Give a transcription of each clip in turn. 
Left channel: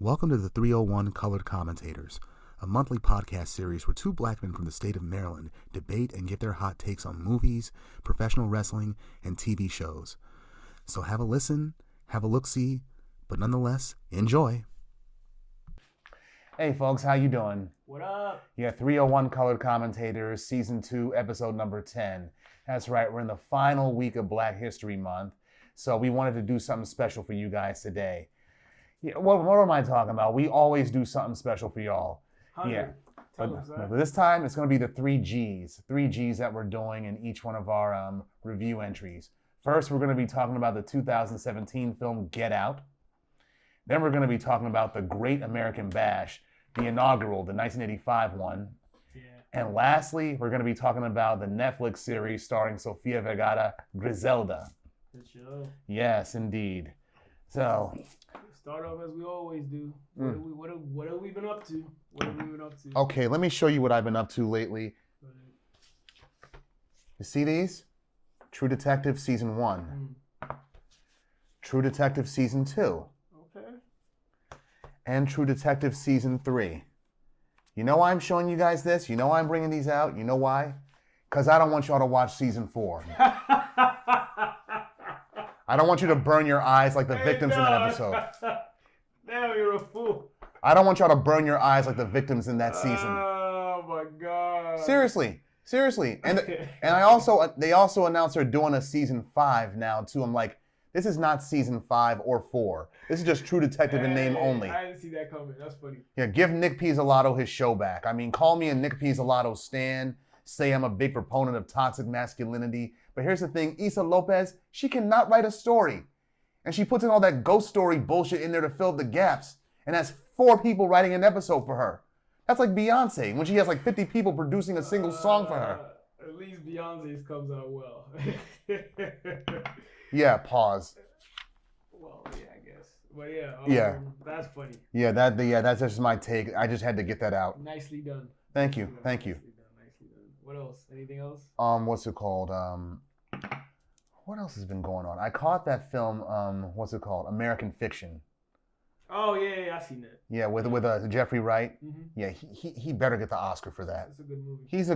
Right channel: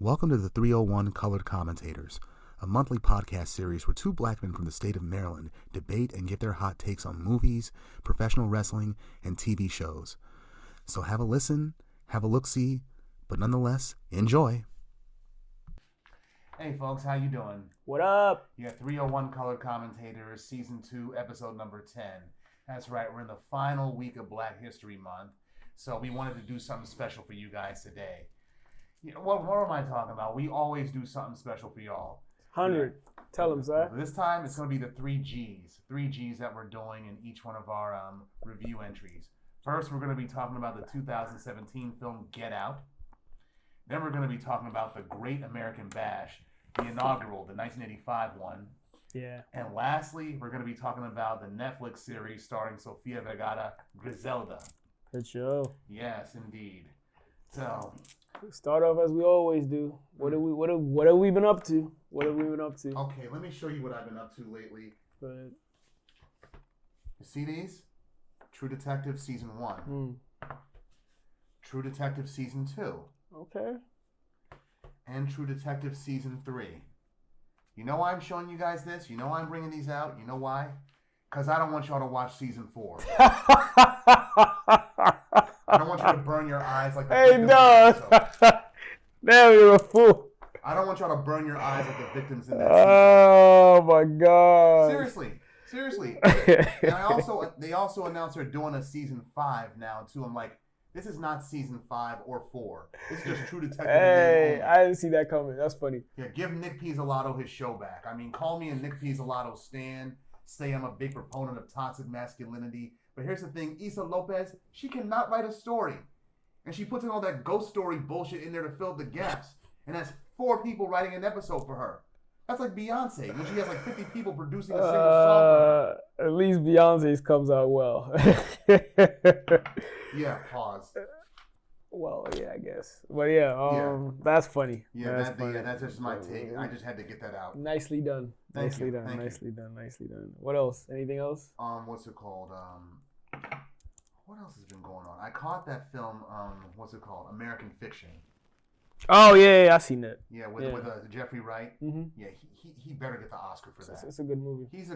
Welcome to the 301 Colored Commentators, a monthly podcast series where two black men from the state of Maryland debate and give their hot takes on movies, professional wrestling, and TV shows. So have a listen, have a look-see, but nonetheless, enjoy. Hey folks, how you doing? What up? Yeah, 301 Colored Commentators, Season 2, Episode number 10. That's right, we're in the final week of Black History Month, so we wanted to do something special for you guys today. Yeah, what am I talking about? We always do something special for y'all. 100. Yeah. Tell them, sir. This time, it's going to be the 3 Gs. 3 Gs that we're doing in each one of our review entries. First, we're going to be talking about the 2017 film Get Out. Then we're going to be talking about The Great American Bash, the inaugural, the 1985 one. Yeah. And lastly, we're going to be talking about the Netflix series starring Sofia Vergara, Griselda. Good show. Yes, indeed. So, start off as we always do. What have we been up to? What have we been up to? Okay, let me show you what I've been up to lately. Good. You see these? True Detective Season 1. True Detective Season 2. Okay. And True Detective Season 3. You know why I'm showing you guys this? You know why I'm bringing these out? You know why? Because I don't want y'all to watch Season 4. I don't want you to burn your eyes like the victims in that episode. Damn, you're a fool. I don't want y'all to burn your eyes like the victims in that season. Oh, my God. Seriously. And they also announced they're doing a Season 5 now, too. I'm like, this is not Season 5 or 4. This is just True Detective in name only. I didn't see that coming. That's funny. Yeah, give Nick Pizzolatto his show back. I mean, call me a Nick Pizzolatto stan. Say I'm a big proponent of toxic masculinity. But here's the thing, Issa Lopez, she cannot write a story. And she puts in all that ghost story bullshit in there to fill the gaps. And that's 4 people writing an episode for her. That's like Beyonce, when she has like 50 people producing a single song for her. At least Beyonce's comes out well. Yeah, pause. Well, yeah, I guess. But yeah, that's funny. Yeah, that's just my take. I just had to get that out. Nicely done. Thank you. Nicely done. What else? Anything else? What's it called? What else has been going on? I caught that film, what's it called? American Fiction. Oh yeah, I seen that. Yeah, with Jeffrey Wright. Mm-hmm. Yeah, he better get the Oscar for that. It's a good movie. It's a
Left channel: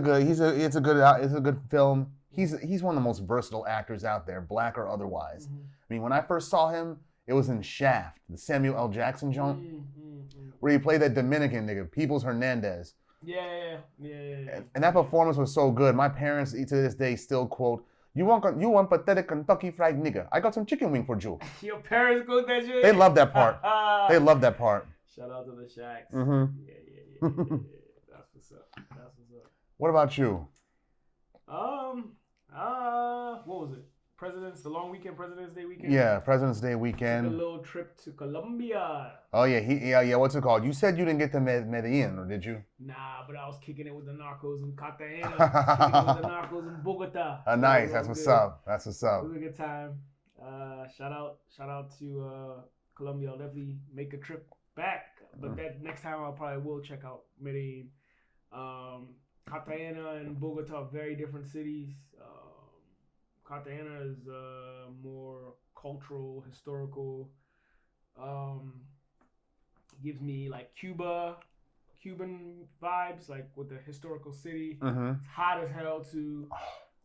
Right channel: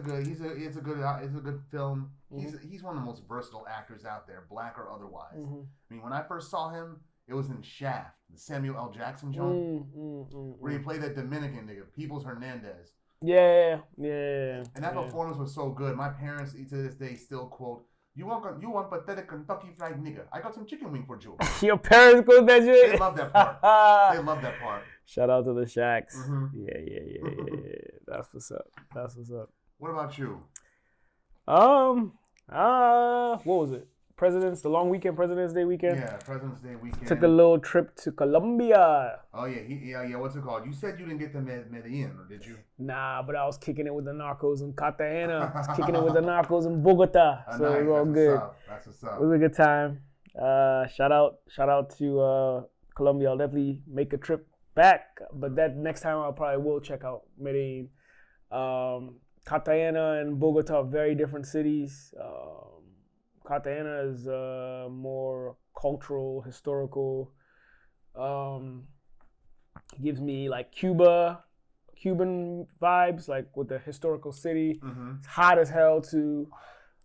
good film. He's one of the most versatile actors out there, black or otherwise. Mm-hmm. I mean, when I first saw him, it was in Shaft, the Samuel L. Jackson joint, where he played that Dominican nigga, Peoples Hernandez. Yeah. And that performance was so good. My parents, to this day, still quote, You want pathetic Kentucky Fried Nigga. I got some chicken wing for you. Your parents quote that shit? They love that part. They love that part. Shout out to the Shacks. Mm-hmm. Yeah. That's what's up. What about you? What was it? The long weekend, President's Day weekend? Yeah, President's Day weekend. Took a little trip to Colombia. Oh, yeah, what's it called? You said you didn't get to Medellin, or did you? Nah, but I was kicking it with the Narcos in Cartagena. I was kicking it with the Narcos in Bogota. So nice, that's what's up. It was a good time. Shout out to Colombia. I'll definitely make a trip back, but that next time I probably will check out Medellin. Cartagena and Bogota are very different cities. Cartagena is more cultural, historical. Gives me like Cuban vibes, like with the historical city. Mm-hmm. It's hot as hell too.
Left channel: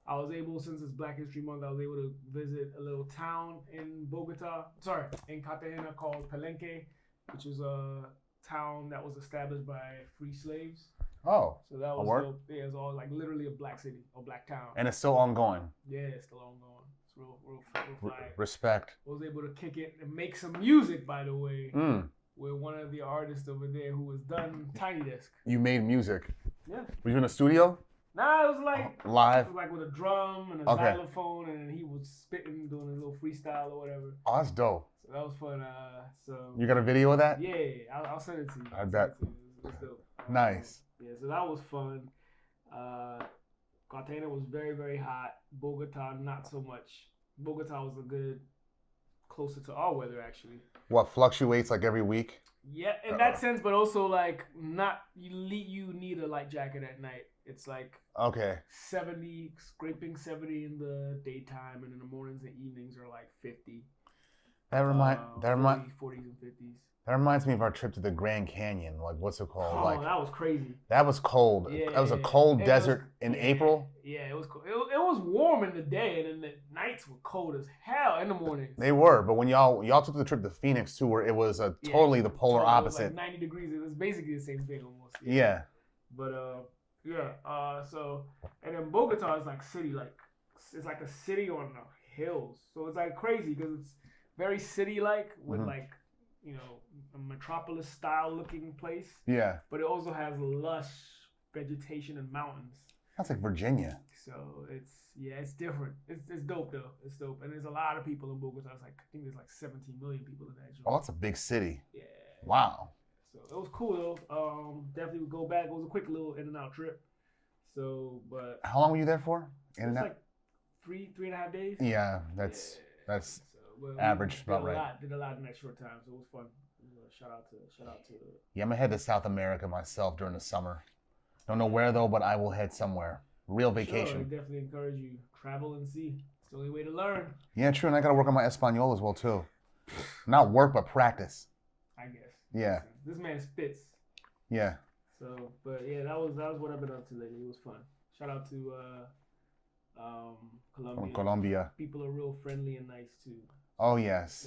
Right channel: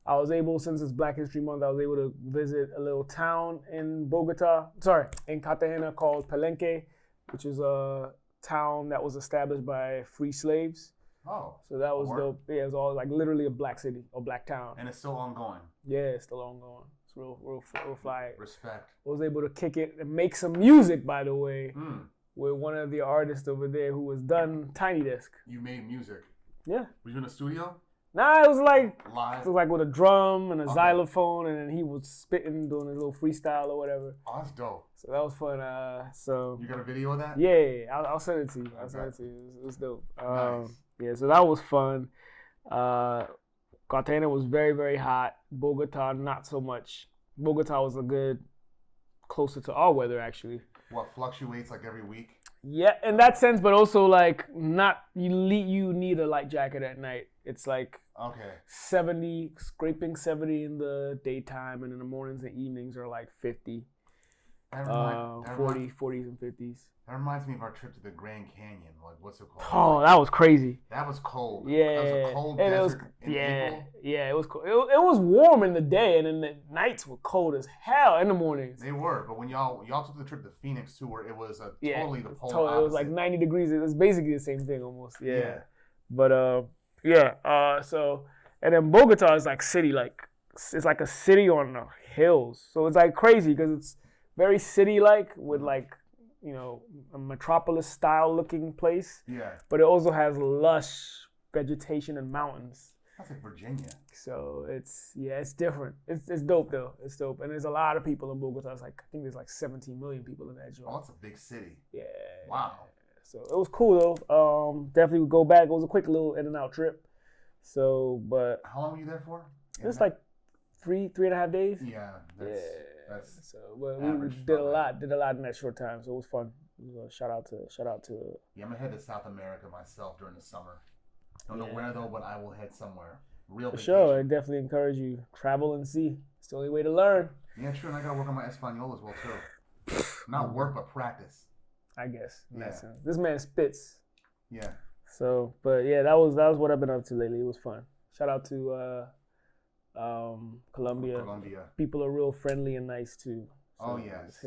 I was able, since it's Black History Month, I was able to visit a little town in Cartagena called Palenque, which is a town that was established by free slaves. Oh, so that was dope. Yeah, it was all like literally a black city or black town. And it's still ongoing. Yeah, it's still ongoing. It's real fire. Respect. I was able to kick it and make some music, by the way, with one of the artists over there who was done Tiny Desk. You made music? Yeah. Were you in a studio? Nah, it was like live. It was like with a drum and a xylophone, and then he was spitting, doing his little freestyle or whatever. Oh, that's dope. So that was fun. So you got a video of that? Yeah, I'll send it to you. I bet. It's dope. Nice. Yeah, so that was fun. Cartagena was very, very hot. Bogota, not so much. Bogota was closer to our weather, actually. What, fluctuates like every week? Yeah, in that sense, but also like you need a light jacket at night. It's like 70, scraping 70 in the daytime, and in the mornings and evenings are like 50. 40s and 50s. That reminds me of our trip to the Grand Canyon. Like, what's it called? Oh, like, that was crazy. that was cold. Yeah. That was a cold desert in April. Yeah, it was cold. It was warm in the day, and then the nights were cold as hell in the mornings. They were, but when y'all took the trip to Phoenix too, where it was totally the polar opposite. It was like 90 degrees. It was basically the same thing almost. Yeah. But so and then Bogota is like city, like it's like a city on the hills. So it's like crazy because it's very city-like with like, you know, a metropolis style looking place. Yeah. But it also has lush vegetation and mountains. That's like Virginia. So it's different. It's dope though. It's dope. And there's a lot of people in Bogota. It's like, I think there's like 17 million people in that joint. Oh, that's a big city. Yeah. Wow. So it was cool though. Definitely would go back. It was a quick little in and out trip. So, but how long were you there for? It was like 3.5 days. Yeah, that's so, well, average. Did a lot in that short time. So it was fun. Shout out to. Yeah, I'm gonna head to South America myself during the summer. Don't know where though, but I will head somewhere. Real vacation. Sure, I definitely encourage you travel and see. It's the only way to learn. Yeah, true, and I gotta work on my Espanol as well too. Not work, but practice. I guess. Yeah. This man spits. Yeah. So, but yeah, that was what I've been up to lately. It was fun. Shout out to Colombia. Colombia. People are real friendly and nice too. So oh yes.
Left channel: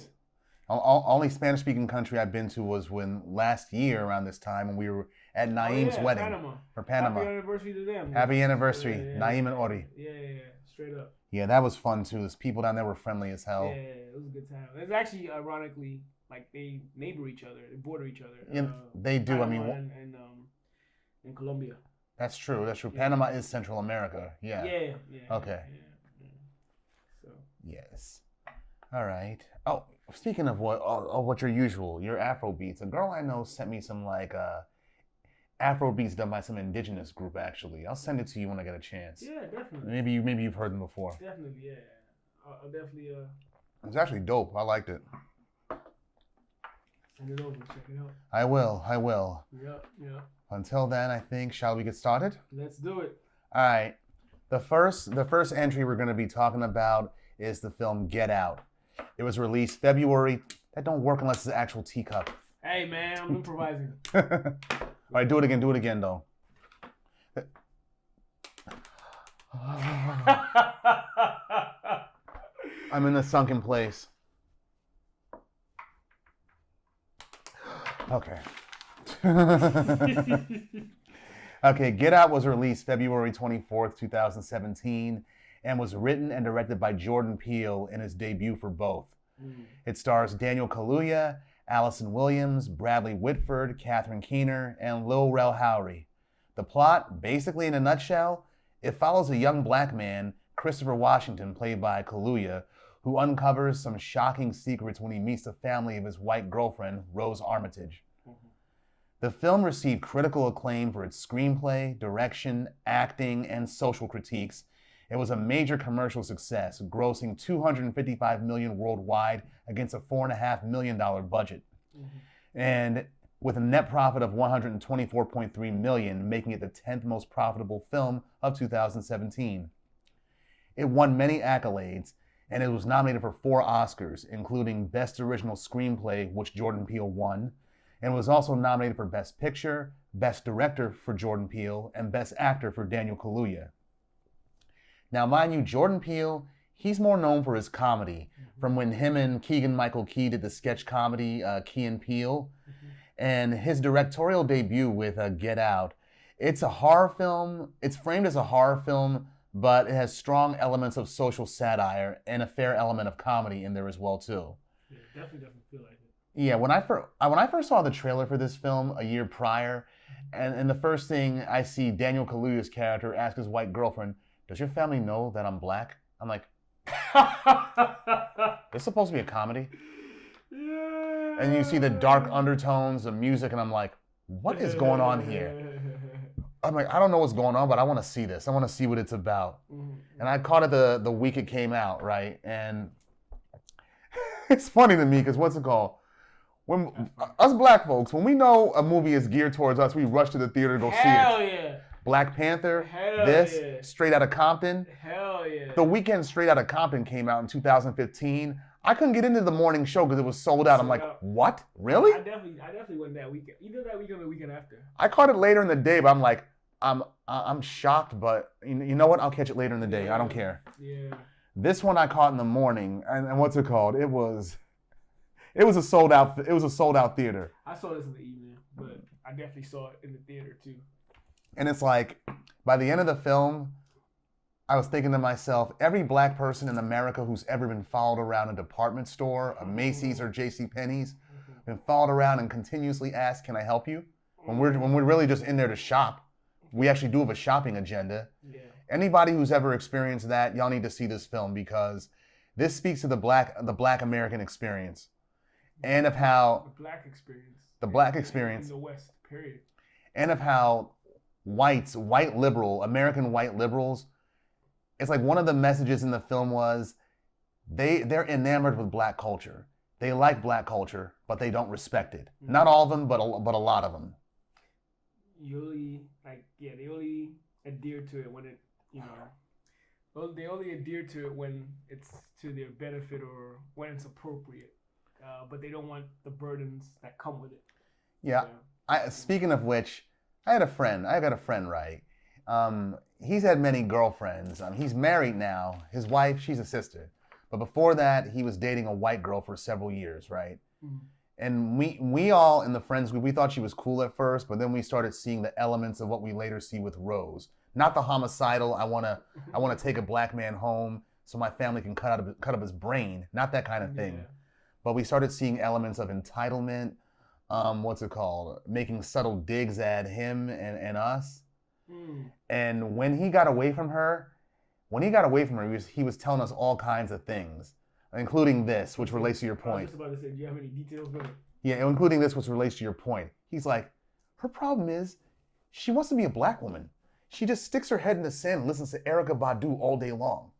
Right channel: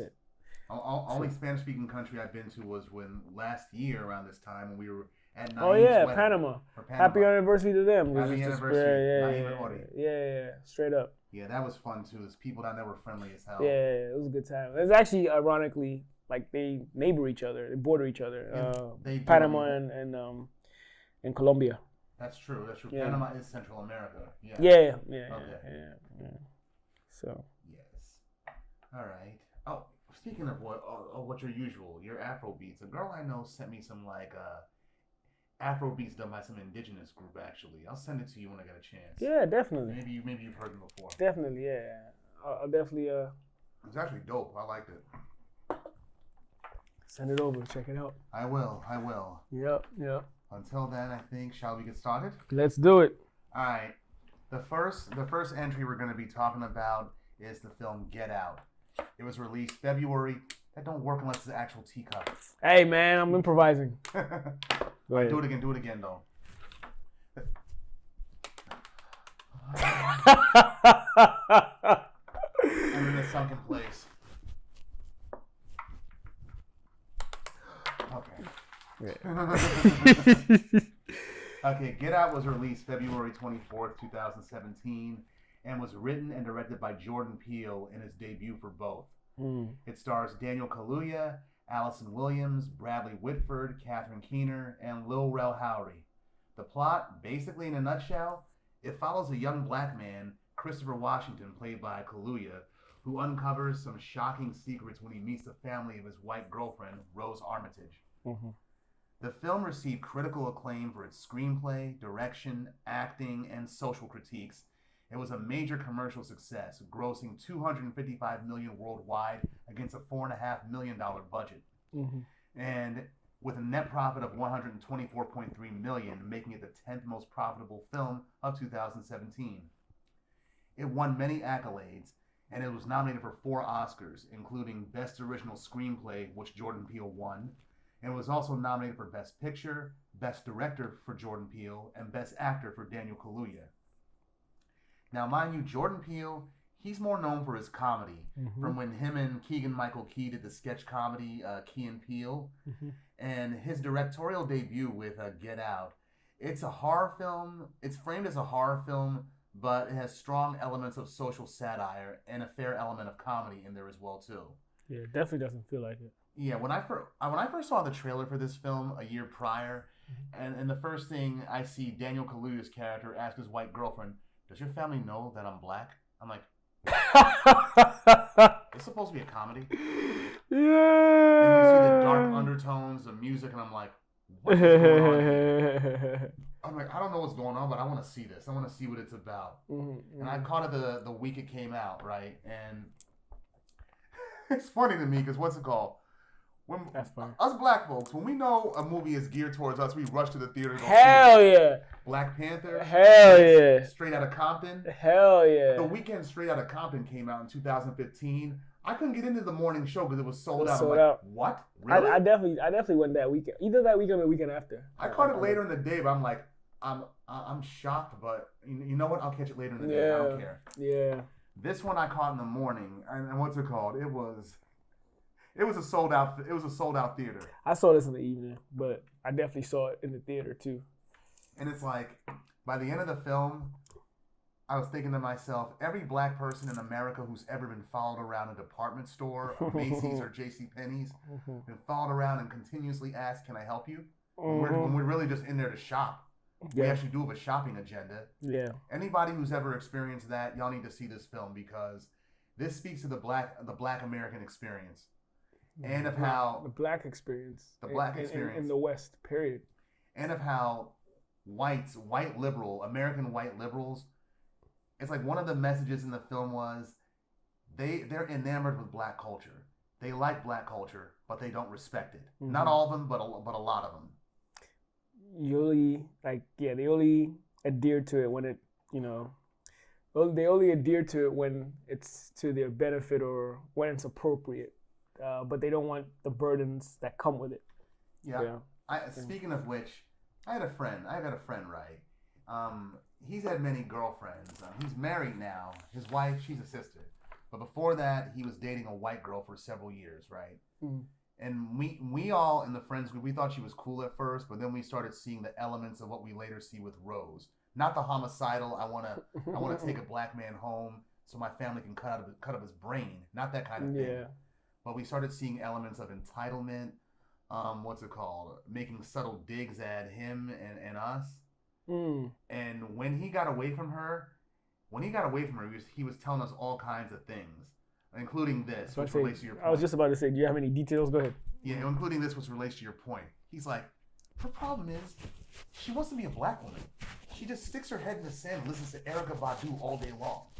Only Spanish-speaking country I've been to was when last year around this time when we were at Naeem's wedding. Panama. For Panama. Happy anniversary to them. Happy anniversary, Naeem and Ori. Yeah, straight up. Yeah, that was fun too. Those people down there were friendly as hell. Yeah, it was a good time. It's actually ironically like they neighbor each other, they border each other. Yeah, they do. Panama and Colombia. That's true. Yeah. Panama is Central America. Yeah. Yeah. Okay. Yeah. So. Yes. All right. Oh, speaking of what your Afro beats, a girl I know sent me some like Afro beats done by some indigenous group. Actually, I'll send it to you when I get a chance. Yeah, definitely. Maybe you've heard them before. Definitely, yeah. I'll definitely. It's actually dope. I liked it. Send it over. Check it out. I will. Yep. Until then, I think, shall we get started? Let's do it. All right. The first entry we're going to be talking about is the film Get Out. It was released February. That don't work unless it's an actual teacup. Hey, man, I'm improvising. All right, do it again, though. I'm in a sunken place. Okay. Okay, Get Out was released February 24th, 2017, and was written and directed by Jordan Peele in his debut for both. It stars Daniel Kaluuya, Allison Williams, Bradley Whitford, Catherine Keener, and Lil Rel Howery. The plot, basically in a nutshell, it follows a young black man, Christopher Washington, played by Kaluuya, who uncovers some shocking secrets when he meets the family of his white girlfriend, Rose Armitage. The film received critical acclaim for its screenplay, direction, acting, and social critiques. It was a major commercial success, grossing $255 million worldwide against a $4.5 million budget. And with a net profit of $124.3 million, making it the 10th most profitable film of 2017. It won many accolades, and it was nominated for 4 Oscars, including Best Original Screenplay, which Jordan Peele won, and was also nominated for Best Picture, Best Director for Jordan Peele, and Best Actor for Daniel Kaluuya. Now, mind you, Jordan Peele, he's more known for his comedy, from when him and Keegan-Michael Key did the sketch comedy Key and Peele, and his directorial debut with Get Out. It's a horror film. It's framed as a horror film, but it has strong elements of social satire and a fair element of comedy in there as well, too. Yeah, it definitely doesn't feel like it. Yeah, when I first saw the trailer for this film a year prior, and the first thing I see Daniel Kaluuya's character ask his white girlfriend, "Does your family know that I'm black?" I'm like, "It's supposed to be a comedy." Yeah. And you see the dark undertones of music, and I'm like, "What is going on here?" I'm like, I don't know what's going on, but I want to see this. I want to see what it's about. And I caught it the week it came out, right? And it's funny to me because what's it called? When us black folks, when we know a movie is geared towards us, we rush to the theater to go see it. Hell yeah. Black Panther. Hell yeah. Straight Outta Compton. Hell yeah. The Weeknd Straight Outta Compton came out in 2015. I couldn't get into the morning show because it was sold out. I'm like, what? Really? I definitely went that weekend. Either that weekend or the weekend after. I caught it later in the day, but I'm like, I'm shocked, but you know what? I'll catch it later in the day. I don't care. Yeah. This one I caught in the morning, and what's it called? It was a sold out theater. I saw this in the evening, but I definitely saw it in the theater too. And it's like, by the end of the film, I was thinking to myself, every black person in America who's ever been followed around a department store, a Macy's or JCPenney's, been followed around and continuously asked, "Can I help you?" When we're really just in there to shop. We actually do have a shopping agenda. Yeah. Anybody who's ever experienced that, y'all need to see this film because this speaks to the black American experience, and of how the black experience in the West, period, and of how American white liberals. It's like one of the messages in the film was they're enamored with black culture. They like black culture, but they don't respect it. Not all of them, but a lot of them. They only adhere to it when it, they only adhere to it when it's to their benefit or when it's appropriate. But they don't want the burdens that come with it. Yeah. Speaking of which, I got a friend, right? He's had many girlfriends. He's married now. His wife, she's a sister. But before that, he was dating a white girl for several years, right? Mm. And we all in the friends group, we thought she was cool at first, but then we started seeing the elements of what we later see with Rose. Not the homicidal, I wanna take a black man home so my family can cut up his brain. Not that kind of thing. Yeah. But we started seeing elements of entitlement, making subtle digs at him and us. Mm. And when he got away from her, he was telling us all kinds of things, including this, which relates to your point. I was just about to say, do you have any details? Go ahead. Yeah, including this, which relates to your point. He's like, her problem is, she wants to be a black woman. She just sticks her head in the sand and listens to Erykah Badu all day long.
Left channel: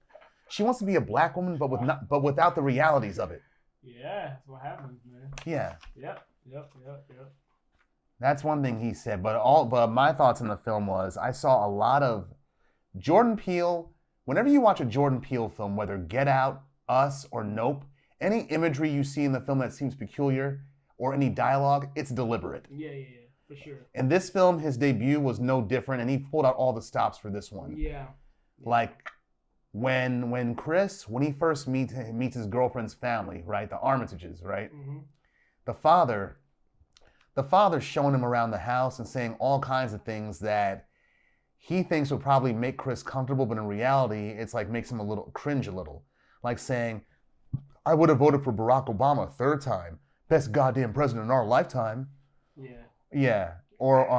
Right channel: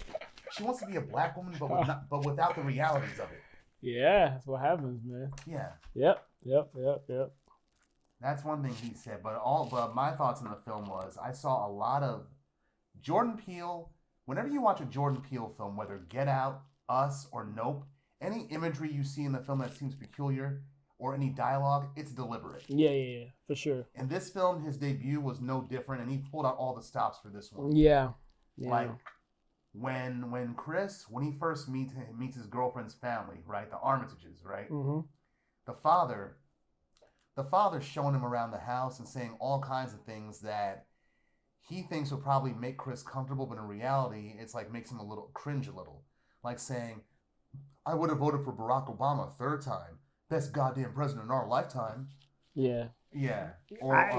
She wants to be a black woman, but without the realities of it. Yeah, that's what happens, man. Yeah. Yep. That's one thing he said, but my thoughts on the film was I saw a lot of Jordan Peele. Whenever you watch a Jordan Peele film, whether Get Out, Us, or Nope, any imagery you see in the film that seems peculiar or any dialogue, it's deliberate. Yeah, for sure. In this film, his debut was no different, and he pulled out all the stops for this one. Yeah. Like when Chris, when he first meets his girlfriend's family, right, the Armitages, right, the father's showing him around the house and saying all kinds of things that he thinks will probably make Chris comfortable, but in reality, it's like makes him cringe a little. Like saying, I would have voted for Barack Obama a third time. Best goddamn president in our lifetime. Yeah. Yeah.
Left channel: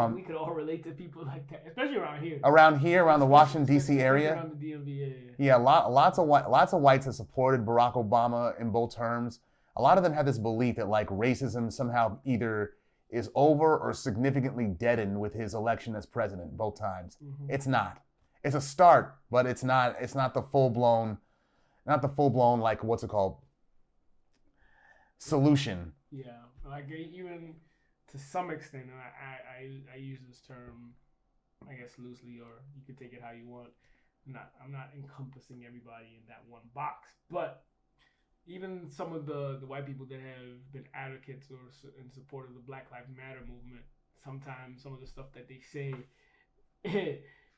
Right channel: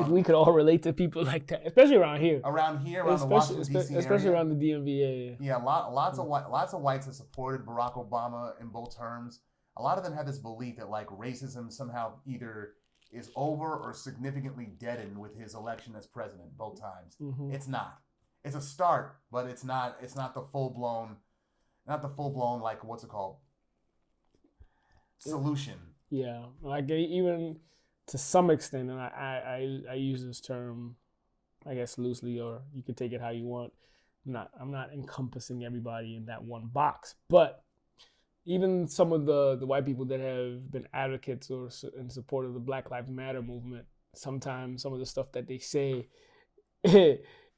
We could all relate to people like that, especially around here. Around the Washington, D.C. area. Especially around the DMV, Yeah, lots of whites have supported Barack Obama in both terms. A lot of them have this belief that like racism somehow either is over or significantly deadened with his election as president both times. Mm-hmm. It's not. It's a start, but it's not the full blown like what's it called? Solution. Yeah. Like even to some extent, and I use this term I guess loosely, or you could take it how you want. I'm not encompassing everybody in that one box, but even some of the white people that have been advocates or in support of the Black Lives Matter movement, sometimes some of the stuff that they say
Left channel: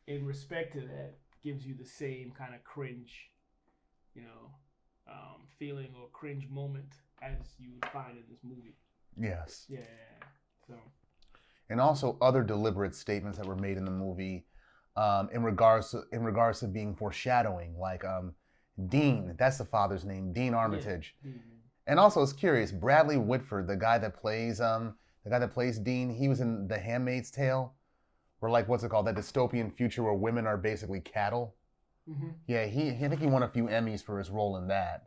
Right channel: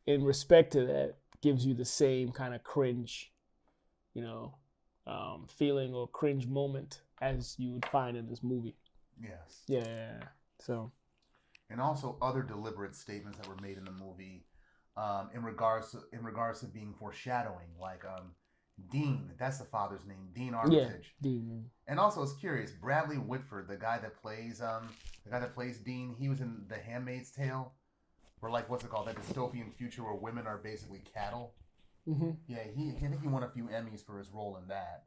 in respect to that gives you the same kind of cringe, feeling or cringe moment as you would find in this movie. Yes. Yeah. So. And also other deliberate statements that were made in the movie, in regards to being foreshadowing, like Dean, that's the father's name, Dean Armitage. Yeah, Dean. And also, it's curious, Bradley Whitford, the guy that plays Dean, he was in The Handmaid's Tale, where like what's it called, that dystopian future where women are basically cattle. Mm-hmm. Yeah, I think he won a few Emmys for his role in that.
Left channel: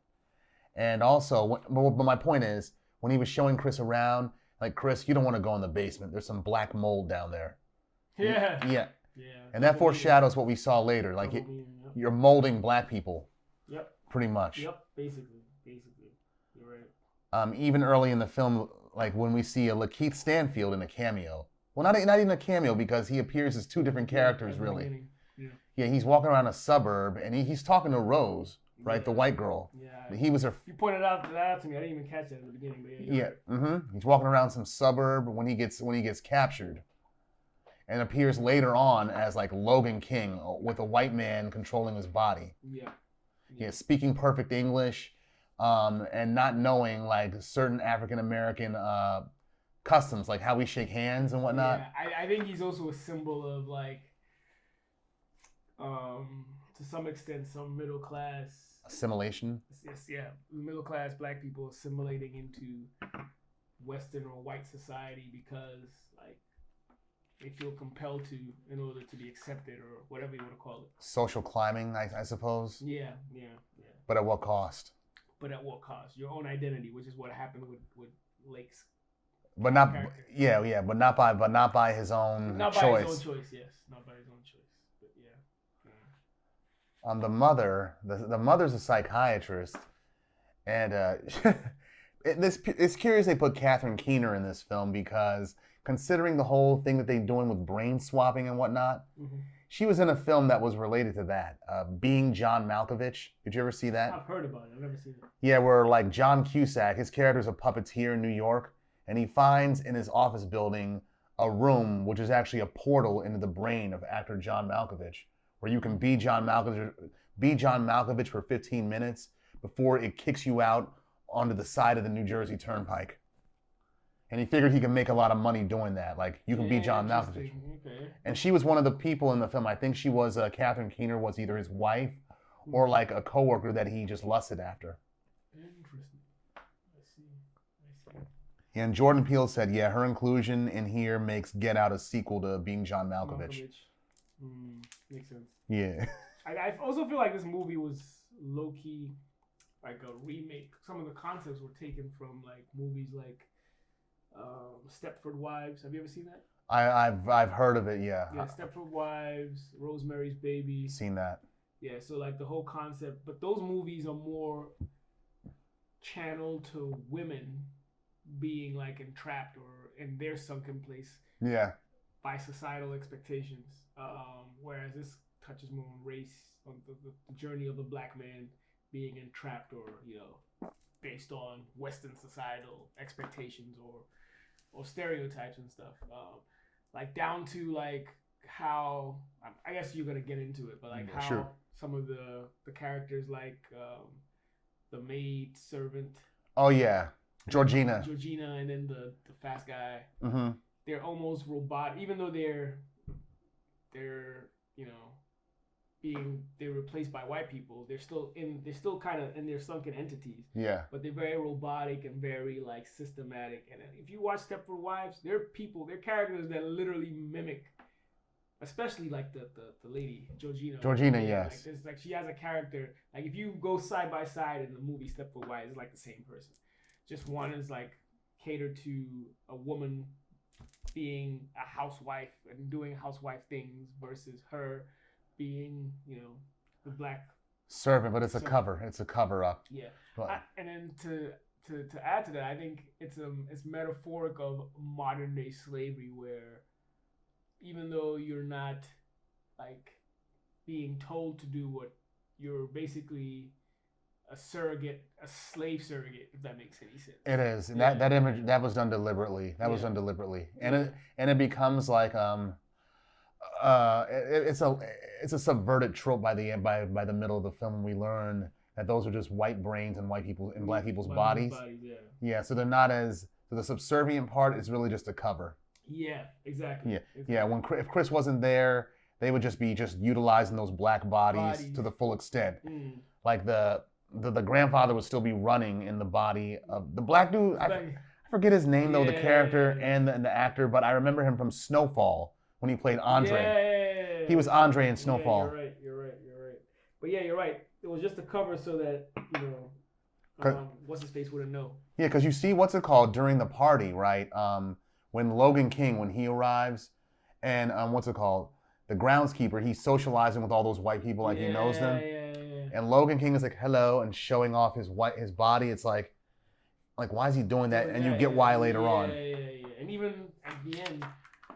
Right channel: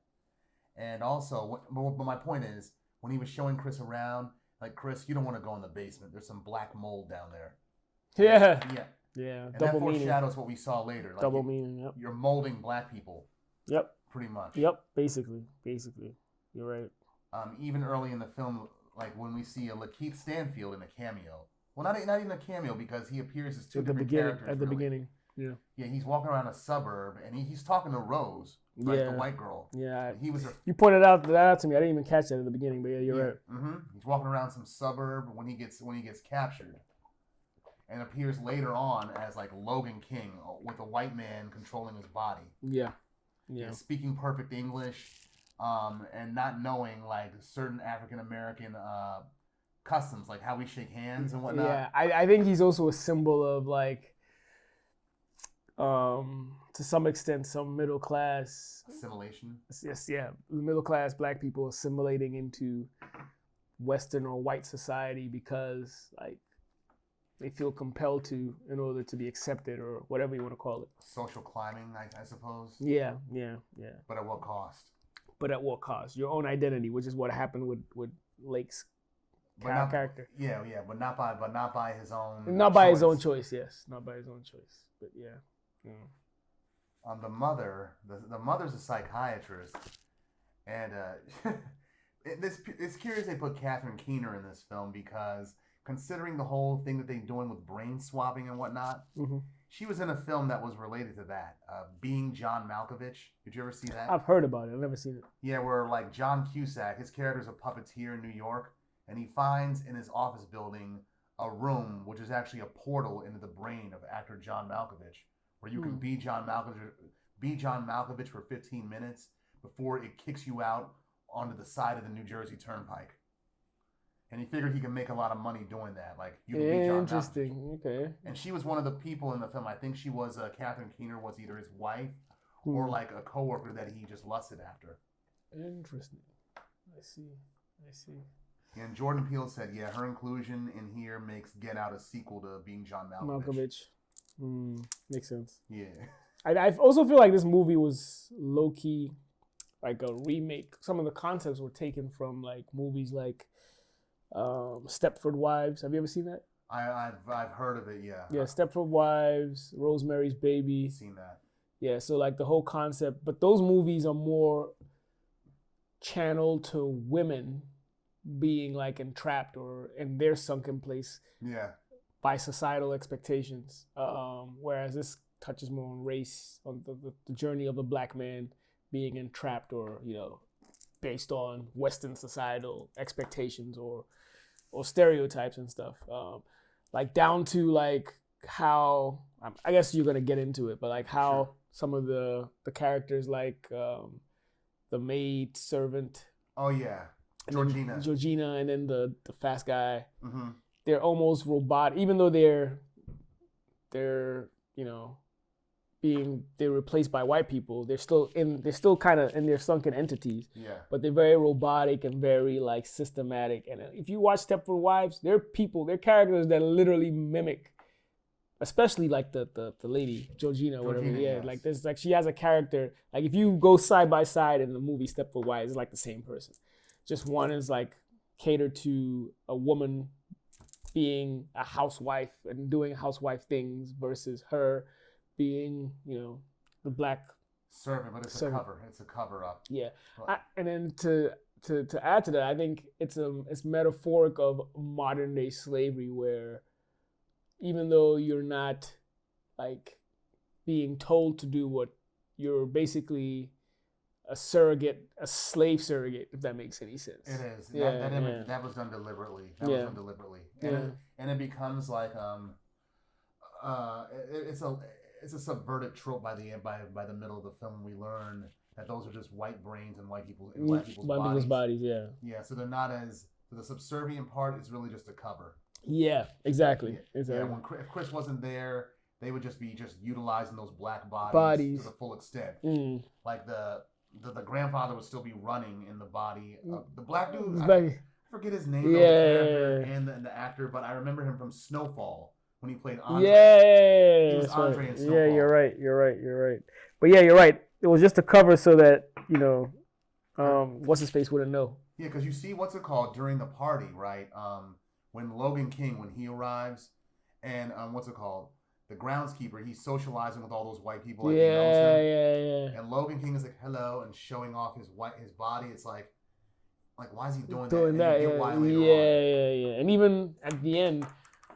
And also, but my point is, when he was showing Chris around, like, Chris, you don't want to go in the basement. There's some black mold down there. Yeah. Yeah. Yeah. And that foreshadows what we saw later. Like, yep. You're molding black people. Yep. Pretty much. Yep. Basically. You're right. Even early in the film, like when we see a Lakeith Stanfield in a cameo. Well, not even a cameo, because he appears as two different characters, really. Yeah, he's walking around a suburb, and he's talking to Rose, right, the white girl. Yeah, he was her. You pointed that out to me. I didn't even catch that at the beginning, but yeah, you're right. Mm-hmm. He's walking around some suburb when he gets captured, and appears later on as like Logan King with a white man controlling his body. Yeah, speaking perfect English, and not knowing like certain African American customs, like how we shake hands and whatnot. Yeah, I think he's also a symbol of like. To some extent, some middle class assimilation. Yes, yeah, middle class black people assimilating into Western or white society because like they feel compelled to in order to be accepted or whatever you want to call it. Social climbing, I suppose. Yeah. But at what cost? But at what cost? Your own identity, which is what happened with Lake's. But not character. Yeah, but not by his own. Not by his own choice. Yes, not by his own choice. But yeah. The mother's a psychiatrist, and it's curious they put Catherine Keener in this film because considering the whole thing that they're doing with brain swapping and whatnot, she was in a film that was related to that, Being John Malkovich. Did you ever see that? I've heard about it. I've never seen it. Yeah, where like John Cusack, his character's a puppeteer in New York, and he finds in his office building a room which is actually a portal into the brain of actor John Malkovich, where you can be John Malkovich for 15 minutes before it kicks you out onto the side of the New Jersey Turnpike. And he figured he could make a lot of money doing that. Like, you can be John Malkovich. Okay. And she was one of the people in the film. I think she was, Catherine Keener was either his wife or like a coworker that he just lusted after. Interesting. I see. Yeah, and Jordan Peele said, yeah, her inclusion in here makes Get Out a sequel to Being John Malkovich. Makes sense. Yeah. I also feel like this movie was low-key like a remake. Some of the concepts were taken from like movies like Stepford Wives. Have you ever seen that? I've heard of it, yeah. Yeah, Stepford Wives, Rosemary's Baby. Seen that. Yeah, so like the whole concept, but those movies are more channeled to women being like entrapped or in their sunken place. Yeah. By societal expectations, whereas this touches more on race, on the journey of a black man being entrapped or, based on Western societal expectations or stereotypes and stuff. Like down to like how, I guess you're going to get into it, but like how some of the characters like the maid servant. Oh yeah, Georgina, and then the fast guy. Mm-hmm. They're almost robotic, even though they're replaced by white people. They're still kind of in their sunken entities. Yeah. But they're very robotic and very like systematic. And if you watch Stepford Wives, they're characters that literally mimic, especially like the lady Georgina. Yes. Like there's like she has a character. Like if you go side by side in the movie Stepford Wives, it's like the same person. Just one is like catered to a woman being a housewife and doing housewife things versus her being, the black servant. But it's a cover. It's a cover up. Yeah, and then to add to that, I think it's metaphoric of modern day slavery, where even though you're not like being told to do what you're basically a slave surrogate, if that makes any sense. It is. That image that was done deliberately. And it becomes like it's a subverted trope by the middle of the film when we learn that those are just white brains and white people's bodies. Yeah, so they're not as the subservient part is really just a cover. Yeah, exactly. Yeah, if Chris wasn't there, they would just be utilizing those black bodies to the full extent. Like the grandfather would still be running in the body of the black dude. I forget his name though, the character and the actor, but I remember him from Snowfall when he played Andre. Yeah, he was Andre in Snowfall. Yeah, you're right. But yeah, you're right. It was just a cover so that what's his face wouldn't know. Yeah, because you see what's it called during the party, right? When Logan King when he arrives, and what's it called? The groundskeeper, he's socializing with all those white people like he knows them. Yeah. And Logan King is like, hello, and showing off his body. It's like why is he doing that? And you get why later on. Yeah. And even at the end,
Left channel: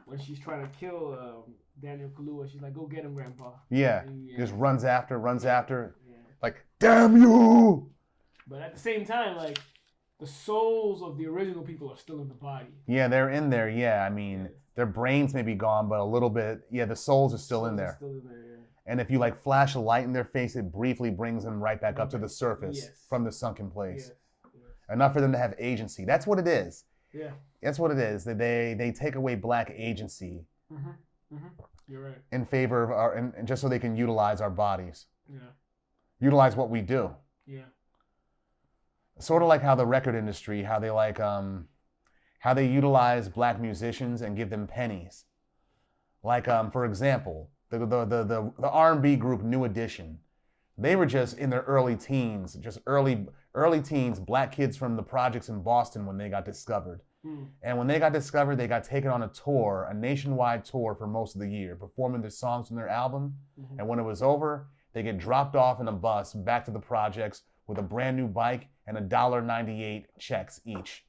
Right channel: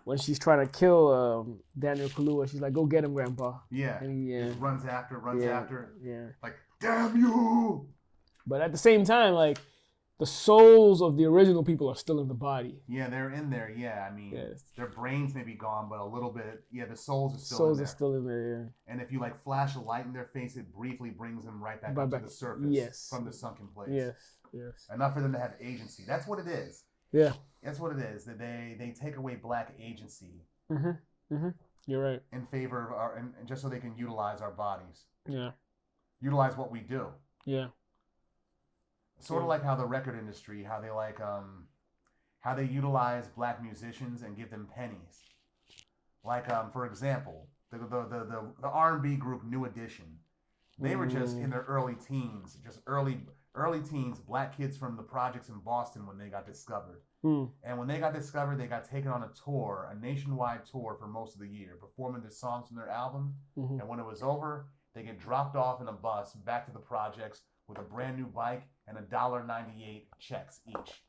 when she's trying to kill Daniel Kaluuya, she's like, "Go get him, Grandpa." Yeah. And Just runs after. Yeah. Like, damn you! But at the same time, like, the souls of the original people are still in the body. Yeah, they're in there. Yeah, I mean, Yes. their brains may be gone, but a little bit. Yeah, the souls are still in there. Souls are still in there. Yeah. And if you like flash a light in their face, it briefly brings them right back up to the surface from the sunken place. Yes. Enough for them to have agency. That's what it is. Yeah. That's what it is. That they take away black agency. You're right. In favor of our, and just so they can utilize our bodies. Yeah. Utilize what we do. Yeah. Sort of like how the record industry, how they utilize black musicians and give them pennies. Like for example, the R&B group New Edition. They were just in their early teens, just early teens, black kids from the projects in Boston when they got discovered. And when they got discovered, they got taken on a tour, a nationwide tour for most of the year, performing their songs from their album. And when it was over, they get dropped off in a bus back to the projects with a brand new bike and $1.98 checks each.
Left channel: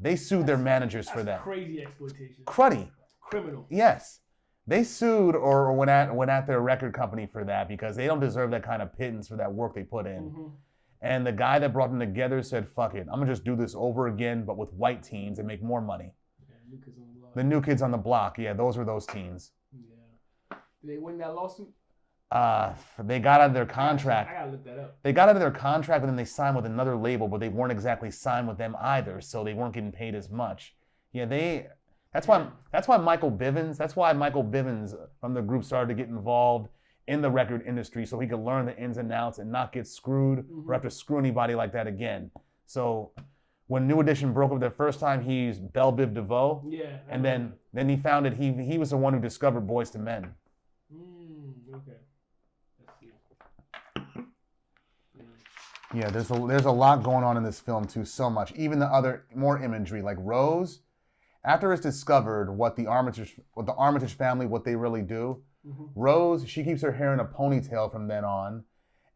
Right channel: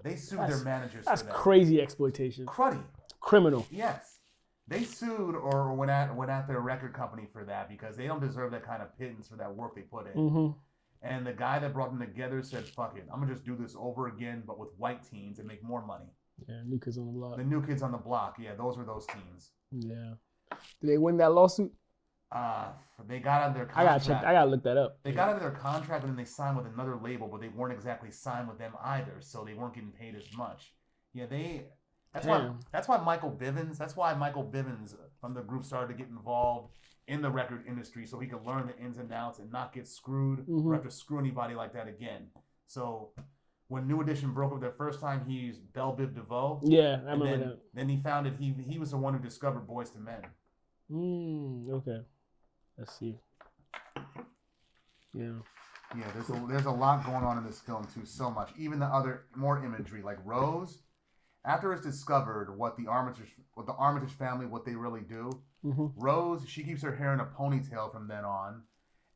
They sued their managers for that. That's crazy exploitation. Cruddy. Criminal. Yes. They sued or went at their record company for that because they don't deserve that kind of pittance for that work they put in. And the guy that brought them together said, fuck it, I'm going to just do this over again, but with white teens and make more money. Yeah, New Kids on the Block. The New Kids on the Block. Yeah, those were those teens. Yeah. Did they win that lawsuit? They got out of their contract. I gotta look that up. They got out of their contract and then they signed with another label, but they weren't exactly signed with them either, so they weren't getting paid as much. Yeah, that's why Michael Bivins from the group started to get involved in the record industry so he could learn the ins and outs and not get screwed or have to screw anybody like that again. So when New Edition broke up their first time, he used Belle Biv DeVoe. Yeah, and then he found that he was the one who discovered Boyz II Men. Okay. Let's see. Yeah. Yeah, there's a lot going on in this film too, so much. Even the other more imagery, like Rose, after it's discovered what the Armitage family, what they really do, Rose, she keeps her hair in a ponytail from then on,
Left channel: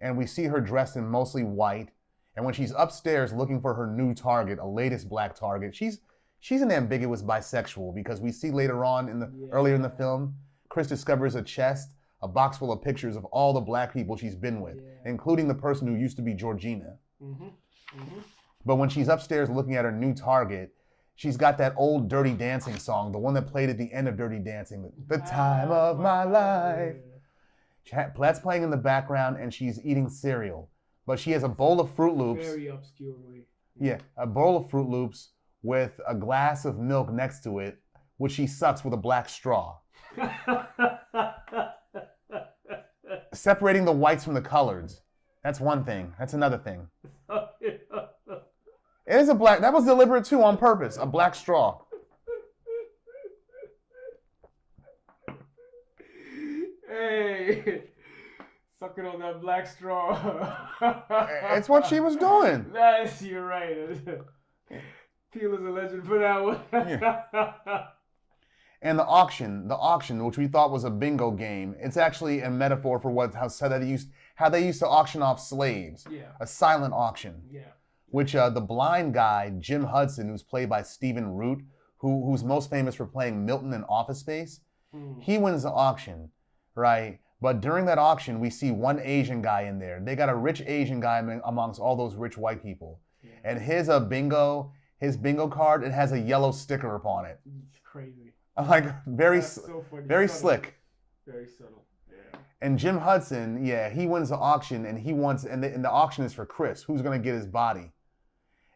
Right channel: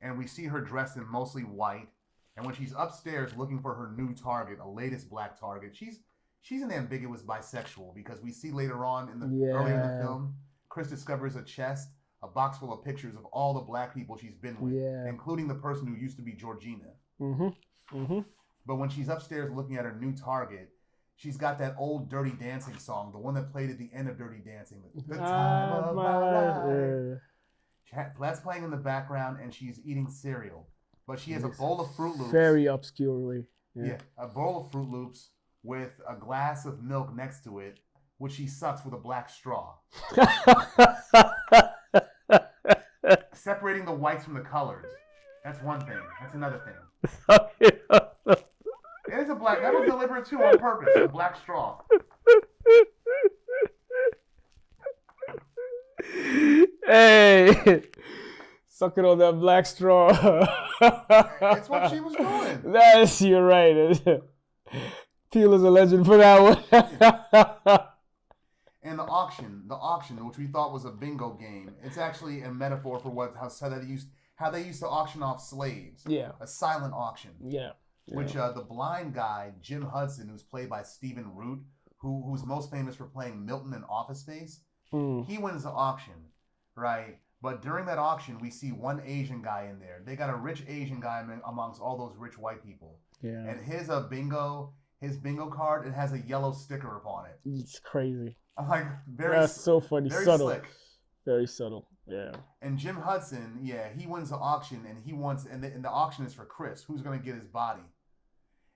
and we see her dressed in mostly white. And when she's upstairs looking for her new target, a latest black target, she's an ambiguous bisexual because we see later on earlier in the film, Chris discovers a chest, a box full of pictures of all the black people she's been with, including the person who used to be Georgina. But when she's upstairs looking at her new target, she's got that old Dirty Dancing song, the one that played at the end of Dirty Dancing, The Time of My Life. That's playing in the background and she's eating cereal. But she has a bowl of Fruit Loops. Very obscurely. Yeah, a bowl of Fruit Loops with a glass of milk next to it, which she sucks with a black straw. Separating the whites from the coloreds. That's one thing. That's another thing. It is a black. That was deliberate too, on purpose. A black straw. Hey, sucking on that black straw. It's what she was doing. You're right. Peele is a legend for that one. Yeah. And the auction, which we thought was a bingo game, it's actually a metaphor for how they used to auction off slaves. Yeah. A silent auction. Yeah. Which the blind guy, Jim Hudson, who's played by Stephen Root, who's most famous for playing Milton in Office Space, he wins the auction, right? But during that auction, we see one Asian guy in there. They got a rich Asian guy amongst all those rich white people. Yeah. And his bingo card, it has a yellow sticker upon it. It's crazy. Like That's so funny. Very subtle. slick. Very subtle. Yeah. And Jim Hudson, he wins the auction, and the auction is for Chris, who's gonna get his body.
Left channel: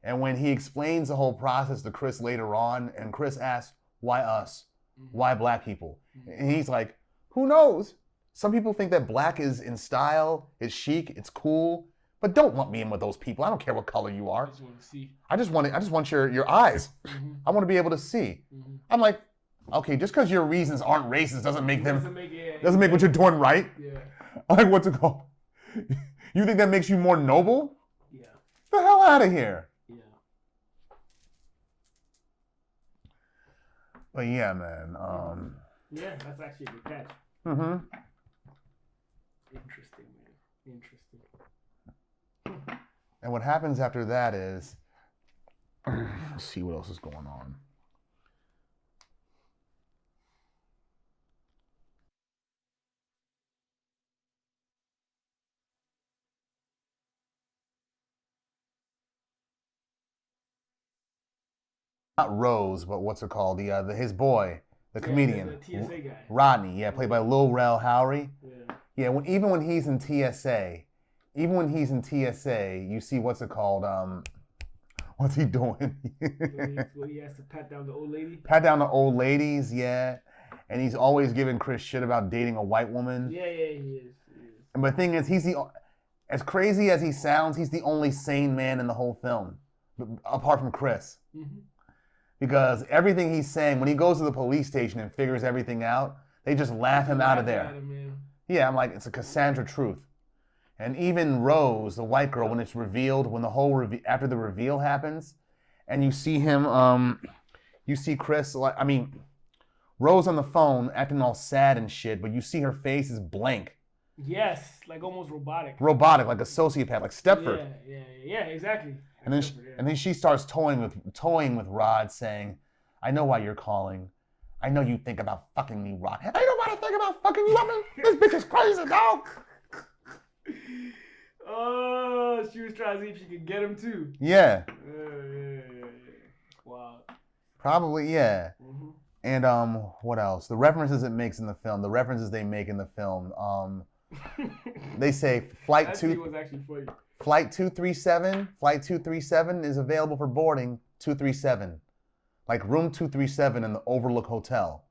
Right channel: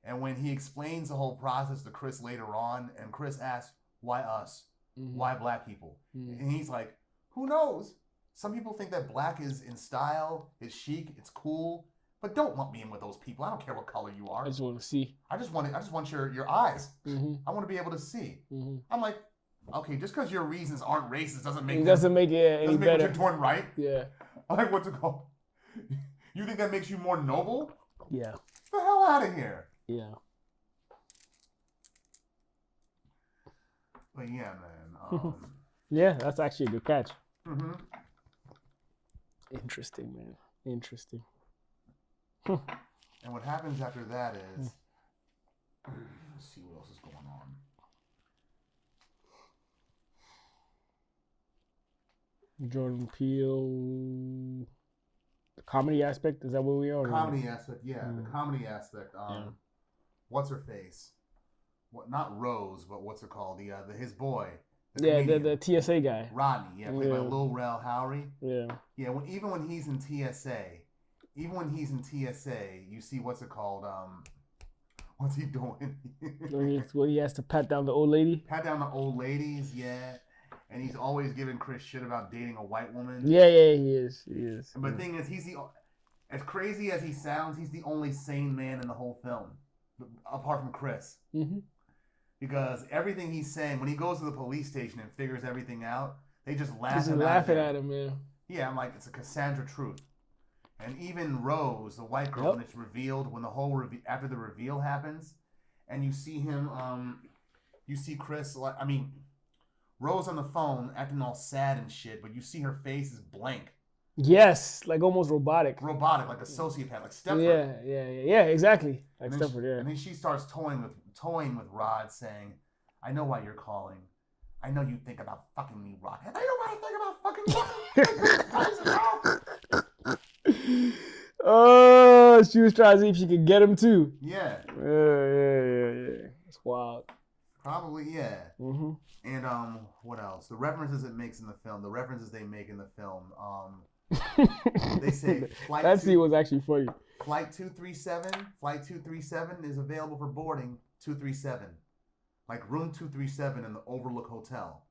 And when he explains the whole process to Chris later on, and Chris asks, "Why us? Why black people?" And he's like, "Who knows? Some people think that black is in style, it's chic, it's cool, but don't lump me in with those people. I don't care what color you are. I just want to see. I just want your eyes. I want to be able to see." I'm like, okay, just because your reasons aren't racist doesn't make what you're doing right. Yeah. Like, what's it called? You think that makes you more noble? Yeah. Get the hell out of here. Yeah. But yeah, man. Yeah, that's actually a good catch. Interesting, man. Interesting. And what happens after that is, let's see what else is going on. Jordan Peele. The comedy aspect, is that what we are? Comedy aspect, yeah. The comedy aspect. What's her face? What? Not Rose, but what's it called? His boy, the comedian, the TSA guy, Rodney. Yeah, played by Lil Rel Howery. Yeah. Yeah. Even when he's in TSA, you see what's it called? What's he doing? when he has to pat down the old lady. Pat down the old ladies, yeah. And he's always giving Chris shit about dating a white woman. Yeah, he is. But the thing is, as crazy as he sounds, he's the only sane man in the whole film, apart from Chris. Mm-hmm. Because everything he's saying, when he goes to the police station and figures everything out, they just laugh him out of there. At him, yeah. Yeah, I'm like, it's a Cassandra truth. And even Rose, the white girl, when it's revealed, when the whole after the reveal happens, and you see him, you see Chris, Rose on the phone acting all sad and shit, but you see her face is blank. Yes, like almost robotic. Robotic, like a sociopath, like Stepford. Yeah, exactly. Like Stepford, and then she starts toying with Rod, saying, "I know why you're calling. I know you think about fucking me, Rod. I don't want to think about fucking you. This bitch is crazy, dog." Oh, she was trying to see if she could get him too. Yeah. Yeah. It's wild. Probably, yeah. Mm-hmm. And what else? The references it makes in the film. The references they make in the film. They say flight. That scene was actually funny. Flight 237. Flight 237 is available for boarding. 237, like room 237 in the Overlook Hotel,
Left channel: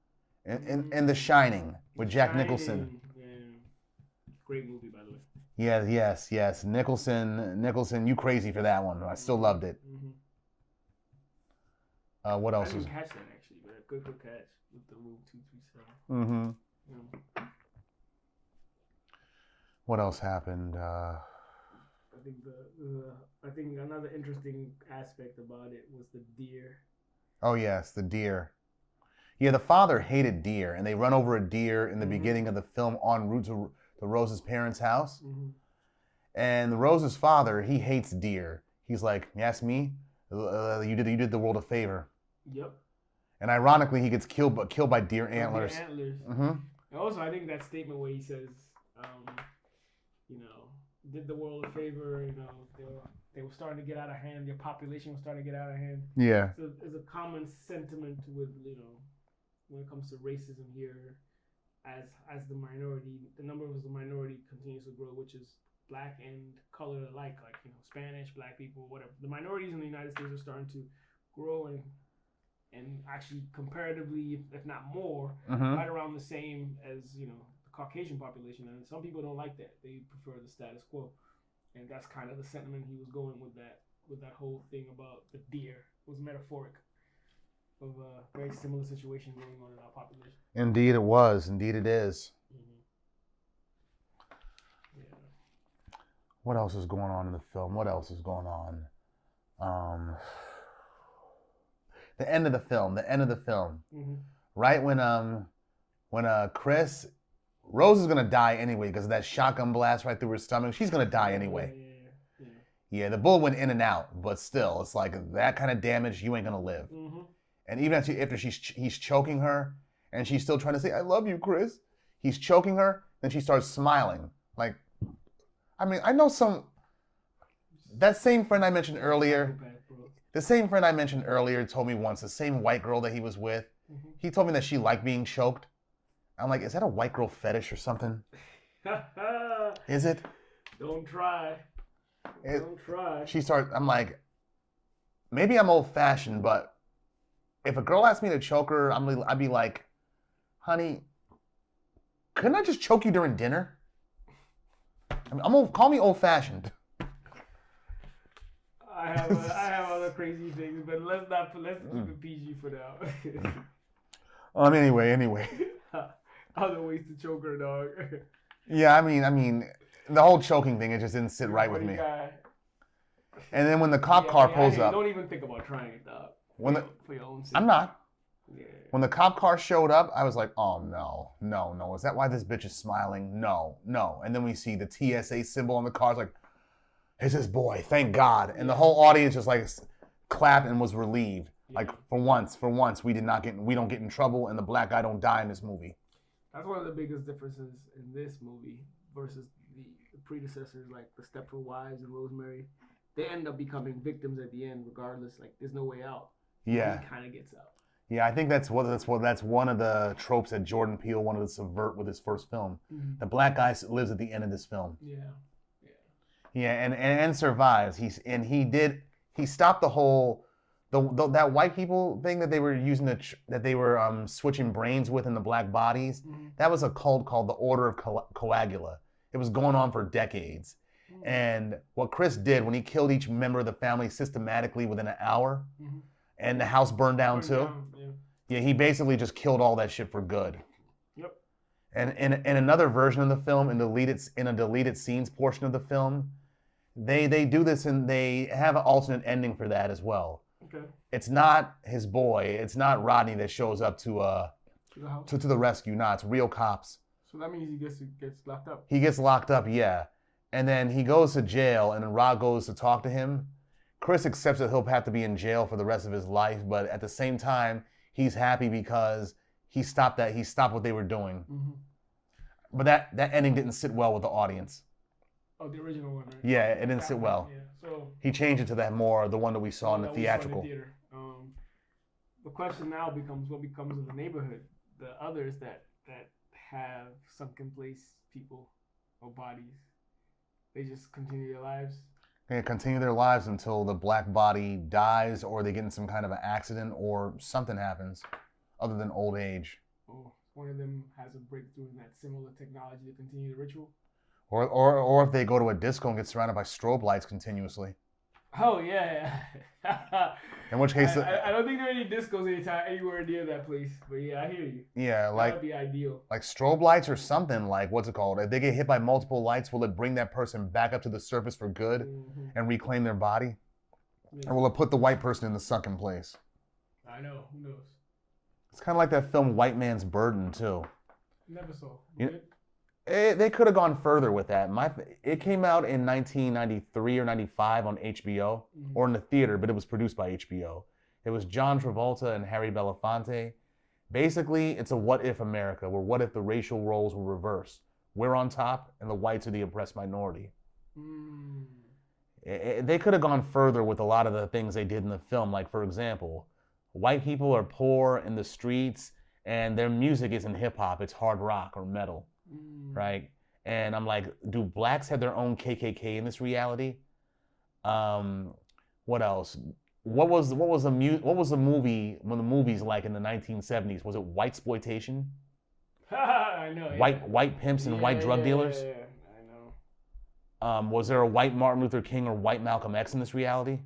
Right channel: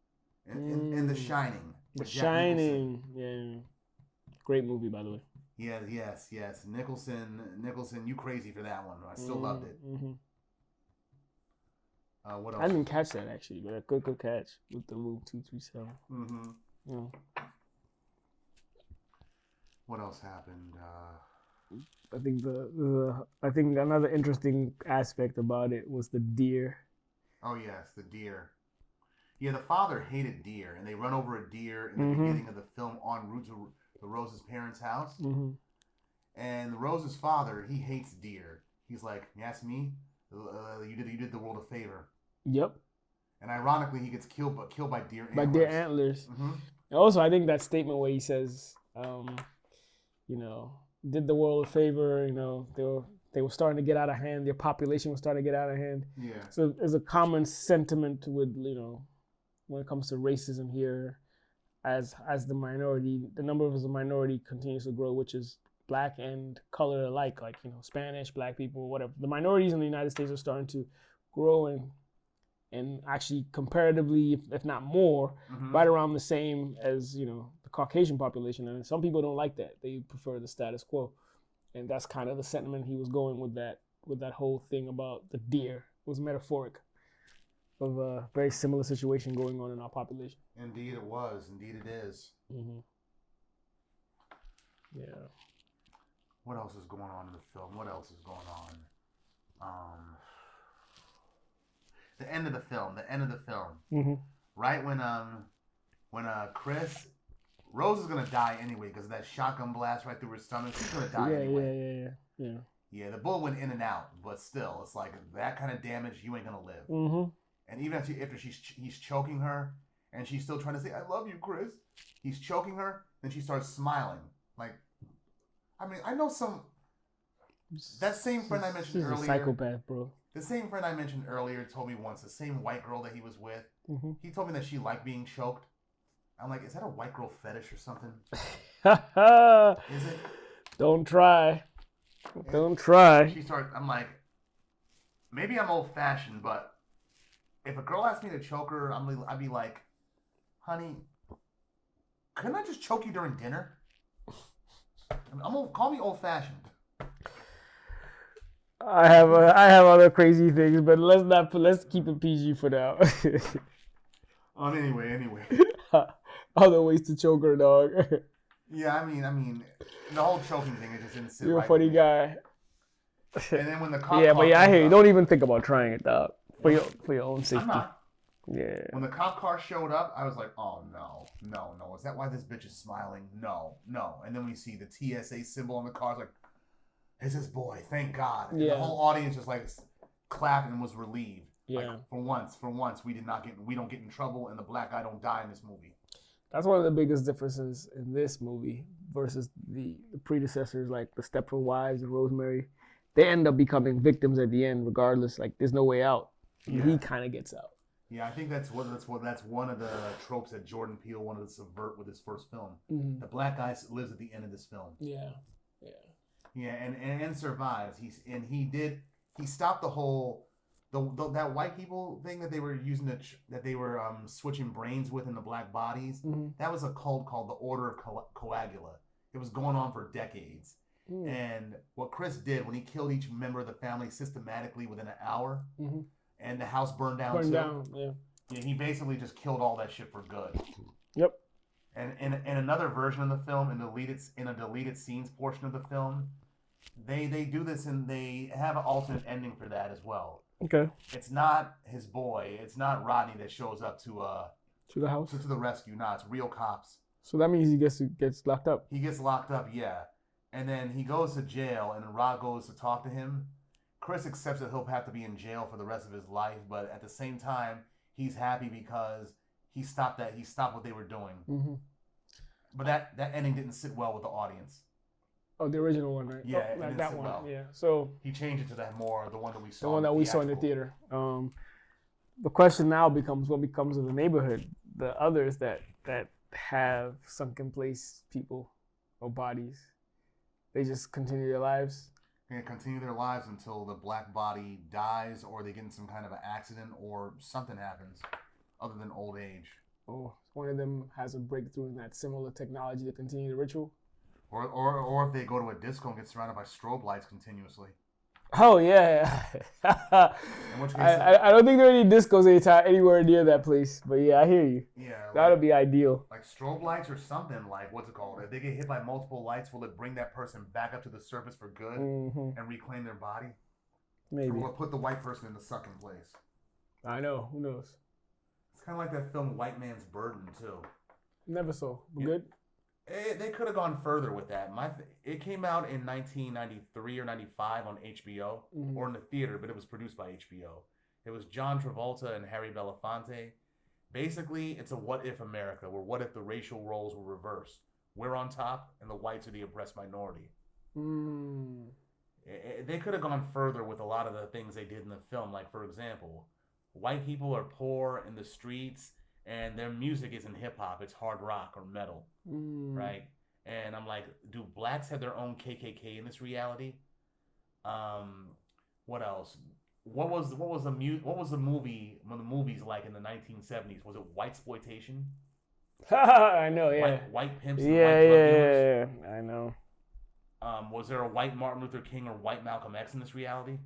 in The Shining with Jack Nicholson. Yeah. Great movie, by the way. Yeah, yes. Nicholson, you crazy for that one. I still loved it. Mm-hmm. What else? I didn't catch that actually, but a good catch with the room 237. Mm-hmm. Yeah. What else happened? I think I think another interesting aspect about it was the deer. Oh yes, the deer. Yeah, the father hated deer, and they run over a deer in the beginning of the film en route to the Rose's parents' house. Mm-hmm. And the Rose's father, he hates deer. He's like, "You ask me, you did the world a favor." Yep. And ironically, he gets killed by deer antlers. Deer antlers. Mm-hmm. And also, I think that statement where he says, did the world a favor. They were starting to get out of hand. Their population was starting to get out of hand. Yeah. So there's a common sentiment with when it comes to racism here, as the minority, the number of the minority continues to grow, which is black and color alike, like Spanish, black people, whatever. The minorities in the United States are starting to grow and actually comparatively, if not more, right around the same as the Caucasian population. And some people don't like that; they prefer the status quo, and that's kind of the sentiment he was going with that whole thing about the deer. It was metaphoric of a very similar situation going on in our population. Indeed, it was. Indeed, it is. Mm-hmm. Yeah. What else is going on in the film? What else is going on? The end of the film. Mm-hmm. Right when Rose is gonna die anyway because of that shotgun blast right through her stomach. She's gonna die anyway. Yeah. The bullet went in and out, but still, it's like that kind of damage. You ain't gonna live. Mm-hmm. And even after he's choking her, and she's still trying to say, "I love you, Chris." He's choking her, then she starts smiling. Like, I mean, I know that same friend I mentioned earlier. Psychopath, bro. The same friend I mentioned earlier told me once, the same white girl that he was with, he told me that she liked being choked. I'm like, is that a white girl fetish or something? Is it? Don't try. Don't try. I'm like, maybe I'm old fashioned, but if a girl asked me to choke her, I'd be like, honey, couldn't I just choke you during dinner? Call me old fashioned. I have other crazy things, but let's keep it PG for now. Anyway. Other ways to choke her, dog. Yeah, I mean, the whole choking thing, it just didn't sit right with me. You're a funny guy. And then when the cop car I hear you. Don't even think about trying it, dog. For your own safety. I'm not. Yeah. When the cop car showed up, I was like, oh no. Is that why this bitch is smiling? No. And then we see the TSA symbol on the car. It's like, it's his boy, thank God. And the whole audience just like clapped and was relieved. Yeah. Like for once, we don't get in trouble and the black guy don't die in this movie. That's one of the biggest differences in this movie versus the predecessors, like the Stepford Wives and Rosemary. They end up becoming victims at the end, regardless. Like there's no way out. Yeah. He kind of gets out. Yeah, I think that's one of the tropes that Jordan Peele wanted to subvert with his first film. Mm-hmm. The black guy lives at the end of this film. Yeah, and survives. He stopped the whole that white people thing that they were using that they were switching brains with in the black bodies. Mm-hmm. That was a cult called the Order of Coagula. It was going on for decades. Mm. And what Chris did when he killed each member of the family systematically within an hour, mm-hmm. and the house burned down too. Yeah, he basically just killed all that shit for good. Yep. And in another version of the film, in a deleted scenes portion of the film, they do this and they have an alternate ending for that as well. Okay. It's not his boy. It's not Rodney that shows up to the house to the rescue. Nah, it's real cops. So that means he gets locked up. He gets locked up, yeah. And then he goes to jail, and then Rod goes to talk to him. Chris accepts that he'll have to be in jail for the rest of his life, but at the same time, he's happy because he stopped what they were doing. Mm-hmm. But that ending didn't sit well with the audience. Oh, the original one, right? Yeah, it didn't sit well. Yeah, so he changed it to the one that we saw in the theater. The question now becomes, what becomes of the neighborhood, the others that have sunken place people or bodies? They just continue their lives. They continue their lives until the black body dies, or they get in some kind of an accident, or something happens, other than old age. Oh, one of them has a breakthrough in that similar technology to continue the ritual. Or if they go to a disco and get surrounded by strobe lights continuously. Oh yeah. In which case, I don't think there are any discos anywhere near that place. But yeah, I hear you. Yeah, that would be ideal. Like strobe lights or something. Like what's it called? If they get hit by multiple lights, will it bring that person back up to the surface for good, mm-hmm. and reclaim their body? Maybe. Or will it put the white person in the sunken place? I know. Who knows? It's kind of like that film White Man's Burden too. Never saw. Good. They could have gone further with that. It came out in 1993 or 95 on HBO, mm-hmm. or in the theater, but it was produced by HBO. It was John Travolta and Harry Belafonte. Basically, it's a what if America, where what if the racial roles were reversed? We're on top, and the whites are the oppressed minority. Mm. They could have gone further with a lot of the things they did in the film. Like, for example, white people are poor in the streets, and their music isn't hip-hop, it's hard rock or metal. Right? And I'm like, do blacks have their own KKK in this reality? What else? What was the movie, one of the movies like in the 1970s? Was it whitesploitation? I know, yeah. White pimps and white drug dealers? Yeah, I know. Was there a white Martin Luther King or white Malcolm X in this reality?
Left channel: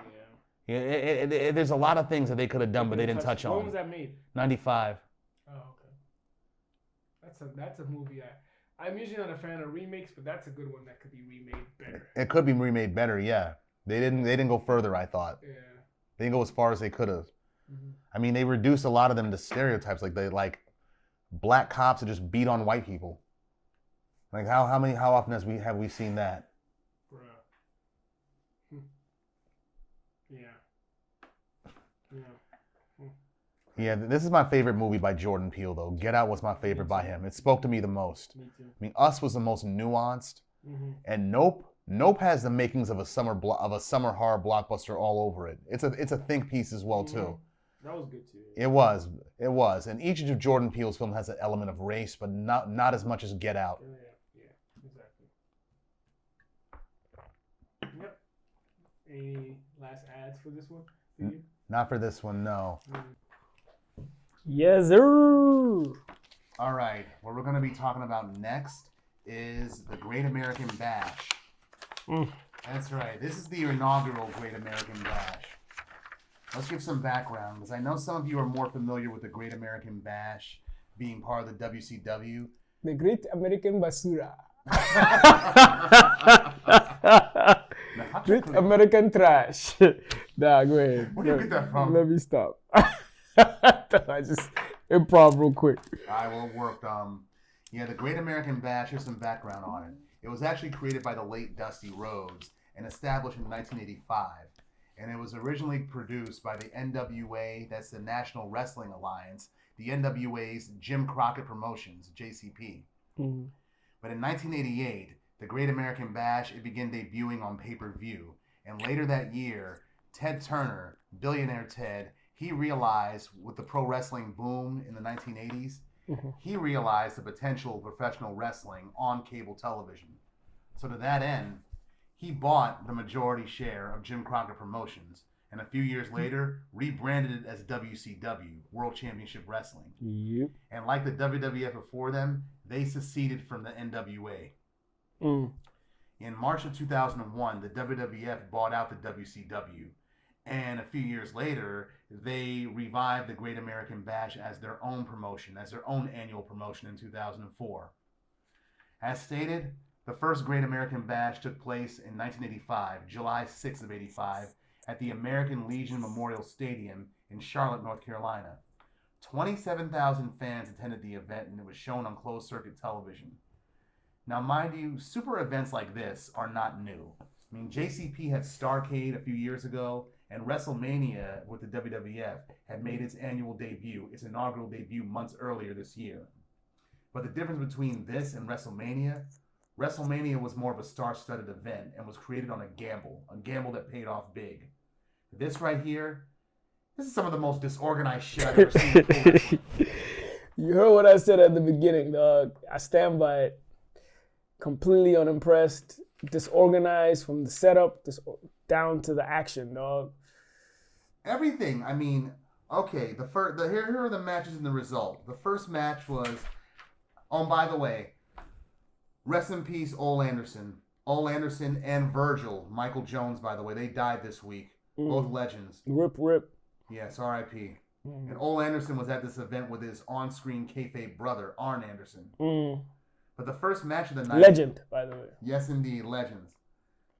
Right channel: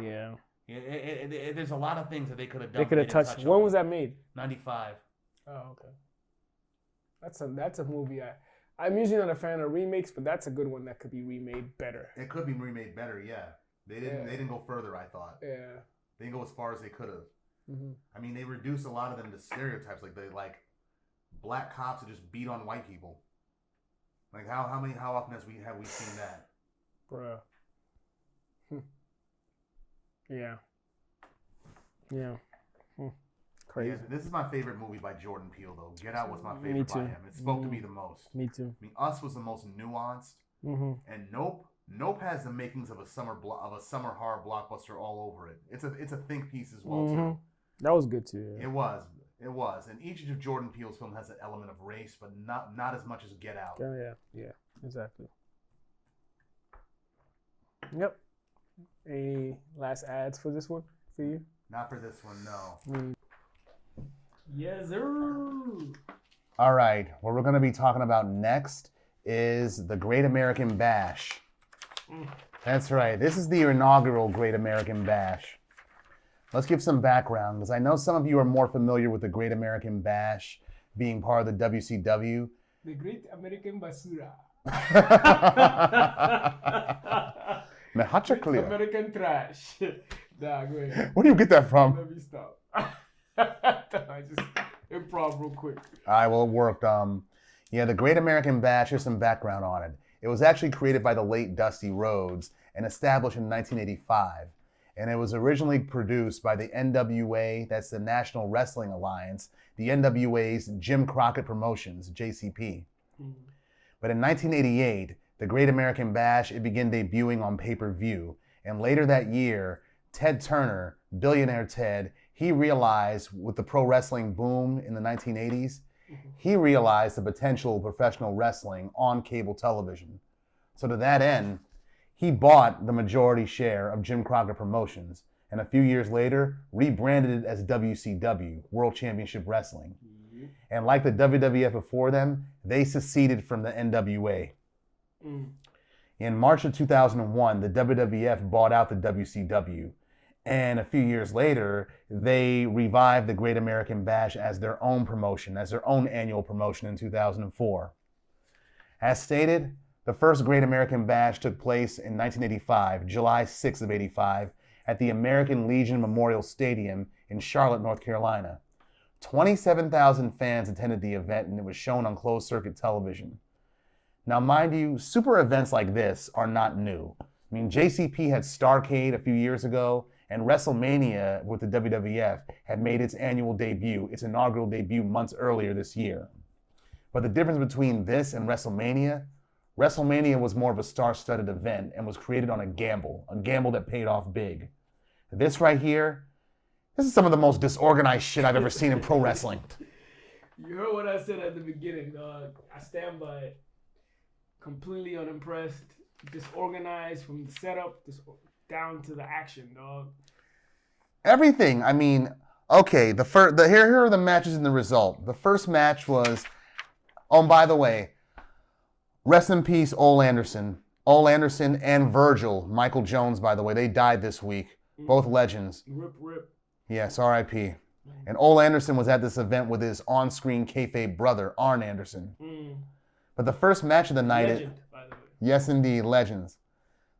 Yeah. There's a lot of things that they could have done, but they didn't touch on. When was that made? 95. Oh, okay. That's a movie I'm usually not a fan of remakes, but that's a good one that could be remade better. It could be remade better, yeah. They didn't go further, I thought. Yeah. They didn't go as far as they could have. Mm-hmm. I mean, they reduced a lot of them to stereotypes, like black cops that just beat on white people. Like how often have we seen that? Bruh. Yeah. Yeah. Crazy. Yeah, this is my favorite movie by Jordan Peele, though. Get Out was my favorite by him. It spoke to me the most. Me too. I mean, Us was the most nuanced, mm-hmm. and Nope has the makings of a summer horror blockbuster all over it. It's a think piece as well, mm-hmm. too. That was good too. Yeah. It was, and each of Jordan Peele's films has an element of race, but not as much as Get Out. Yeah, exactly. Yep. Any last ads for this one for you? Not for this one, no. Yes, sir. All right, what we're going to be talking about next is the Great American Bash. That's right. This is the inaugural Great American Bash. Let's give some background, because I know some of you are more familiar with the Great American Bash being part of the WCW. The Great American Basura. Great American Trash. Nah, go ahead. Where do you get that from? Let me stop. I just improv real quick. All right, well, it worked. The Great American Bash, here's some background on it. It was actually created by the late Dusty Rhodes and established in 1985. and it was originally produced by the NWA, that's the National Wrestling Alliance, the NWA's Jim Crockett Promotions, JCP. Mm. But in 1988, the Great American Bash, it began debuting on pay-per-view, and later that year, Ted Turner, billionaire Ted, he realized with the pro wrestling boom in the 1980s, he realized the potential of professional wrestling on cable television. So to that end, he bought the majority share of Jim Crockett Promotions, and a few years later, rebranded it as WCW, World Championship Wrestling. Yep. And like the WWF before them, they seceded from the NWA. Mm. In March of 2001, the WWF bought out the WCW. And a few years later, they revived the Great American Bash as their own promotion, as their own annual promotion in 2004. As stated, the first Great American Bash took place in 1985, July 6th of 85, at the American Legion Memorial Stadium in Charlotte, North Carolina. 27,000 fans attended the event, and it was shown on closed-circuit television. Now, mind you, super events like this are not new. I mean, JCP had Starrcade a few years ago, and WrestleMania with the WWF had made its annual debut, its inaugural debut months earlier this year. But the difference between this and WrestleMania was more of a star-studded event and was created on a gamble that paid off big. This right here, this is some of the most disorganized shit I've ever seen in pro wrestling. You heard what I said at the beginning, dog. I stand by it. Completely unimpressed, disorganized from the setup down to the action, dog. Everything. I mean, okay, here are the matches and the result. The first match was, oh, by the way, rest in peace, Ole Anderson. Ole Anderson and Virgil, Michael Jones, by the way, they died this week. Both legends. Rip. Yes, R.I.P. And Ole Anderson was at this event with his on-screen kayfabe brother, Arn Anderson. But the first match of the night... Legend, by the way. Yes, indeed, legends.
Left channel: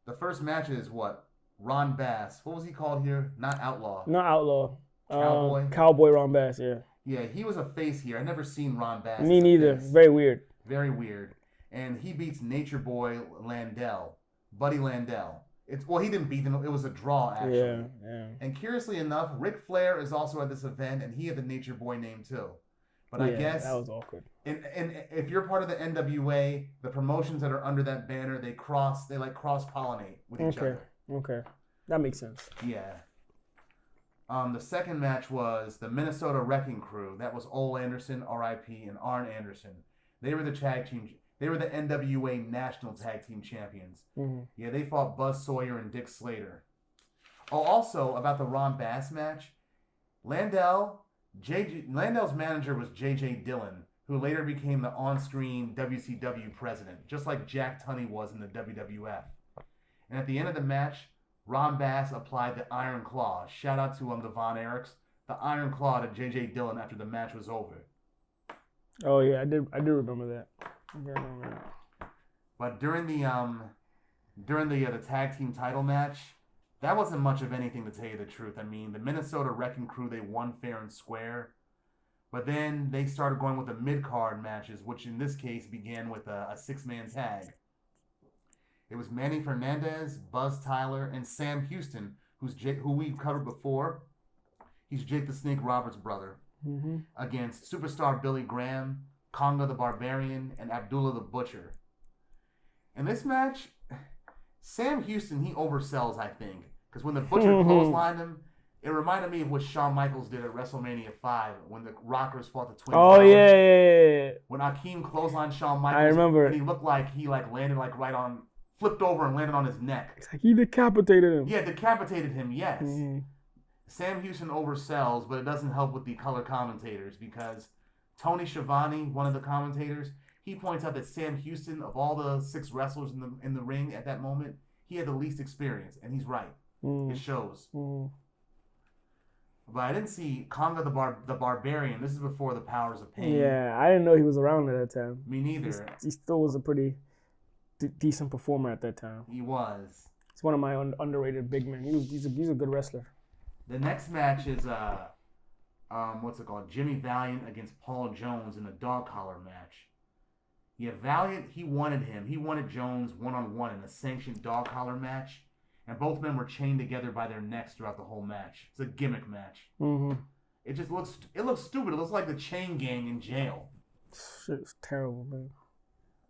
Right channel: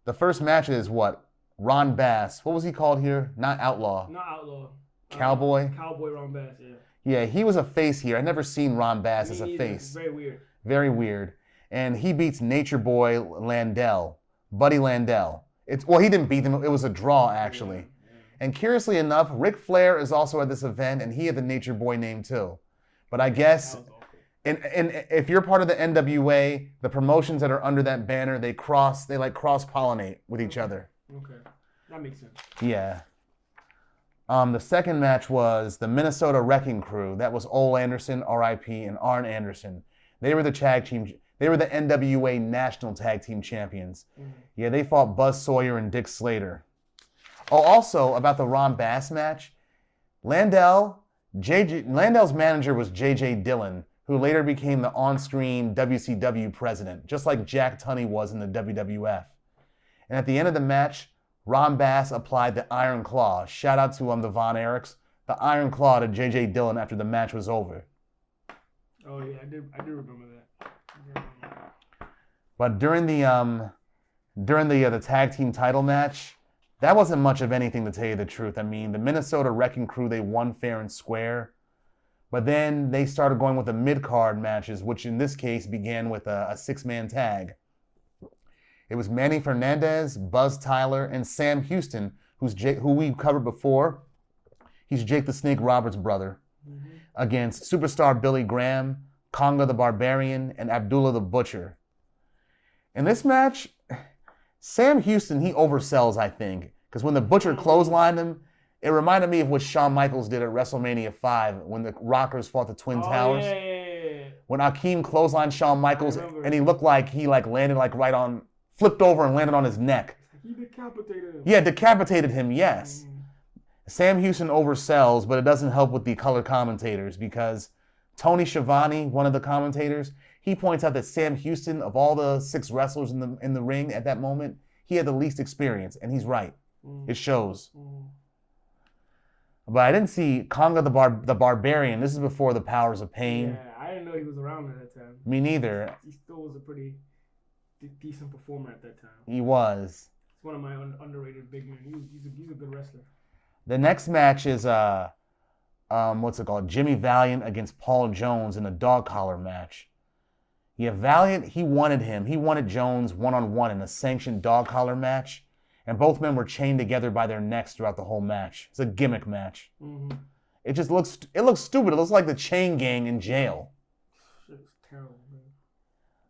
The first match is what? Ron Bass. What was he called here? Not Outlaw. Not Outlaw. Cowboy? Cowboy Ron Bass, yeah. Yeah, he was a face here. I'd never seen Ron Bass as a face. Me neither. Very weird. Very weird. And he beats Nature Boy Landell. Buddy Landell. Well, he didn't beat him. It was a draw, actually. Yeah. And curiously enough, Ric Flair is also at this event, and he had the Nature Boy name too. But I guess... That was awkward. And if you're part of the NWA, the promotions that are under that banner, they cross-pollinate with each other. Okay. That makes sense. Yeah. The second match was the Minnesota Wrecking Crew. That was Ole Anderson, R.I.P., and Arn Anderson. They were the tag team. They were the NWA National Tag Team Champions. Yeah, they fought Buzz Sawyer and Dick Slater. Oh, also about the Ron Bass match, Landell's manager was J.J. Dillon, who later became the on-screen WCW president, just like Jack Tunney was in the WWF. And at the end of the match, Ron Bass applied the Iron Claw. Shout out to the Von Erichs. The Iron Claw to J.J. Dillon after the match was over. Oh yeah, I do remember that. But during the tag team title match, that wasn't much of anything, to tell you the truth. I mean, the Minnesota Wrecking Crew, they won fair and square. But then they started going with the mid-card matches, which in this case began with a six-man tag. It was Manny Fernandez, Buzz Tyler, and Sam Houston, who we've covered before. He's Jake the Snake Roberts' brother, against superstar Billy Graham, Conga the Barbarian, and Abdullah the Butcher. In this match, Sam Houston, he oversells, I think, because when the Butcher clotheslined him, it reminded me of what Shawn Michaels did at WrestleMania 5 when the Rockers fought the Twin Towers. Oh, yeah. When Akeem clotheslined Shawn Michaels, I remember. And he looked like he landed flipped over and landed on his neck. It's like he decapitated him. Yeah, decapitated him, yes. Sam Houston oversells, but it doesn't help with the color commentators because Tony Schiavone, one of the commentators, he points out that Sam Houston, of all the 6 wrestlers in the ring at that moment, he had the least experience, and he's right. It shows. But I didn't see Conga the Barbarian. This is before the Powers of Pain. Yeah, I didn't know he was around at that time. Me neither. He still was a pretty decent performer at that time. He was. He's one of my underrated big men. He's a good wrestler. The next match is Jimmy Valiant against Paul Jones in a dog collar match. Yeah, Valiant, he wanted Jones one-on-one in a sanctioned dog collar match. and both men were chained together by their necks throughout the whole match. It's a gimmick match. Mm-hmm. It looks stupid. It looks like the Chain Gang in jail. Shit's terrible, man.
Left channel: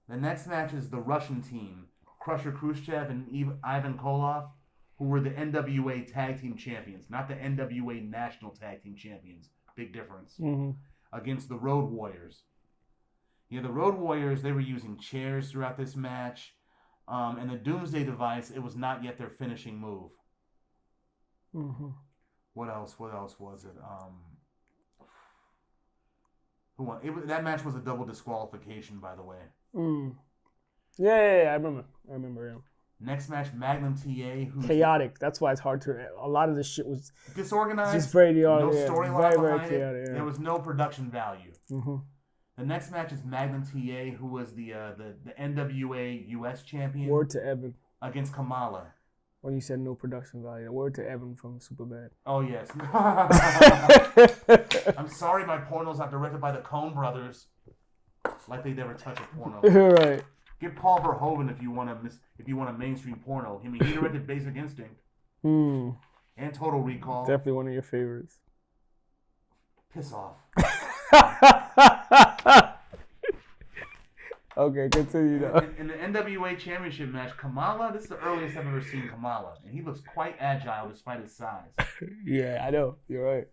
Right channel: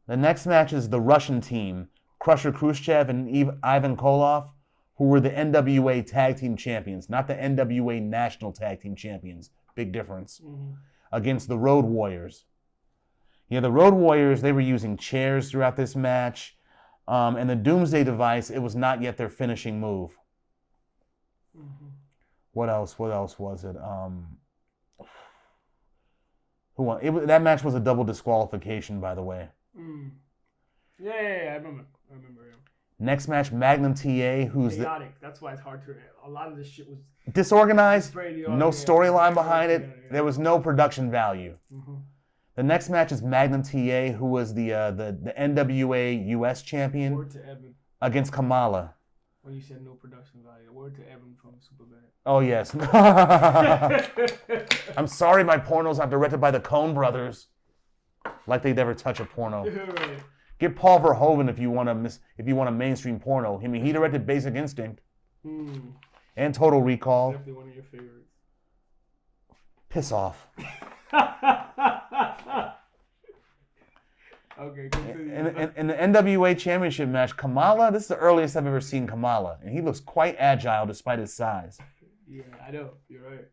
The next match is the Russian team, Crusher Khrushchev and Ivan Koloff, who were the NWA Tag Team Champions, not the NWA National Tag Team Champions. Big difference. Mm-hmm. Against the Road Warriors. Yeah, the Road Warriors, they were using chairs throughout this match. And the Doomsday Device, it was not yet their finishing move. Mm-hmm. What else was it? Who won? That match was a double disqualification, by the way. Mm. Yeah, I remember. Yeah. Next match, Magnum TA, who's chaotic. That's why it's hard to. A lot of this shit was disorganized. No storyline behind it. Chaotic, yeah. There was no production value. Mm-hmm. The next match is Magnum TA, who was the NWA US champion. Word to Evan. Against Kamala. When you said no production value, word to Evan from Superbad. Oh, yes. I'm sorry my porno's not directed by the Coen brothers. Like they'd ever touch a porno. Right. Get Paul Verhoeven if you want a mainstream porno. I mean, he directed Basic Instinct. And Total Recall. Definitely one of your favorites. Piss off. Okay, continue. In the NWA Championship match, Kamala, this is the earliest I've ever seen Kamala. And he looks quite agile despite his size. Yeah, I know. You're right.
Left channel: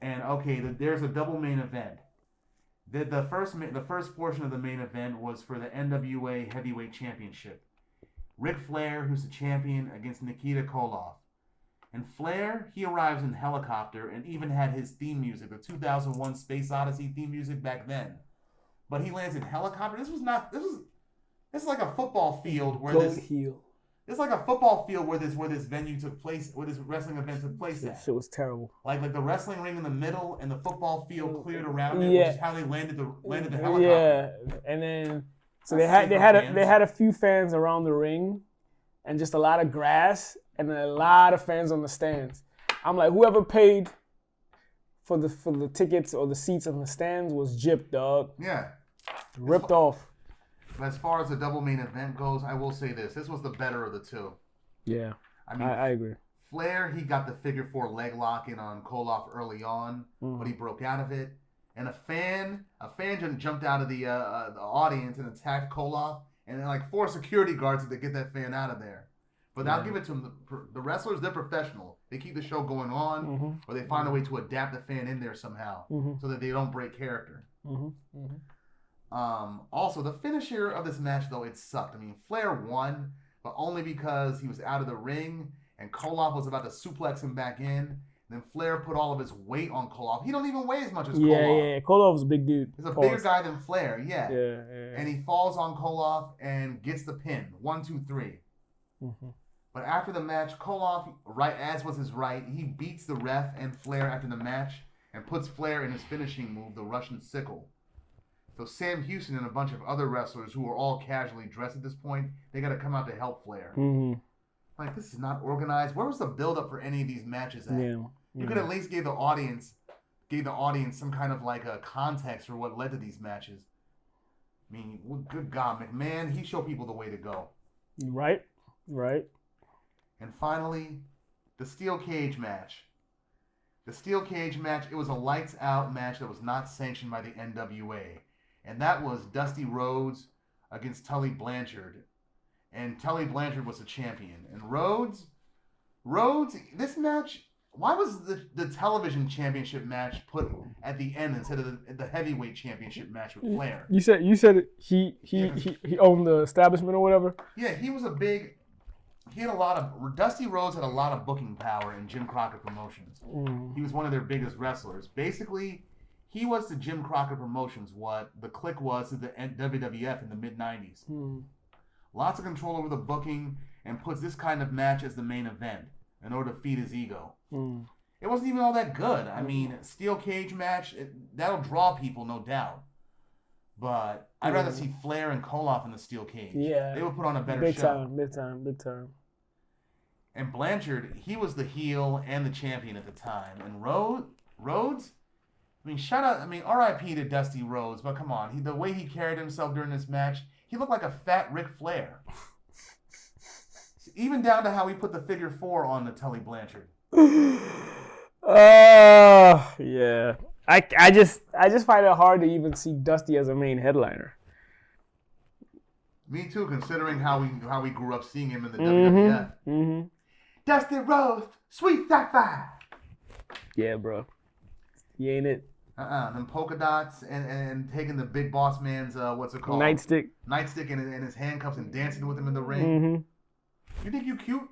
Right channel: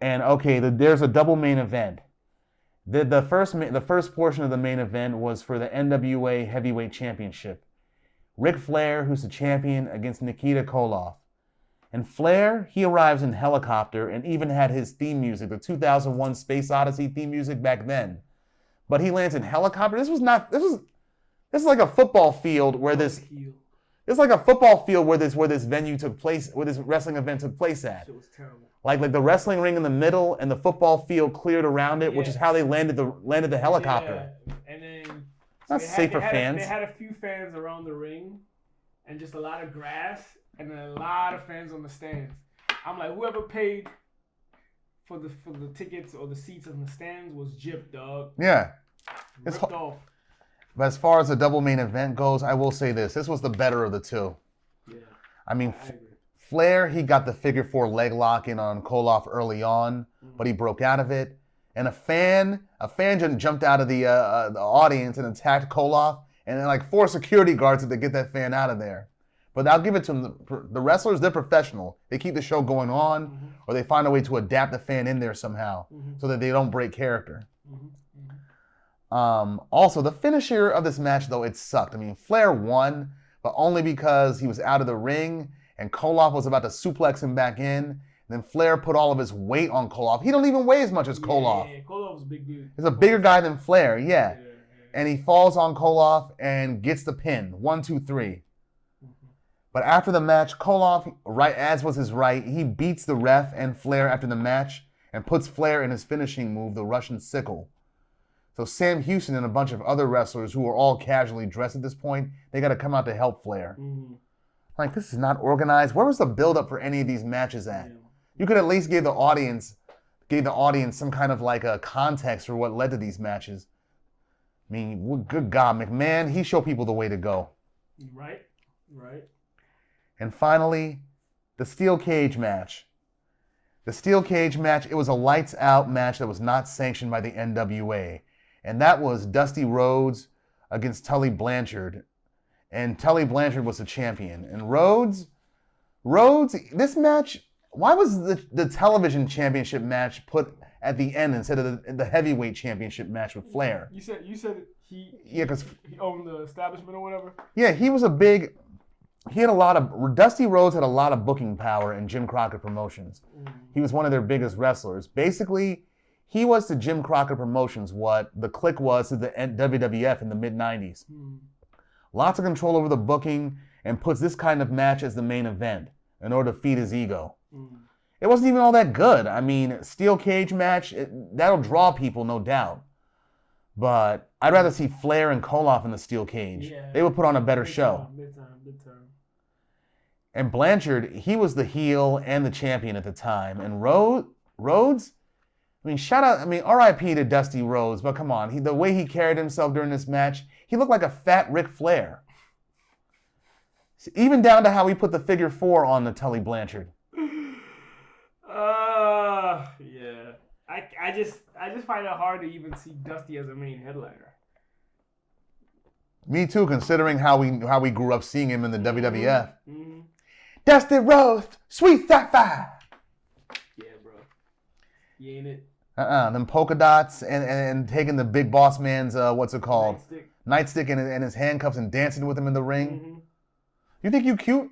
And okay, there's a double main event. The first portion of the main event was for the NWA Heavyweight Championship. Ric Flair, who's the champion, against Nikita Koloff. And Flair, he arrives in helicopter and even had his theme music, the 2001 Space Odyssey theme music back then. But he lands in helicopter. This is like a football field where this venue took place, where this wrestling event took place at. Shit was terrible. Like the wrestling ring in the middle and the football field cleared around it, which is how they landed the helicopter. Yeah, and then so they had a few fans around the ring, and just a lot of grass, and then a lot of fans on the stands. I'm like, whoever paid for the tickets or the seats in the stands was gypped, dog. Yeah. Ripped off. But as far as the double main event goes, I will say this. This was the better of the two. Yeah. I mean, I agree. Flair, he got the figure 4 leg lock in on Koloff early on, but he broke out of it. And a fan just jumped out of the audience and attacked Koloff, and then like 4 security guards had to get that fan out of there. But I'll give it to them. The wrestlers, they're professional. They keep the show going on, or they find a way to adapt the fan in there somehow so that they don't break character. Also, the finisher of this match, though, it sucked. I mean, Flair won, but only because he was out of the ring, and Koloff was about to suplex him back in. And then Flair put all of his weight on Koloff. He don't even weigh as much as Koloff. Yeah, Koloff's a big dude. He's a bigger guy than Flair, yeah. And he falls on Koloff and gets the pin. 1, 2, 3. But after the match, Koloff, right as was his right, he beats the ref and Flair after the match and puts Flair in his finishing move, the Russian sickle. So Sam Houston and a bunch of other wrestlers who were all casually dressed at this point, they got to come out to help Flair. Like, this is not organized. Where was the build-up for any of these matches at? You could at least give the audience some kind of like a context for what led to these matches. I mean, good God, McMahon, he showed people the way to go. Right. And finally, the steel cage match. The steel cage match, it was a lights-out match that was not sanctioned by the NWA. And that was Dusty Rhodes against Tully Blanchard. And Tully Blanchard was the champion. And Rhodes, this match, why was the television championship match put at the end instead of the heavyweight championship match with Flair? You said he owned the establishment or whatever? Yeah, Dusty Rhodes had a lot of booking power in Jim Crockett Promotions. He was one of their biggest wrestlers. Basically, he was to Jim Crockett Promotions what the Click was to the WWF in the mid-90s. Lots of control over the booking, and puts this kind of match as the main event in order to feed his ego. It wasn't even all that good. I mean, steel cage match, that'll draw people, no doubt. But I'd rather see Flair and Koloff in the steel cage. Yeah. They would put on a better show. Big time. And Blanchard, he was the heel and the champion at the time. And Rhodes, I mean, R.I.P. to Dusty Rhodes, but come on, the way he carried himself during this match, he looked like a fat Ric Flair. Even down to how we put the figure 4 on the Tully Blanchard. Yeah. I just find it hard to even see Dusty as a main headliner. Me too, considering how we grew up seeing him in the WWF. Mm-hmm. Dusty Rhodes, Sweet Sapphire. Yeah, bro. He ain't it. Them polka dots and taking the big boss man's what's it called? Nightstick and his handcuffs and dancing with him in the ring. Mm-hmm. You think you cute?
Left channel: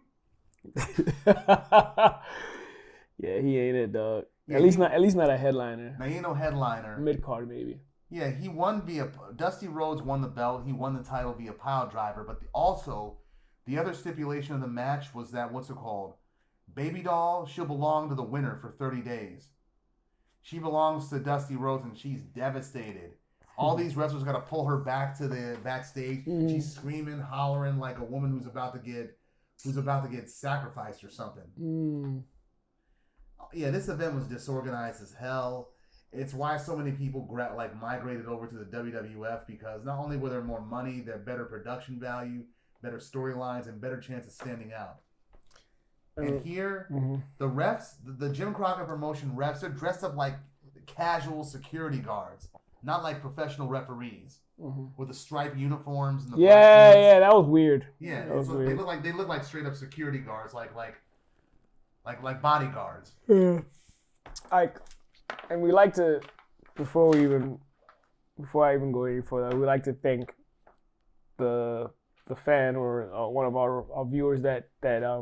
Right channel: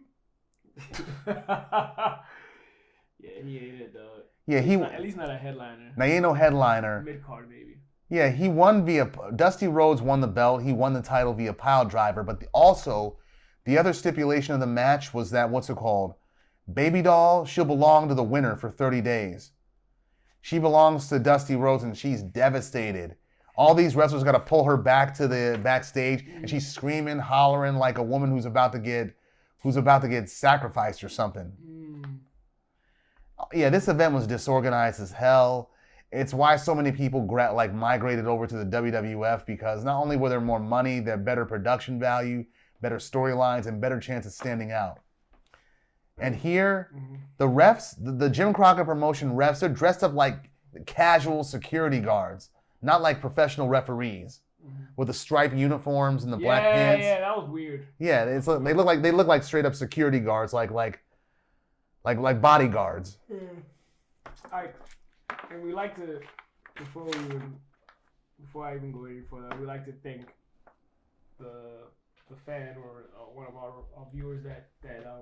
Yeah, he ain't it, dog. Yeah, at least not a headliner. Now he ain't no headliner. Mid card maybe. Yeah, he won via Dusty Rhodes won the belt. He won the title via pile driver. But also, the other stipulation of the match was that what's it called? Baby doll, she'll belong to the winner for 30 days. She belongs to Dusty Rhodes, and she's devastated. All these wrestlers got to pull her back to the backstage, and she's screaming, hollering like a woman who's about to get sacrificed or something. Yeah, this event was disorganized as hell. It's why so many people migrated over to the WWF, because not only were there more money, there better production value, better storylines, and better chance of standing out. And here, the refs, the Jim Crockett promotion refs, they're dressed up like casual security guards, not like professional referees with the striped uniforms and the black pants. Yeah, that was weird. Yeah, they look like straight up security guards, like bodyguards. And we like to, before I even go any further, we like to thank the fan or one of our viewers that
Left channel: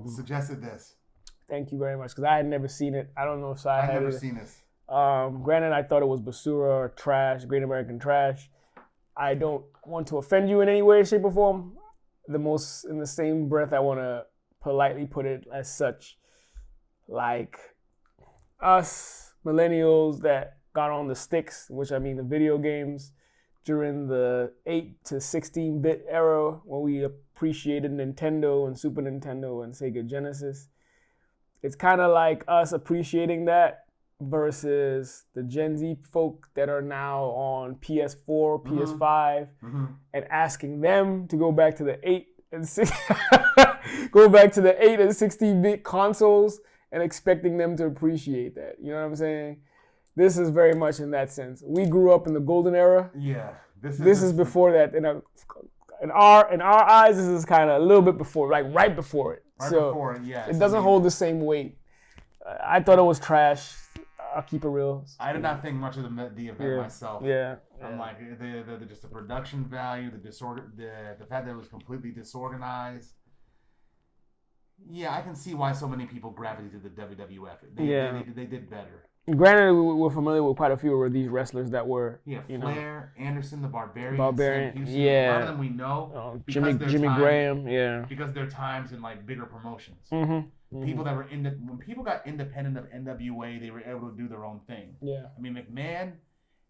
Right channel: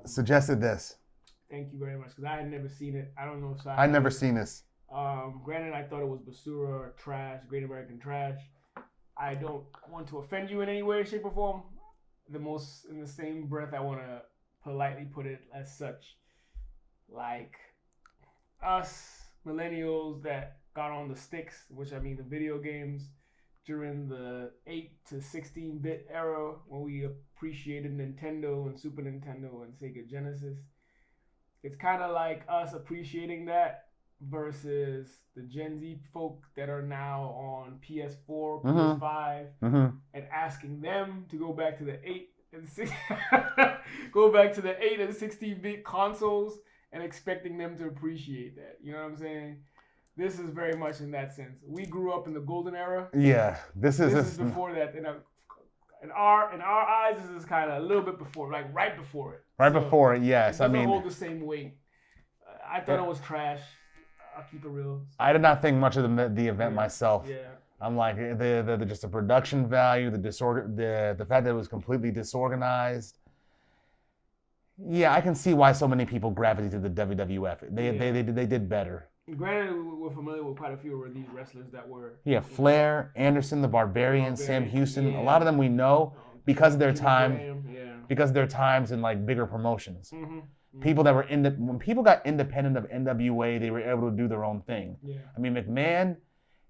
suggested this. Thank you very much, because I had never seen it. I don't know if I'd never seen this. Granted, I thought it was basura or trash, Great American Trash. I don't want to offend you in any way, shape, or form. In the same breath, I want to politely put it as such. Like us millennials that got on the sticks, which I mean the video games, during the 8 to 16-bit era when we appreciated Nintendo and Super Nintendo and Sega Genesis. It's kind of like us appreciating that versus the Gen Z folk that are now on PS4, PS5, and asking them to go back to the 8 and 16-bit consoles and expecting them to appreciate that. You know what I'm saying? This is very much in that sense. We grew up in the golden era. Yeah, this is before that. In our eyes, this is kind of a little bit before, like right before it. Before it, yeah. It doesn't hold the same weight. I thought it was trash. I'll keep it real. I did not think much of the event myself. Yeah. I'm like the just the production value, the fact that it was completely disorganized. Yeah, I can see why so many people gravitated to the WWF. They did better. Granted, we're familiar with quite a few of these wrestlers that were... Yeah, Flair, Anderson, the Barbarian, Sam Houston. Yeah. A lot of them we know because Jimmy Graham, because of their times in like bigger promotions. People that were when people got independent of NWA, they were able to do their own thing. Yeah. I mean, McMahon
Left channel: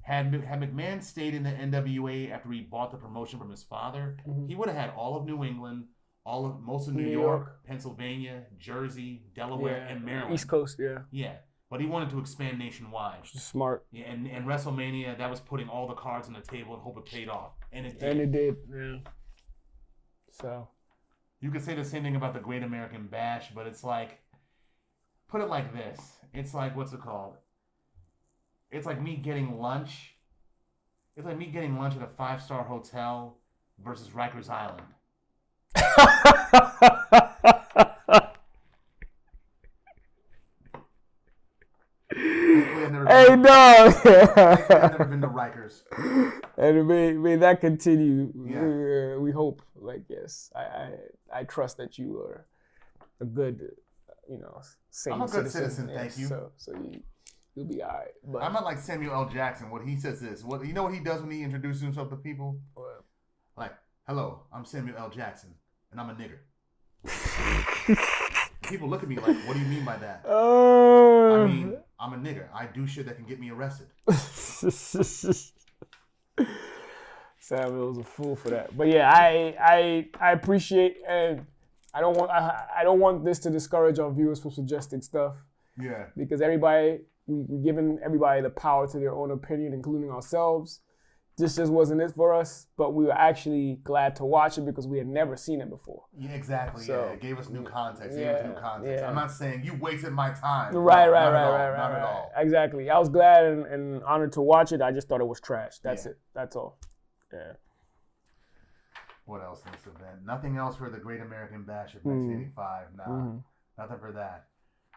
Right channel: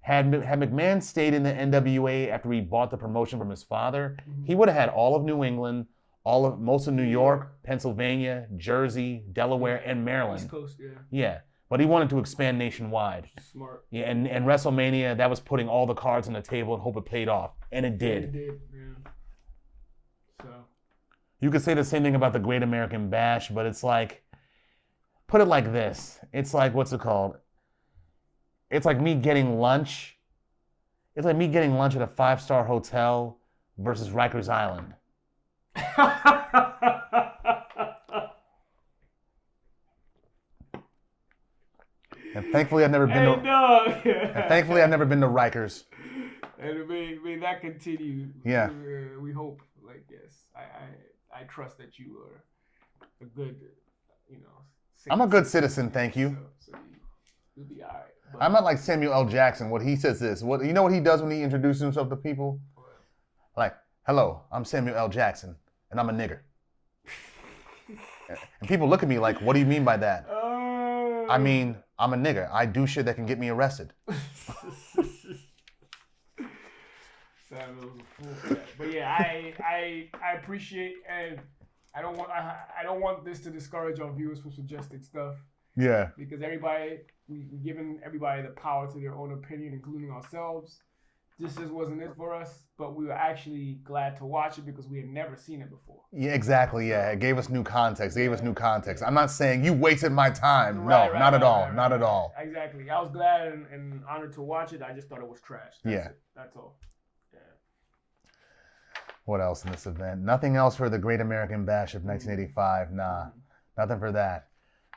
had McMahon stayed in the NWA after he bought the promotion from his father, he would have had all of New England, most of New York, Pennsylvania, Jersey, Delaware, and Maryland. East Coast, yeah. Yeah. But he wanted to expand nationwide. Smart. Yeah, and WrestleMania, that was putting all the cards on the table and hope it paid off. And it did. Yeah. So. You could say the same thing about the Great American Bash, but it's like, put it like this. It's like, what's it called? It's like me getting lunch. It's like me getting lunch at a 5-star hotel versus Rikers Island. Thankfully, I've never been. Thankfully, I've never been to Rikers. And may that continue. Yeah. We hope. Like, yes, I trust that you are a good, I'm a good citizen. Thank you. So you'll be all right. But I'm not like Samuel L. Jackson. What he says is, you know what he does when he introduces himself to people? What? Like, hello, I'm Samuel L. Jackson, and I'm a nigger. And people look at me like, what do you mean by that? I mean, I'm a nigger. I do shit that can get me arrested. Samuel's a fool for that. But yeah, I appreciate, and I don't want this to discourage our viewers from suggesting stuff. Yeah. Because we've given everybody the power to their own opinion, including ourselves. this just wasn't it for us, but we were actually glad to watch it because we had never seen it before. Yeah, exactly. Yeah, it gave us new context. Yeah, I'm not saying you wasted my time. Right, not at all. Exactly. I was glad and honored to watch it. I just thought it was trash. That's it. That's all. Yeah. What else in this event? Nothing else for the Great American Bash of 1985. Nah, nothing for that.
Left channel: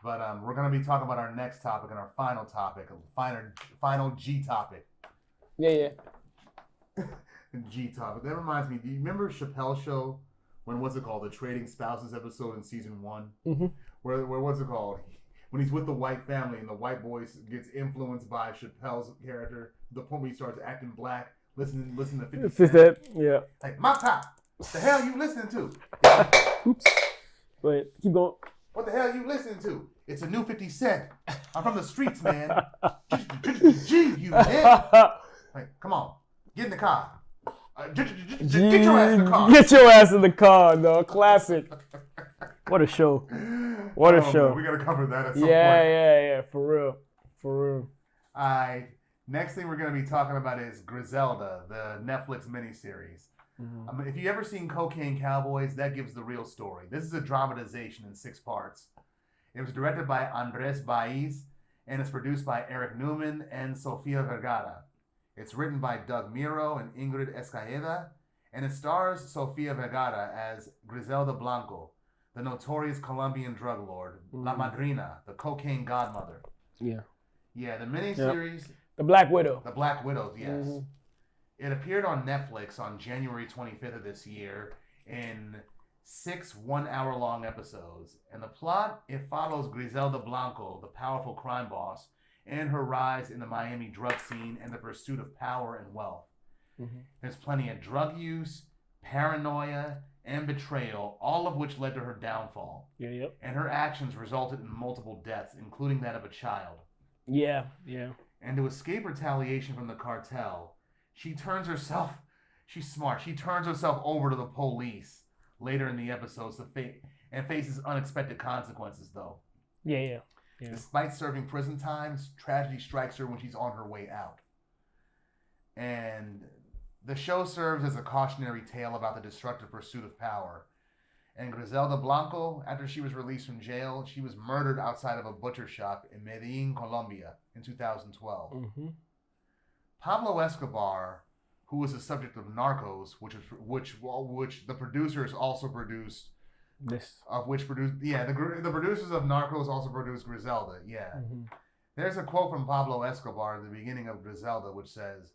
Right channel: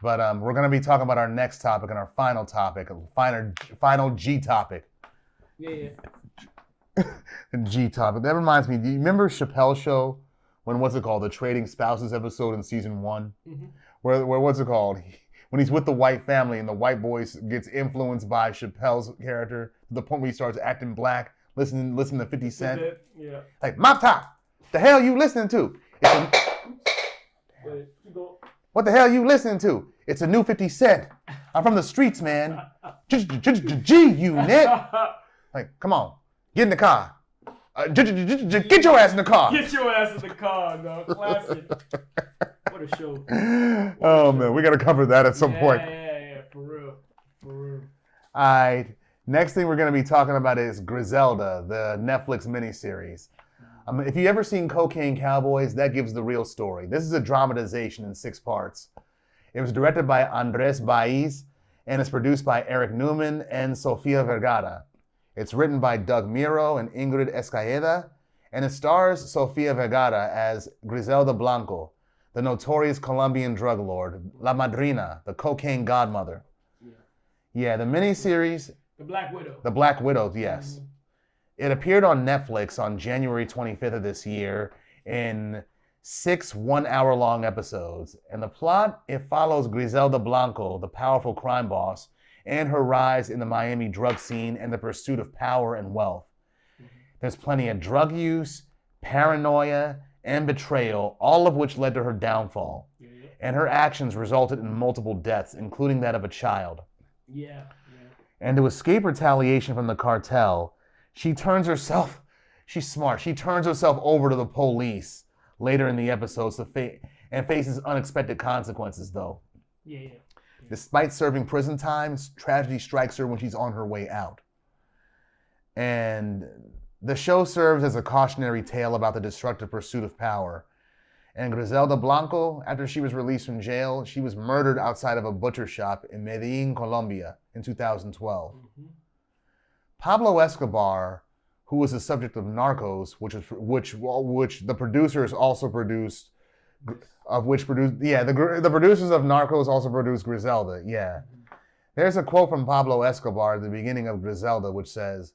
But we're going to be talking about our next topic and our final topic, final G topic. Yeah. G topic. That reminds me, do you remember Chappelle's show when, the Trading Spouses episode in season 1? Mm-hmm. Where what's it called? When he's with the white family and the white boy gets influenced by Chappelle's character to the point where he starts acting black, listen to 50 Cent. Yeah. Like, Mop Top, the hell you listening to? Oops. Wait, keep going. What the hell you listening to? It's a new 50 Cent. I'm from the streets, man. G-Unit. Like, come on. Get in the car. Get your ass in the car. Get your ass in the car, dog. Classic. What a show. What a show. Man, we got to cover that at some point. Yeah. For real. All right. Next thing we're going to be talking about is Griselda, the Netflix miniseries. If you've ever seen Cocaine Cowboys, that gives the real story. This is a dramatization in 6 parts. It was directed by Andres Baiz and is produced by Eric Newman and Sofia Vergara. It's written by Doug Miro and Ingrid Escaeda, and it stars Sofia Vergara as Griselda Blanco, the notorious Colombian drug lord, La Madrina, the cocaine godmother. Yeah, the miniseries... The Black Widow. The Black Widow, yes. Mm-hmm. It appeared on Netflix on January 25th of this year in 6 one-hour-long episodes. And the plot, it follows Griselda Blanco, the powerful crime boss, and her rise in the Miami drug scene and the pursuit of power and wealth. Mm-hmm. There's plenty of drug use, paranoia, and betrayal, all of which led to her downfall. And her actions resulted in multiple deaths, including that of a child. Yeah. And to escape retaliation from the cartel, she's smart. She turns herself over to the police later in the episodes and faces unexpected consequences, though. Yeah. Despite serving prison time, tragedy strikes her when she's on her way out. And the show serves as a cautionary tale about the destructive pursuit of power. And Griselda Blanco, after she was released from jail, she was murdered outside of a butcher shop in Medellin, Colombia in 2012. Mm-hmm. Pablo Escobar, who was the subject of Narcos, which the producers also produced, the producers of Narcos also produced Griselda. Yeah. Mm-hmm. There's a quote from Pablo Escobar at the beginning of Griselda, which says,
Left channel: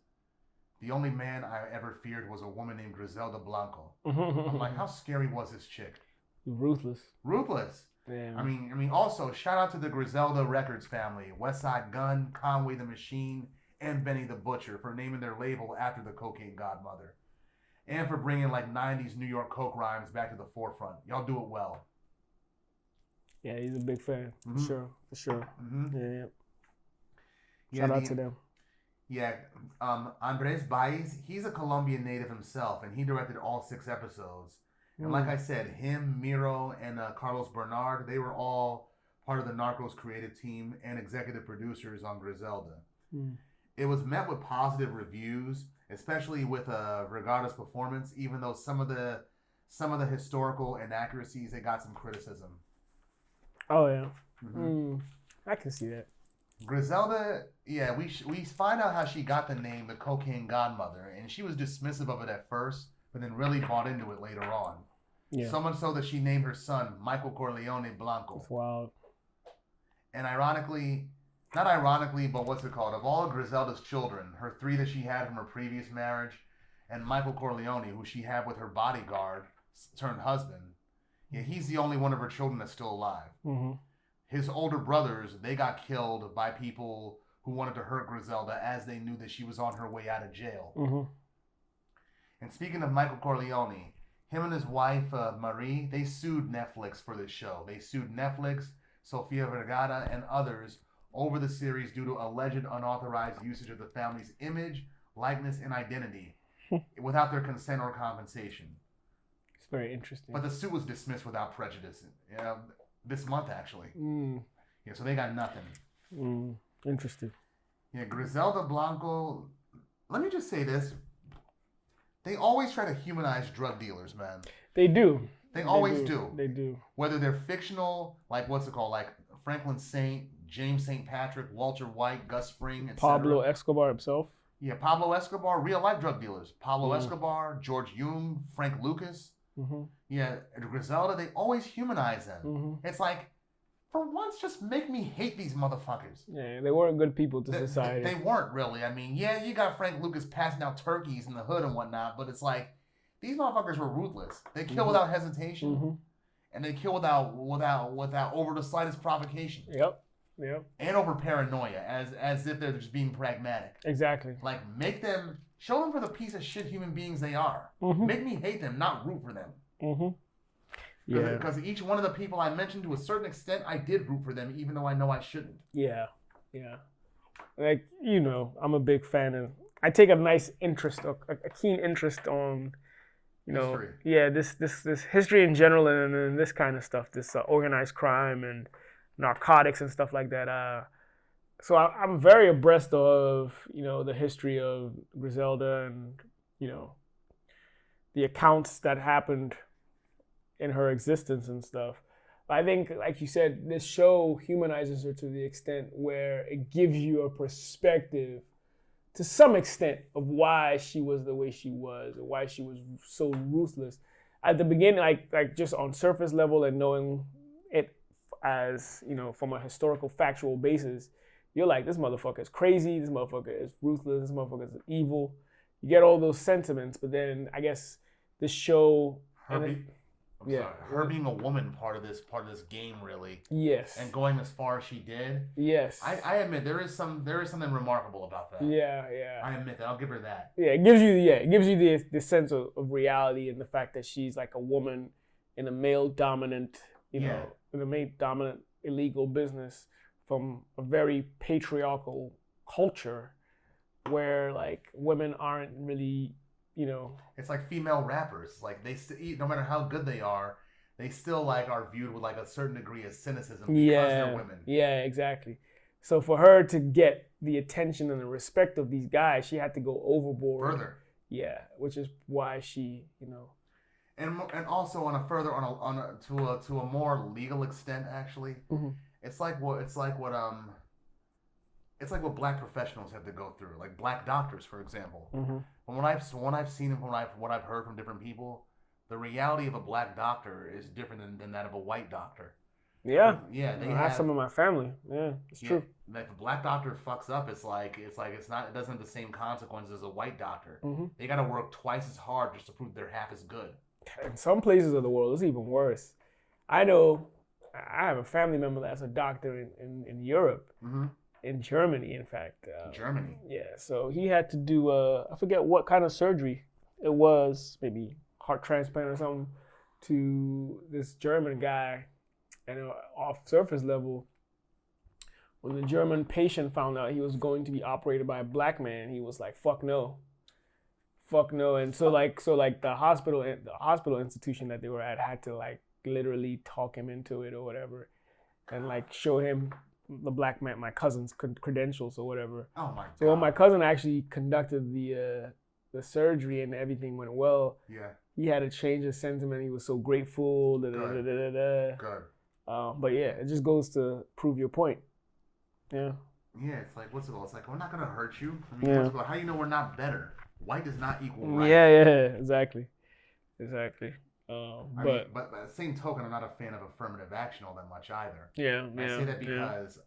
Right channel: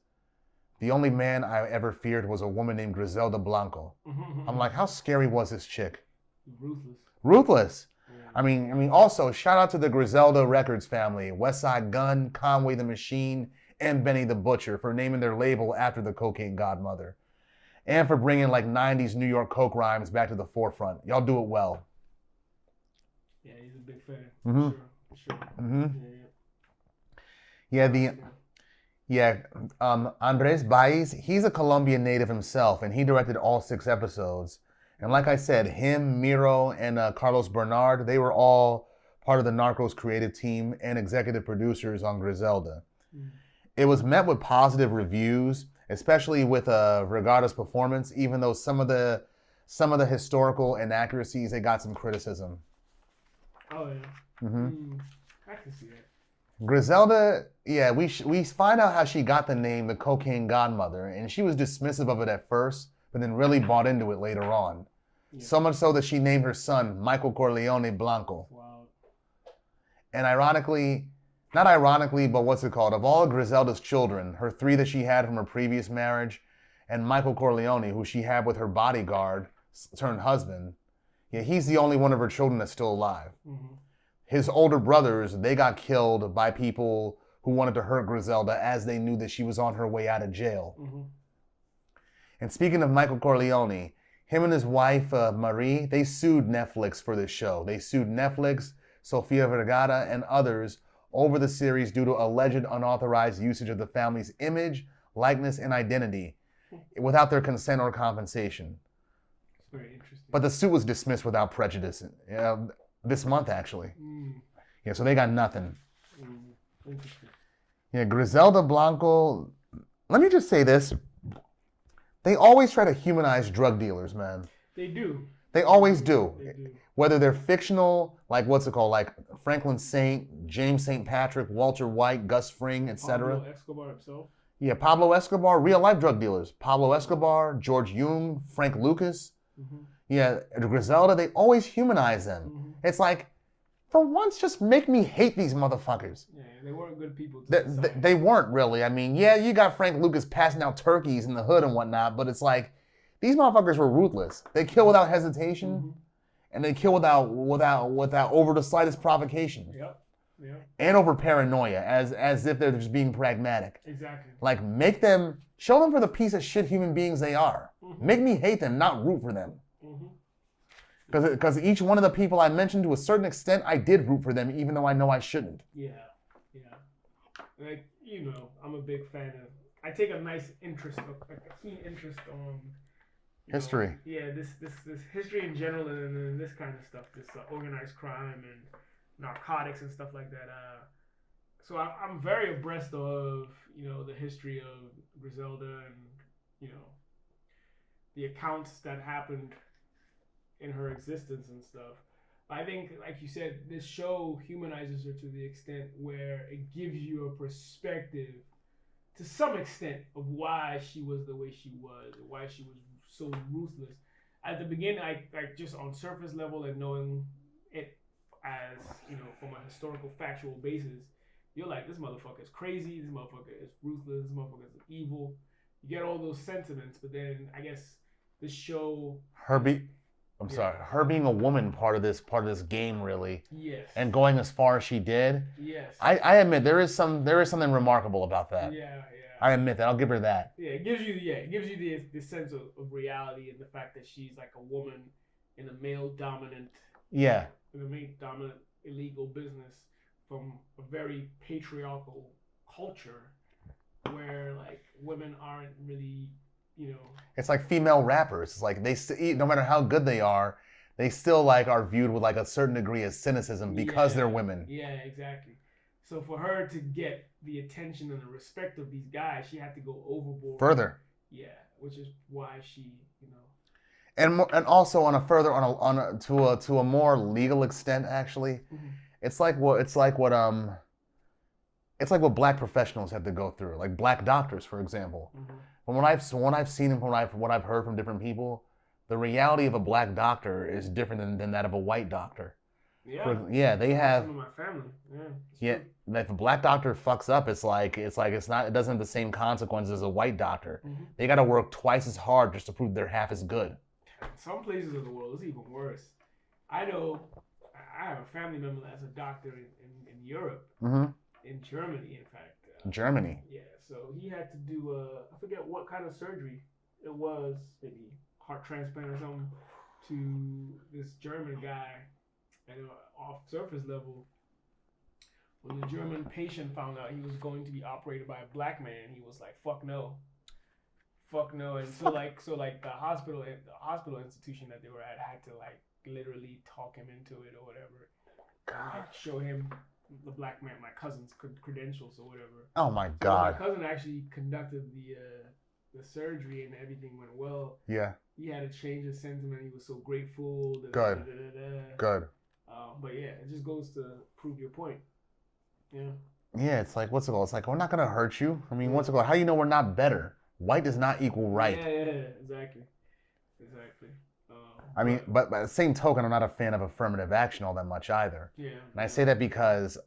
"The only man I ever feared was a woman named Griselda Blanco." I'm like, how scary was this chick? Ruthless. Yeah. I mean, also, shout out to the Griselda Records family, Westside Gun, Conway the Machine, and Benny the Butcher for naming their label after the cocaine godmother. And for bringing 90s New York coke rhymes back to the forefront. Y'all do it well. Yeah, he's a big fan. Mm-hmm. For sure. Mm-hmm. Andres Baiz, he's a Colombian native himself, and he directed all 6 episodes. And like I said, him, Miro, and Carlos Bernard, they were all part of the Narcos creative team and executive producers on Griselda. It was met with positive reviews, especially with Vergara's performance, even though some of the historical inaccuracies, they got some criticism. Oh, yeah. Mm-hmm. I can see that. Griselda, we find out how she got the name the Cocaine Godmother, and she was dismissive of it at first, but then really bought into it later on. Yeah. So much so that she named her son Michael Corleone Blanco. Wow. And not ironically, but of all of Griselda's children, her 3 that she had from her previous marriage, and Michael Corleone, who she had with her bodyguard turned husband, he's the only one of her children that's still alive. Mm-hmm. His older brothers, they got killed by people who wanted to hurt Griselda as they knew that she was on her way out of jail. Mm-hmm. And speaking of Michael Corleone, him and his wife, Marie, they sued Netflix for this show. They sued Netflix, Sofia Vergara, and others over the series due to alleged unauthorized usage of the family's image, likeness, and identity without their consent or compensation. It's very interesting. But the suit was dismissed without prejudice. This month, actually. So they got nothing. Interesting. Griselda Blanco, let me just say this. They always try to humanize drug dealers, man. They do. They always do. They do. Whether they're fictional, like what's it called, like Franklin Saint, James St. Patrick, Walter White, Gus Fring, etc. Pablo Escobar himself. Yeah, Pablo Escobar, real life drug dealers. Pablo Escobar, George Jung, Frank Lucas. Yeah, Griselda, they always humanize them. It's like, for once, just make me hate these motherfuckers. Yeah, they weren't good people to society. They weren't really. I mean, yeah, you got Frank Lucas passing out turkeys in the hood and whatnot, but it's like, these motherfuckers were ruthless. They kill without hesitation, and they kill without over the slightest provocation. Yep. And over paranoia, as if they're just being pragmatic. Exactly. Like, show them for the piece of shit human beings they are. Make me hate them, not root for them. Because each one of the people I mentioned, to a certain extent, I did root for them, even though I know I shouldn't. Yeah. Like, I'm a big fan of. I take a nice interest, a keen interest on. History. This history in general, and this kind of stuff, this organized crime and narcotics and stuff like that. So I'm very abreast of the history of Griselda and the accounts that happened in her existence and stuff. But I think, like you said, this show humanizes her to the extent where it gives you a perspective, to some extent, of why she was the way she was and why she was so ruthless. At the beginning, like just on surface level and knowing it as, from a historical, factual basis, you're like, this motherfucker is crazy, this motherfucker is ruthless, this motherfucker is evil. You get all those sentiments, but then I guess this show... Her being a woman part of this game, really. Yes. And going as far as she did. Yes. I admit there is something remarkable about that. Yeah. I admit that. I'll give her that. Yeah, it gives you the sense of reality and the fact that she's like a woman in a male dominant in a male dominant illegal business from a very patriarchal culture where like women aren't really it's like female rappers. It's like no matter how good they are, they still like are viewed with like a certain degree of cynicism because they're women. Yeah, exactly. So for her to get the attention and the respect of these guys, she had to go overboard. Further. Yeah, which is why she, And also to a more legal extent, actually, it's like what black professionals have to go through, like black doctors, for example. From what I've seen and from what I've heard from different people, the reality of a black doctor is different than that of a white doctor. Yeah. They have some of my family. Yeah, it's true. If a black doctor fucks up, it doesn't have the same consequences as a white doctor. They got to work twice as hard just to prove they're half as good. In some places of the world, it's even worse. I know I have a family member that's a doctor in Europe. In Germany, in fact. Germany? Yeah, so he had to do, I forget what kind of surgery it was, maybe heart transplant or something, to this German guy. And off surface level, when the German patient found out he was going to be operated by a black man, he was like, fuck no. And so the hospital institution that they were at had to like literally talk him into it or whatever, and like show him the black man, my cousin's credentials or whatever. Oh my God. So when my cousin actually conducted the surgery and everything went well, he had to change his sentiment. He was so grateful. Good. But yeah, it just goes to prove your point. Yeah. Yeah, it's like, what's it called? It's like, we're not going to hurt you. I mean, what's it called? How do you know we're not better? White does not equal right. Yeah, exactly. But by the same token, I'm not a fan of affirmative action all that much either. Yeah. And I say that because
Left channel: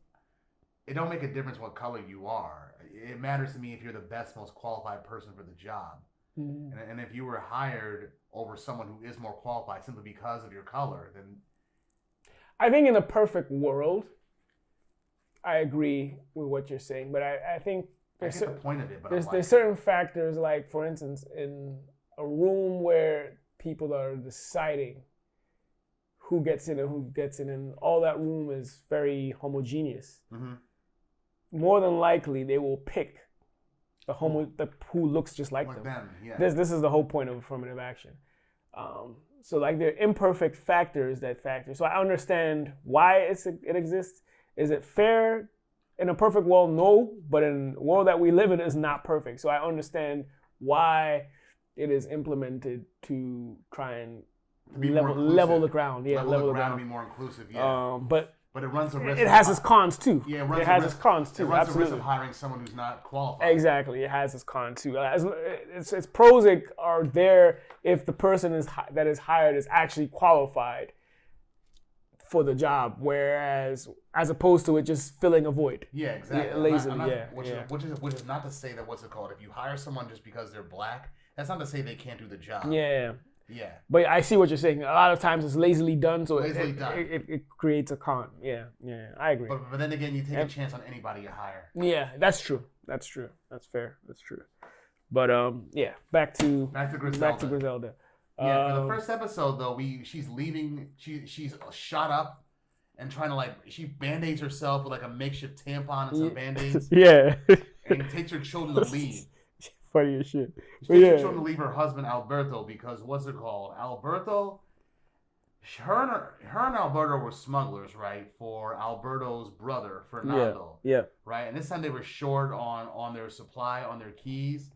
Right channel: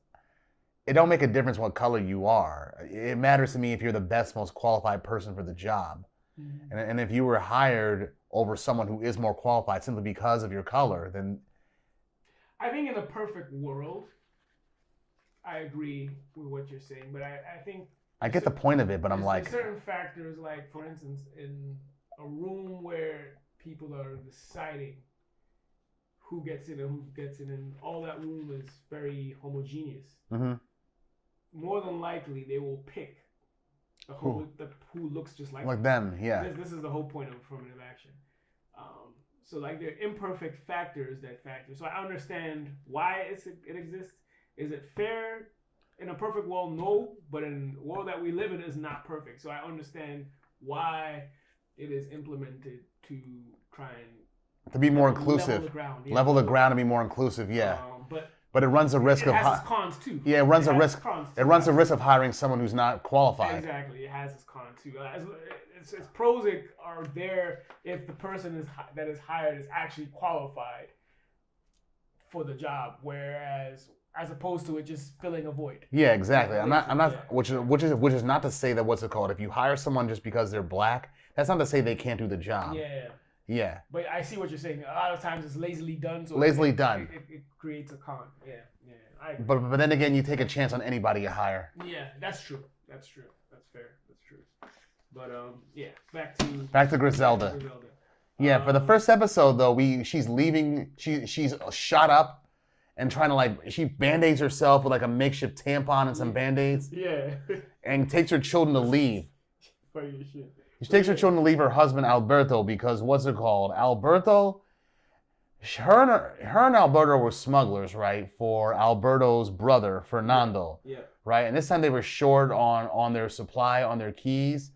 it don't make a difference what color you are. It matters to me if you're the best, most qualified person for the job. And if you were hired over someone who is more qualified simply because of your color, then... I think in a perfect world, I agree with what you're saying, but I think... I get the point of it, but I'm like... There's certain factors, like, for instance, in a room where people are deciding who gets in and who gets in, and all that room is very homogeneous. More than likely, they will pick who looks just like them. Yeah. This is the whole point of affirmative action. So like there are imperfect factors that factor. So I understand why it exists. Is it fair in a perfect world, no, but in the world that we live in is not perfect. So I understand why it is implemented to try and to be more inclusive. Level the ground. Yeah, level the ground and be more inclusive, yeah. But it runs a risk it has its cons too. Yeah, it runs a risk. Cons too, it runs absolutely. a risk of hiring someone who's not qualified. Exactly, it has its cons too. Its pros are there if the person that is hired is actually qualified for the job, whereas as opposed to it just filling a void. Yeah, exactly. I'm not, yeah, which is not to say that what's it called? If you hire someone just because they're black, that's not to say they can't do the job. Yeah. Yeah. But I see what you're saying. A lot of times it's lazily done, so it creates a con. Yeah, I agree. But then again, you take a chance on anybody you hire. Yeah, that's true. That's fair. That's true. But back to Griselda. Yeah, for the first episode though, she's leaving. She's shot up and trying to she band-aids herself with a makeshift tampon and some band-aids. Yeah. And takes her children to leave. Funny as shit. She takes her children to leave her husband Alberto because Alberto. Her and Alberto were smugglers, right? For Alberto's brother Fernando. Yeah. Right, and this time they were short on their supply, on their keys,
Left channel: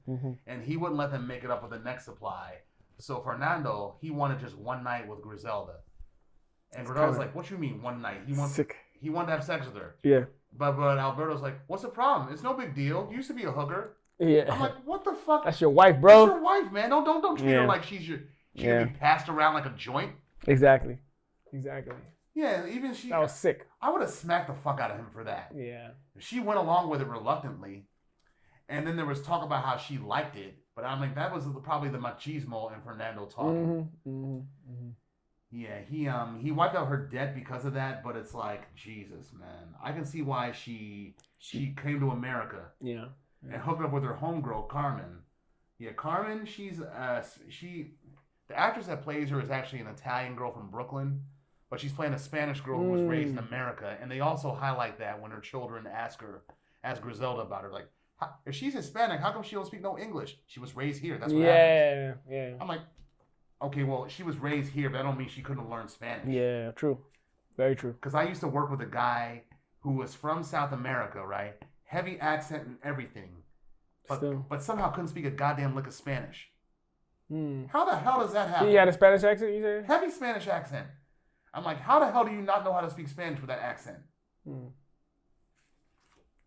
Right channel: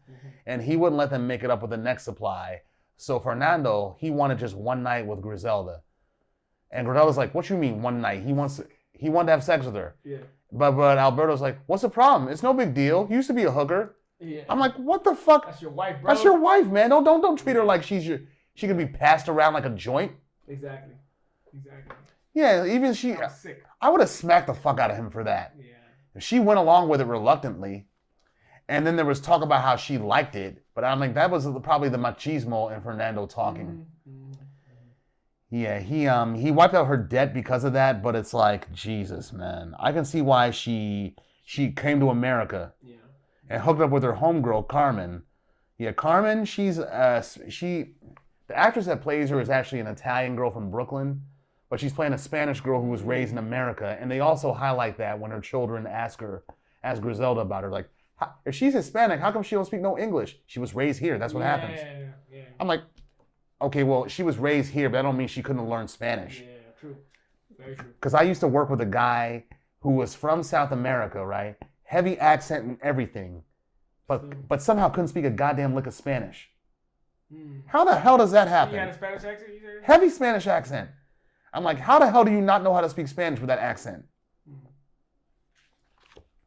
and he wouldn't let them make it up with the next supply. So Fernando, he wanted just one night with Griselda. And Griselda's like, what you mean one night? He wanted to have sex with her. Yeah. But Alberto's like, what's the problem? It's no big deal. You used to be a hooker. Yeah. I'm like, what the fuck? That's your wife, bro. That's your wife, man. Don't treat her like she can be passed around like a joint. Exactly. Yeah, even she. I was sick. I would have smacked the fuck out of him for that. Yeah. She went along with it reluctantly. And then there was talk about how she liked it, but I think that was probably the machismo in Fernando talking. Yeah, he wiped out her debt because of that, but it's like, Jesus, man. I can see why she came to America. Yeah. And hooked up with her homegirl, Carmen. Yeah, Carmen, the actress that plays her is actually an Italian girl from Brooklyn, but she's playing a Spanish girl who was raised in America, and they also highlight that when her children ask Griselda about her, like, if she's Hispanic, how come she don't speak no English? She was raised here. That's what happens. Yeah. I'm like, okay, well, she was raised here, but that don't mean she couldn't learn Spanish. Yeah, true. Very true. Because I used to work with a guy who was from South America, right? Heavy accent and everything, but somehow couldn't speak a goddamn lick of Spanish. How the hell does that happen? He had a Spanish accent, you said? Heavy Spanish accent. I'm like, how the hell do you not know how to speak Spanish with that accent?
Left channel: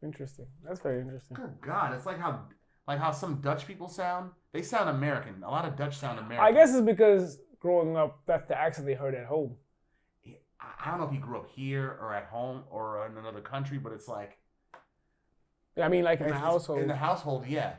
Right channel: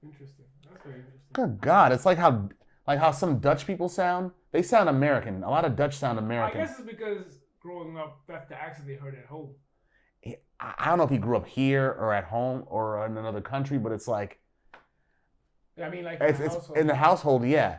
Interesting. That's very interesting. Good God, it's like how some Dutch people sound. They sound American. A lot of Dutch sound American. I guess it's because growing up, that's the accent they heard at home. I don't know if he grew up here or at home or in another country, but it's like. I mean, like in the household. In the household, yeah.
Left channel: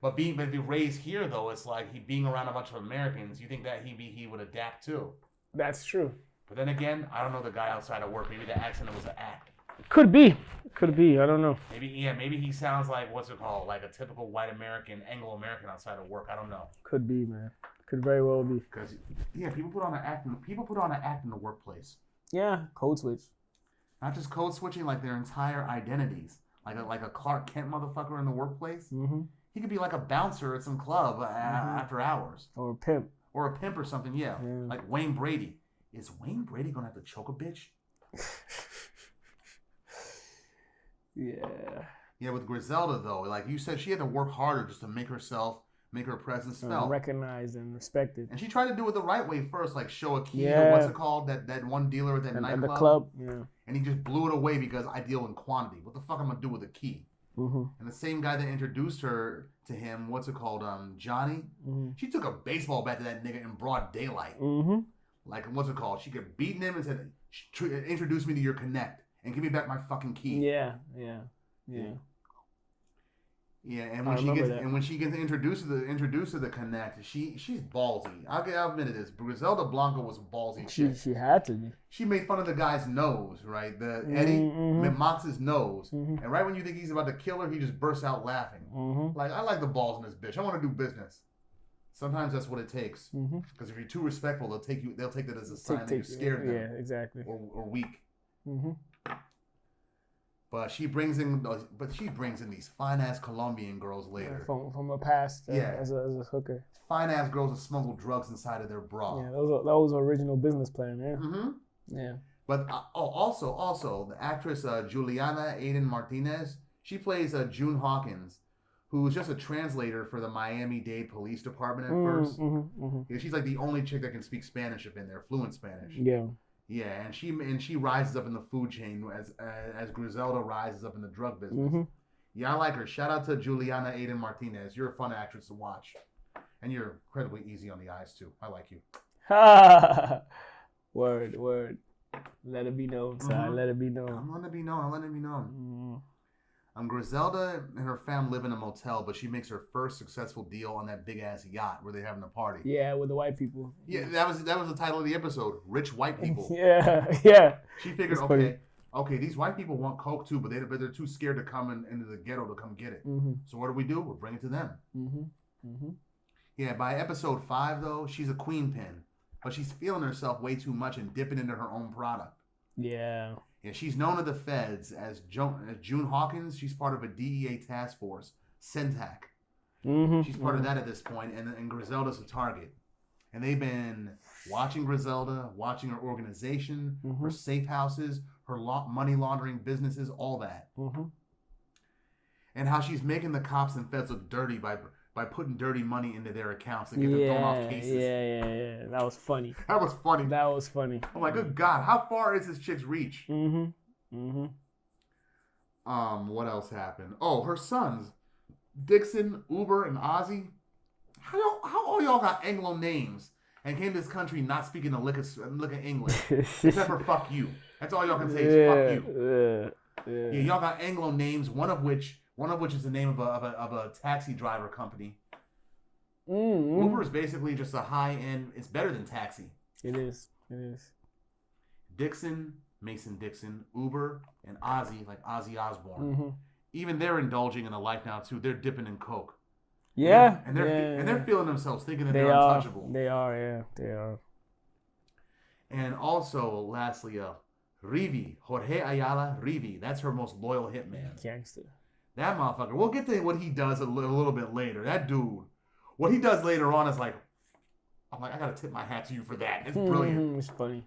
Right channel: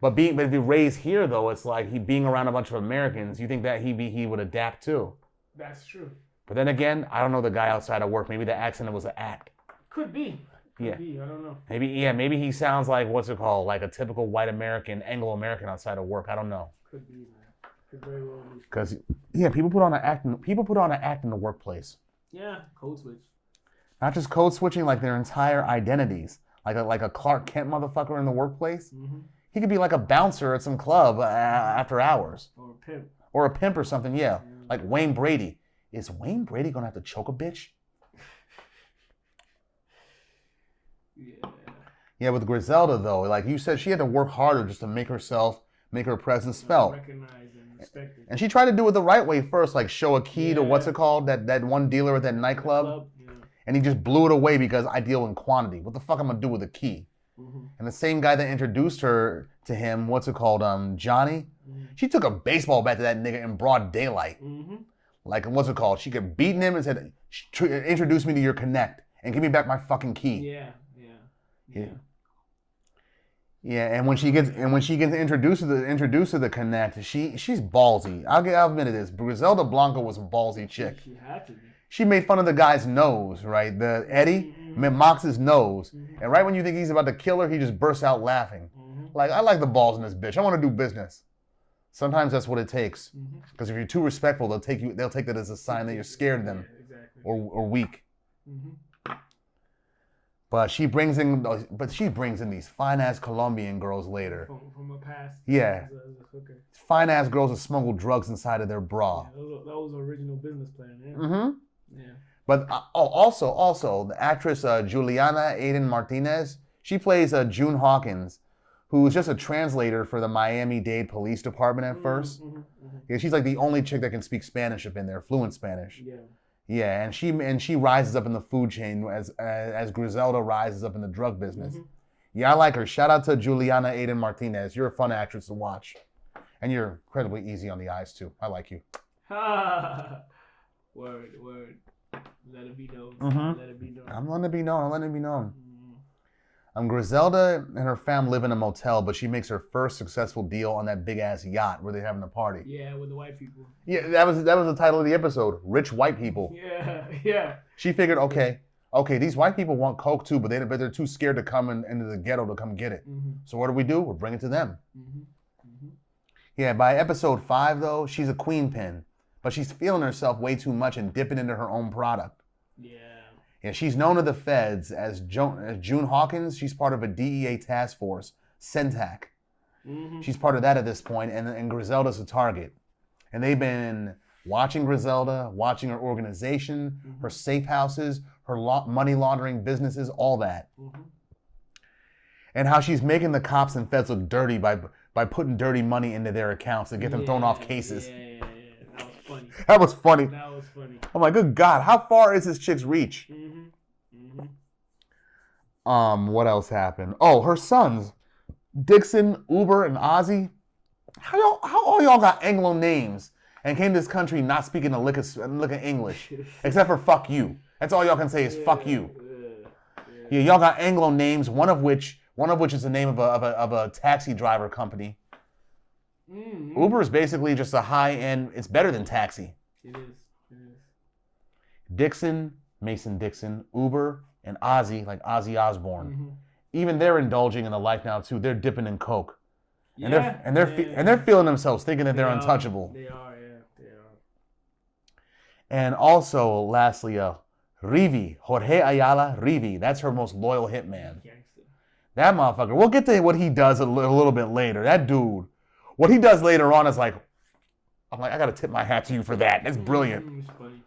But if he raised here, though, it's like he being around a bunch of Americans. You think that he would adapt too? That's true. But then again, I don't know the guy outside of work. Maybe the accent was an act. Could be. Could be. I don't know. Maybe he sounds like like a typical white American, Anglo-American outside of work. I don't know. Could be, man. Could very well be. Because people put on an act. People put on an act in the workplace. Yeah, code switch. Not just code switching, like their entire identities. Like a Clark Kent motherfucker in the workplace. He could be like a bouncer at some club after hours. Or a pimp. Or a pimp or something, yeah. Like Wayne Brady. Is Wayne Brady gonna have to choke a bitch? Yeah, with Griselda though, like you said, she had to work harder just to make her presence felt. Recognized and respected. And she tried to do it the right way first, like show a key to what's it called? That one dealer at that nightclub. And he just blew it away because I deal in quantity. What the fuck I'm gonna do with a key? And the same guy that introduced her to him, what's it called? Johnny. She took a baseball bat to that nigga in broad daylight. Like, what's it called? She kept beating him and said, "Introduce me to your connect and give me back my fucking key." Yeah. And when she gets introduced to the connect, she's ballsy. I'll admit it is. Griselda Blanco was a ballsy chick. She had to be. She made fun of the guy's nose, right? The Eddie mocks his nose, and right when you think he's about to kill her, he just bursts out laughing. Like, I like the balls in this bitch. I want to do business. Sometimes that's what it takes. Because if you're too respectful, they'll take that as a sign that you're scared of them. Yeah, exactly. Or weak. But she brings in these fine ass Colombian girls later. From the past. As a hooker. Fine ass girls that smuggle drugs inside of their bra. Yeah, that was an original business plan. Yeah. But also the actress Juliana Aiden Martinez, she plays June Hawkins, who's just a translator for the Miami-Dade Police Department at first. Yeah, she's like the only chick that can speak Spanish up in there, fluent Spanish. Yeah. Yeah, and she rises up in the food chain as Griselda rises up in the drug business. Yeah, I like her. Shout out to Juliana Aiden Martinez. You're a fun actress to watch. And you're incredibly easy on the eyes, too. I like you. Word. Let it be known, son. Let it be known. I'm letting it be known. Griselda and her fam live in a motel, but she makes her first successful deal on that big-ass yacht where they're having a party. Yeah, with the white people. Yeah, that was the title of the episode, Rich White People. Yeah. She figured, okay, these white people want coke too, but they're too scared to come into the ghetto to come get it. So what do? We'll bring it to them. Yeah, by episode 5, though, she's a queen pin, but she's feeling herself way too much and dipping into her own product. Yeah. Yeah, she's known to the feds as June Hawkins. She's part of a DEA task force, CENTAC. She's part of that at this point, and Griselda's a target. And they've been watching Griselda, watching her organization, her safe houses, her money laundering businesses, all that. And how she's making the cops and feds look dirty by putting dirty money into their accounts to get them thrown off cases. Yeah. That was funny. That was funny. I'm like, good God, how far is this chick's reach? What else happened? Oh, her sons, Dixon, Uber, and Ozzy. How all y'all got Anglo names and came to this country not speaking a lick of English, except for fuck you. That's all y'all can say is fuck you. Yeah, y'all got Anglo names. One of which is the name of a taxi driver company. Uber is basically just a high-end. It's better than taxi. It is. Dixon, Mason Dixon, Uber, and Ozzy, like Ozzy Osbourne. Even they're indulging in the life now too. They're dipping in coke. Yeah, and they're feeling themselves, thinking that they're untouchable. They are. And also, lastly, Rivi, Jorge Ayala Rivi. That's her most loyal hitman. Gangster. That motherfucker. We'll get to what he does a little bit later. That dude. What he does later on is like, I'm like, I gotta tip my hat to you for that. That's brilliant. It's funny.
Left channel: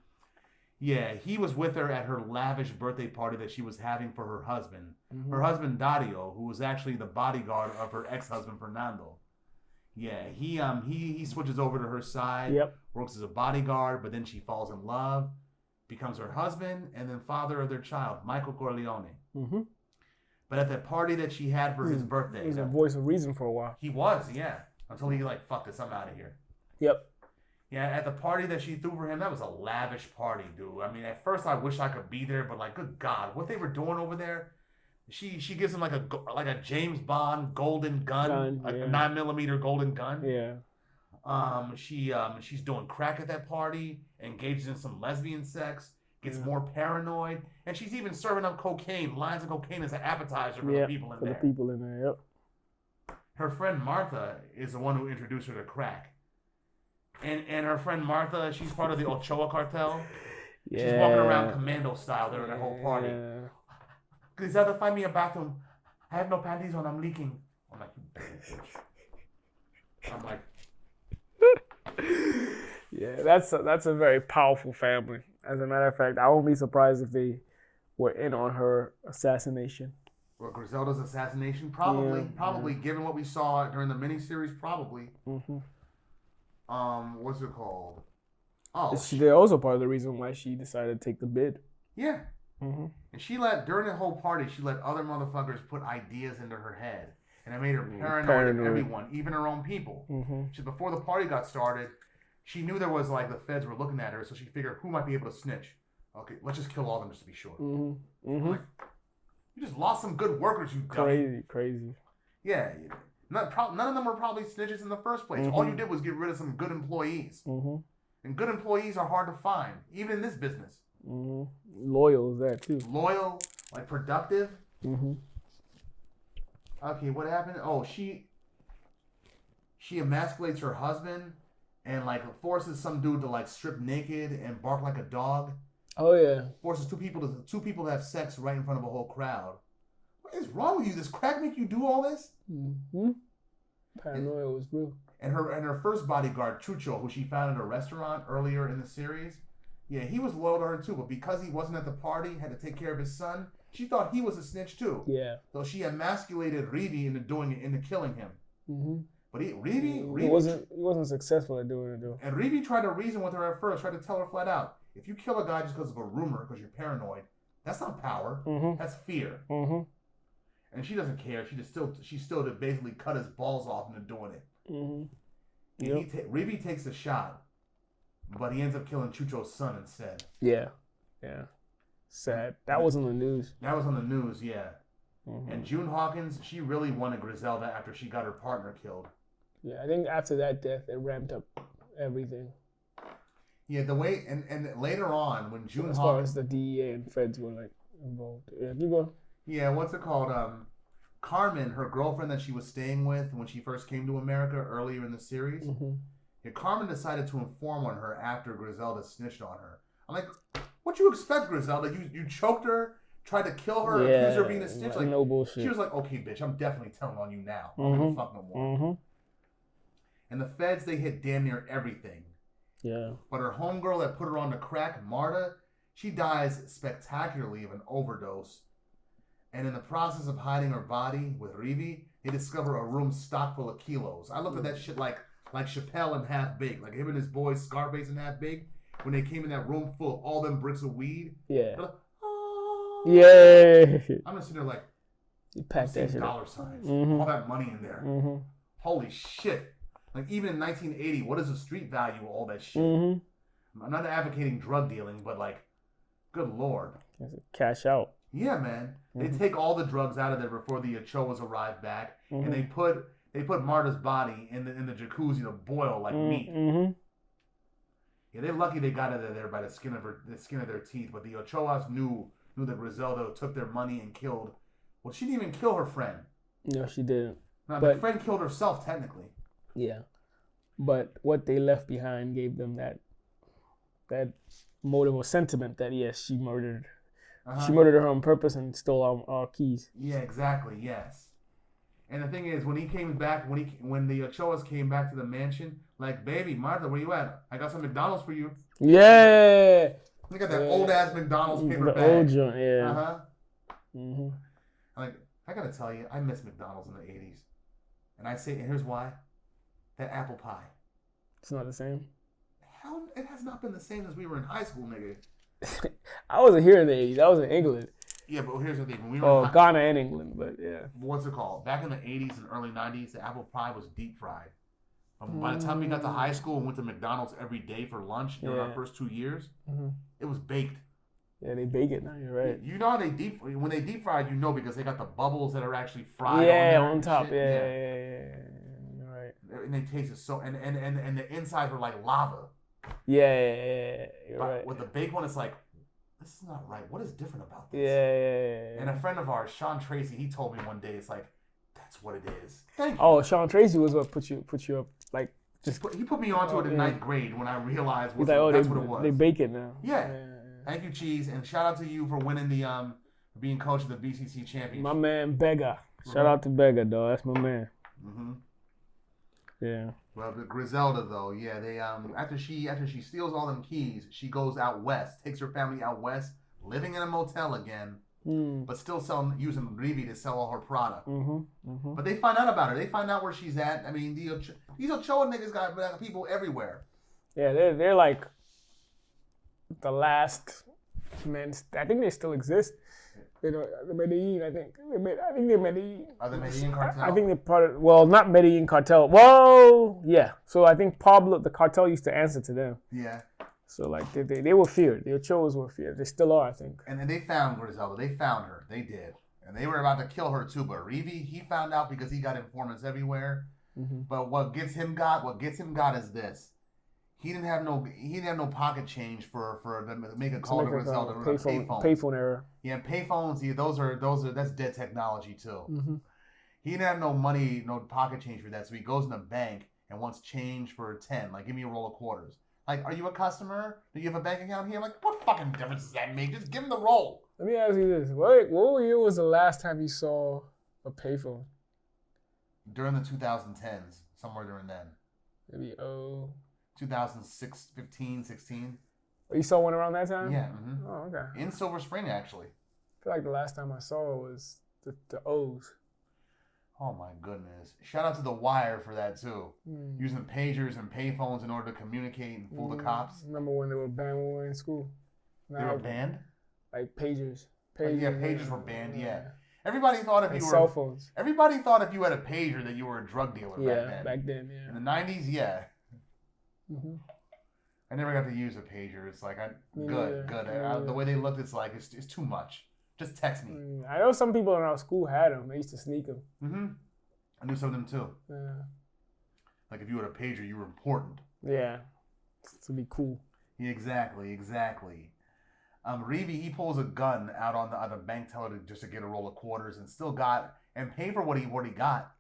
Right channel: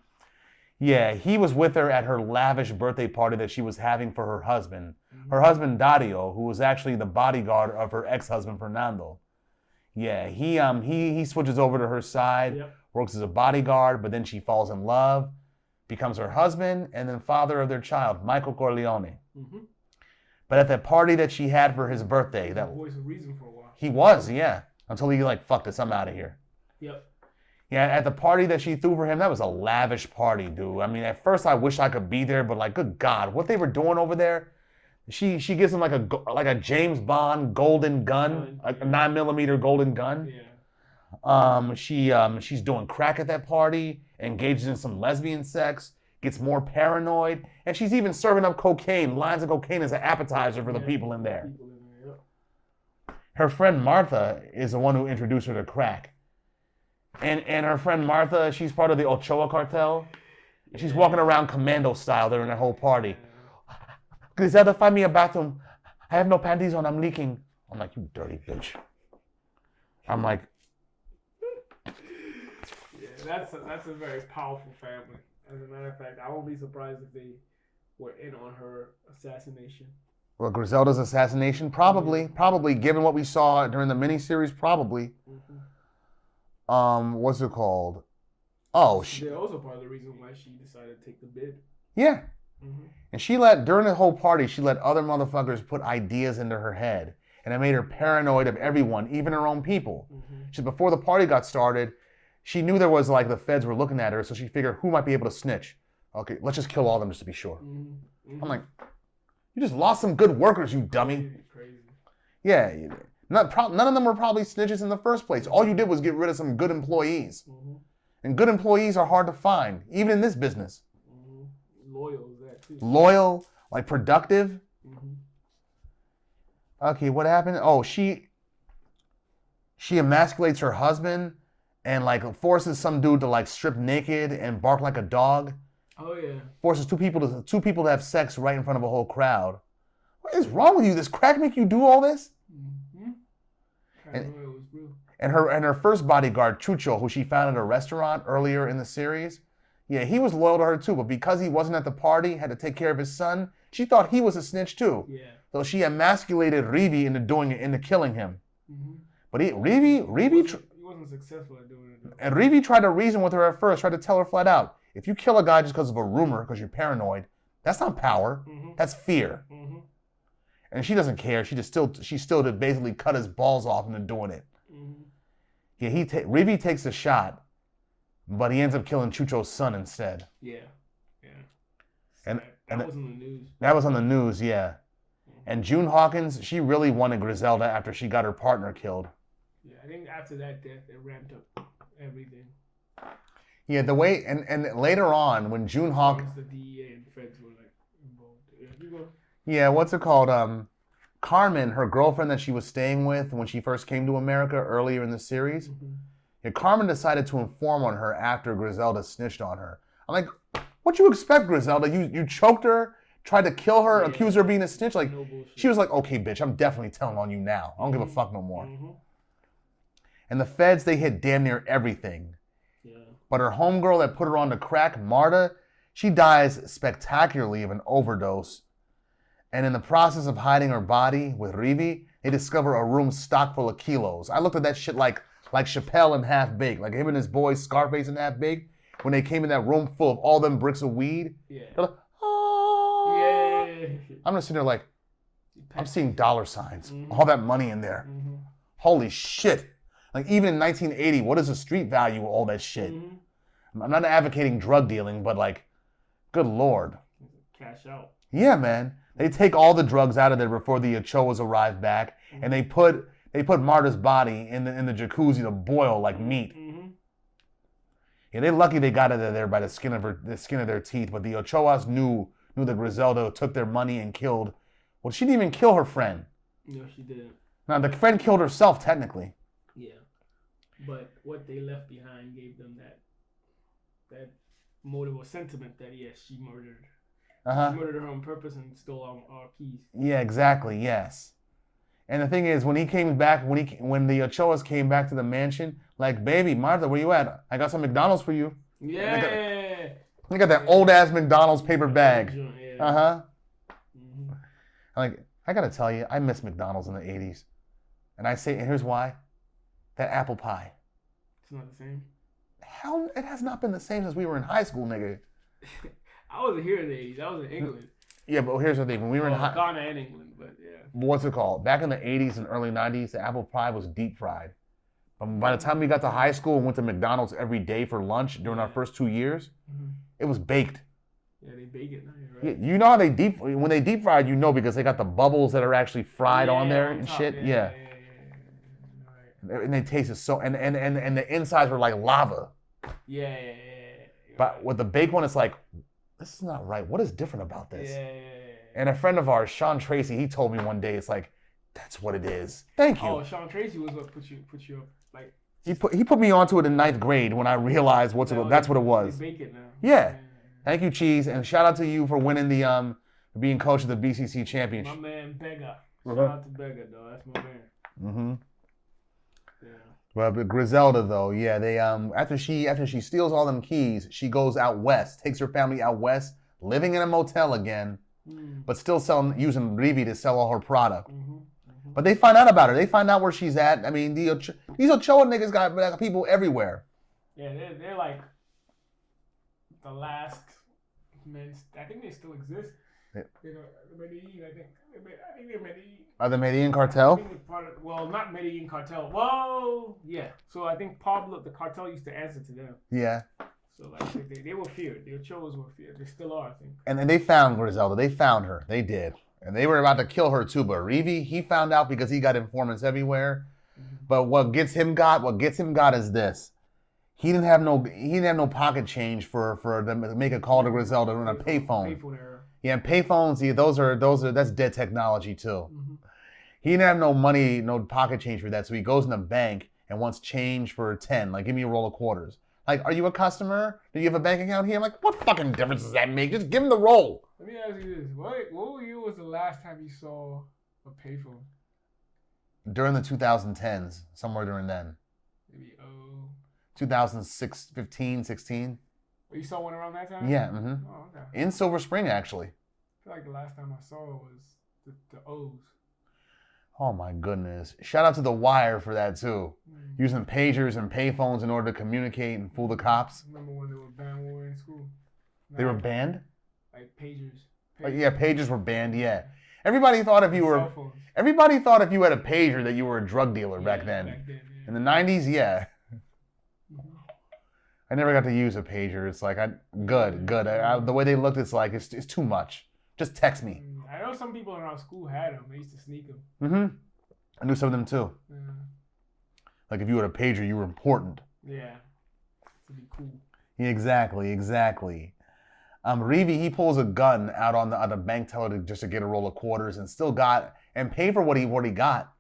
Yeah, he was with her at her lavish birthday party that she was having for her husband. Her husband Dario, who was actually the bodyguard of her ex-husband Fernando. Yeah, he switches over to her side, works as a bodyguard, but then she falls in love, becomes her husband, and then father of their child, Michael Corleone. But at that party that she had for his birthday, that voice of reason for a while. He was, yeah. Until he like, fuck this, I'm out of here. Yep. Yeah, at the party that she threw for him, that was a lavish party, dude. I mean, at first I wish I could be there, but like, good God, what they were doing over there? She gives him like a James Bond golden gun, like a 9mm golden gun. Yeah. She's doing crack at that party, engages in some lesbian sex, gets more paranoid, and she's even serving up cocaine, lines of cocaine as an appetizer for the people in there. Yep. Her friend Martha is the one who introduced her to crack. And her friend Martha, she's part of the Ochoa cartel. Yeah. She's walking around commando style during that whole party. Griselda, find me a bathroom. I have no panties on, I'm leaking. I'm like, you dirty bitch. I'm like... Yeah, that's a very powerful family. As a matter of fact, I won't be surprised if they were in on her assassination. Well, Griselda's assassination? Probably. Given what we saw during the miniseries, probably. What's it called? Oh, they're also part of the reason why she decided to take the bid. Yeah. And during the whole party, she let other motherfuckers put ideas into her head. And it made her paranoid of everyone, even her own people. Before the party got started, she knew there was like the feds were looking at her, so she figured who might be able to snitch. Okay, let's just kill all of them just to be sure. I'm like, you just lost some good workers, you dummy. Crazy. Yeah. None of them were probably snitches in the first place. All you did was get rid of some good employees. And good employees are hard to find, even in this business. Loyal is that too. Loyal, like productive. Okay, what happened? Oh, she emasculates her husband and like forces some dude to like strip naked and bark like a dog. Oh yeah. Forces two people to have sex right in front of a whole crowd. What is wrong with you? Does crack make you do all this? Paranoia was real. And her first bodyguard, Chucho, who she found at a restaurant earlier in the series, Yeah, he was loyal to her too, but because he wasn't at the party, had to take care of his son, she thought he was a snitch too. Yeah. So she emasculated Rivi into killing him. Mm-hmm. But Rivi he wasn't successful at doing it though. And Rivi tried to reason with her at first, tried to tell her flat out, if you kill a guy just because of a rumor, because you're paranoid, that's not power. Mm-hmm. That's fear. Mm-hmm. And she doesn't care. She still to basically cut his balls off into doing it. Mm-hmm. Yeah, Rivi takes a shot, but he ends up killing Chucho's son instead. Yeah. Sad. That was on the news. That was on the news, yeah. Mm-hmm. And June Hawkins, she really wanted Griselda after she got her partner killed. Yeah, I think after that death, it ramped up everything. Yeah, the way and later on when June Hawkins, the DEA and feds were like involved. Yeah, you go. Yeah, what's it called? Carmen, her girlfriend that she was staying with when she first came to America earlier in the series. Mm-hmm. Yeah, Carmen decided to inform on her after Griselda snitched on her. I'm like, what you expect, Griselda? You choked her, tried to kill her, accused her of being a snitch. Like, no bullshit. She was like, okay, bitch, I'm definitely telling on you now. I don't give a fuck no more. Mm-hmm. And the feds, they hit damn near everything. Yeah. But her homegirl that put her on the crack, Marta, she dies spectacularly of an overdose. And in the process of hiding her body with Rivi, they discover a room stocked full of kilos. I looked at that shit like Chappelle and Half Baked, like him and his boys Scarface and Half Baked, when they came in that room full of all them bricks of weed. Yeah. Like, oh. Yeah. I'm just sitting there like, I'm seeing dollar signs, all that money in there. Mm-hmm. Holy shit. Like even in 1980, what is the street value of all that shit? Mm-hmm. I'm not advocating drug dealing, but like, good Lord. Cash out. Yeah, man. They take all the drugs out of there before the Ochoas arrive back, and they put Marta's body in the jacuzzi to boil like meat. Mm-hmm. Yeah, they're lucky they got it there by the skin of their teeth. But the Ochoas knew that Griselda took their money and killed. Well, she didn't even kill her friend. No, she didn't. Now the friend killed herself technically. Yeah, but what they left behind gave them that motive or sentiment that yes, she murdered. She murdered her on purpose and stole our keys. Yeah, exactly. Yes. And the thing is, when he came back, when the Ochoas came back to the mansion, like, baby, Martha, where you at? I got some McDonald's for you. Yeah. You got that old ass McDonald's paper bag. Joint, yeah. Mm-hmm. Like, I gotta tell you, I miss McDonald's in the '80s, and here's why: that apple pie. It's not the same. Hell, it has not been the same since we were in high school, nigga. I wasn't here in the '80s. I was in England. Yeah, but here's the thing: when we were in Ghana and England, but yeah. What's it called? Back in the '80s and early '90s, the apple pie was deep fried. By the time we got to high school and went to McDonald's every day for lunch during our first 2 years, it was baked. Yeah, they bake it now. You're right. Yeah, you know how when they deep fried, you know, because they got the bubbles that are actually fried on there and top. shit. Yeah. Right. And they tasted so, and the insides were like lava. Yeah. But with the baked one, it's like, this is not right. What is different about this? Yeah. And a friend of ours, Sean Tracy, he told me one day, it's like, that's what it is. Thank you. Oh, Sean Tracy was what put you up, like. He put me onto it in 9th grade when I realized that's what it was. They bake it now. Yeah. Thank you, Cheese, and shout out to you for winning the being coach of the BCC championship. My man Bega. Shout out to Bega, dog. That's my man. Mm-hmm. Yeah. Well, but Griselda though, yeah, they after she steals all them keys, she goes out west, takes her family out west, living in a motel again, but still using Rivi to sell all her product. But they find out about her. They find out where she's at. I mean, these Ochoa niggas got people everywhere. Yeah, they're like the last men. I think they still exist. You know, the Medellin, I think they're Medellin. Are the Medellin cartel? I think they're part of, well, not Medellin cartel. Well, yeah. So I think Pablo, the cartel used to answer to them. Yeah. So like they were feared. The Ochoas were feared. They still are, I think. And then they found Griselda. They found her. They did. And they were about to kill her too. But Rivi, he found out because he got informants everywhere. But what gets him got is this. He didn't have no pocket change for them to make a call to Griselda on a payphone. Payphone error. Yeah, and payphones, that's dead technology too. He didn't have no money, no pocket change for that, so he goes in the bank and wants change for 10. Like, give me a roll of quarters. Like, are you a customer? Do you have a bank account here? I'm like, what fucking difference does that make? Just give him the roll. Let me ask you this: what year was the last time you saw a payphone? During the 2010s, somewhere during then. Maybe 2006, 15, 16. You saw one around that time? Yeah. Mm-hmm. Oh, okay. In Silver Spring, actually. I feel like the last time I saw it was the O's. Oh my goodness! Shout out to The Wire for that too. Using pagers and payphones in order to communicate and fool the cops. Remember when they were banned when we were in school? They were banned. Like pagers. Yeah, pagers were banned. Yeah. Everybody thought if you were cell phones. Everybody thought if you had a pager that you were a drug dealer back then. Back then, yeah. In the 90s, yeah. Mm-hmm. I never got to use a pager. It's like good. The way they looked, it's like it's too much. Just text me. I know some people in our school had them. They used to sneak them. Mm-hmm. I knew some of them too. Yeah. Like if you had a pager, you were important. Yeah. To be cool. Yeah, exactly. Reevy, he pulls a gun out on the bank teller just to get a roll of quarters and still got and pay for what he got.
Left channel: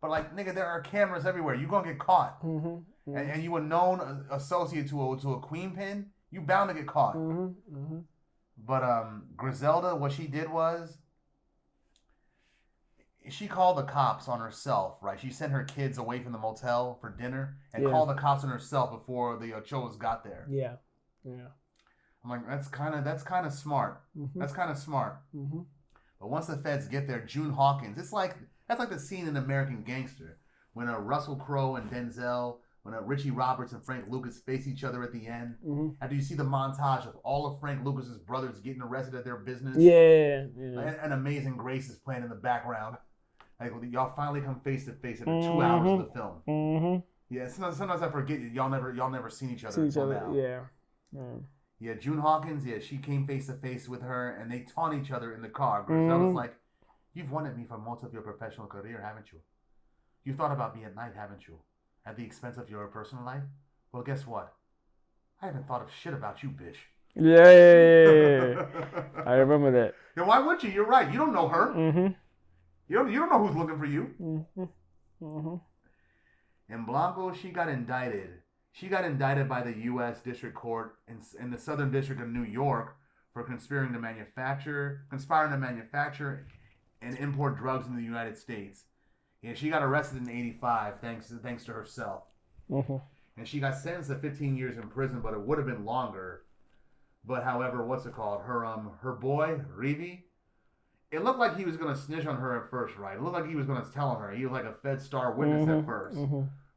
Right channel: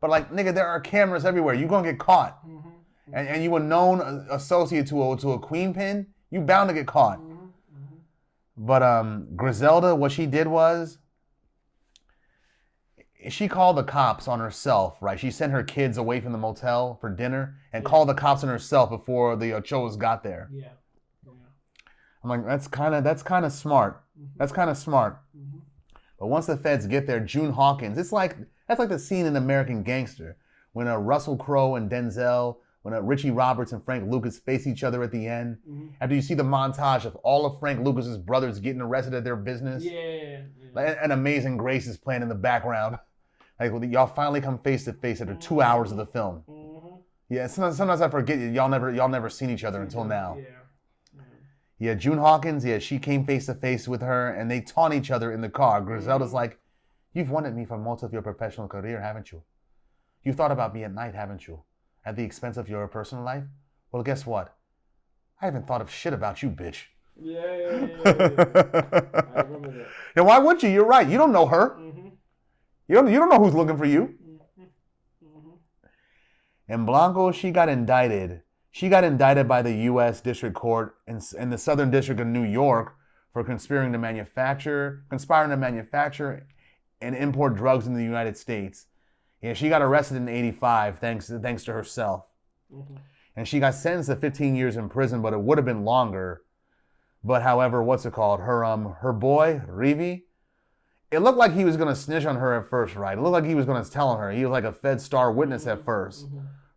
But like, nigga, there are cameras everywhere. You gonna get caught. Mm-hmm. Mm-hmm. And you a known associate to a queen pin, you bound to get caught. Mm-hmm. Mm-hmm. But Griselda, what she did was she called the cops on herself, right? She sent her kids away from the motel for dinner and called the cops on herself before the Ochoas got there. Yeah. I'm like, that's kind of smart. Mm-hmm. That's kind of smart. Mm-hmm. But once the feds get there, June Hawkins, that's like the scene in American Gangster when Russell Crowe and Denzel, when Richie Roberts and Frank Lucas face each other at the end. Mm-hmm. After you see the montage of all of Frank Lucas's brothers getting arrested at their business. Yeah. And Amazing Grace is playing in the background. Like, y'all finally come face to face after 2 hours of the film. Mm-hmm. Yeah, sometimes I forget y'all never seen each other until now. Yeah. Yeah, June Hawkins, she came face to face with her and they taunt each other in the car. Griselda's like, you've wanted me for most of your professional career, haven't you? You've thought about me at night, haven't you? At the expense of your personal life? Well, guess what? I haven't thought of shit about you, bitch. Yeah. I remember that. Yeah, why would you? You're right. You don't know her. Mm-hmm. You don't know who's looking for you. Mm-hmm. Mm-hmm. And Blanco, she got indicted. She got indicted by the U.S. District Court in the Southern District of New York for conspiring to manufacture and import drugs in the United States. Yeah, she got arrested in '85 thanks to herself. Mm-hmm. And she got sentenced to 15 years in prison, but it would have been longer. But however, her boy, Reevy, it looked like he was going to snitch on her at first, right? It looked like he was going to tell on her. He was like a Fed star witness at first,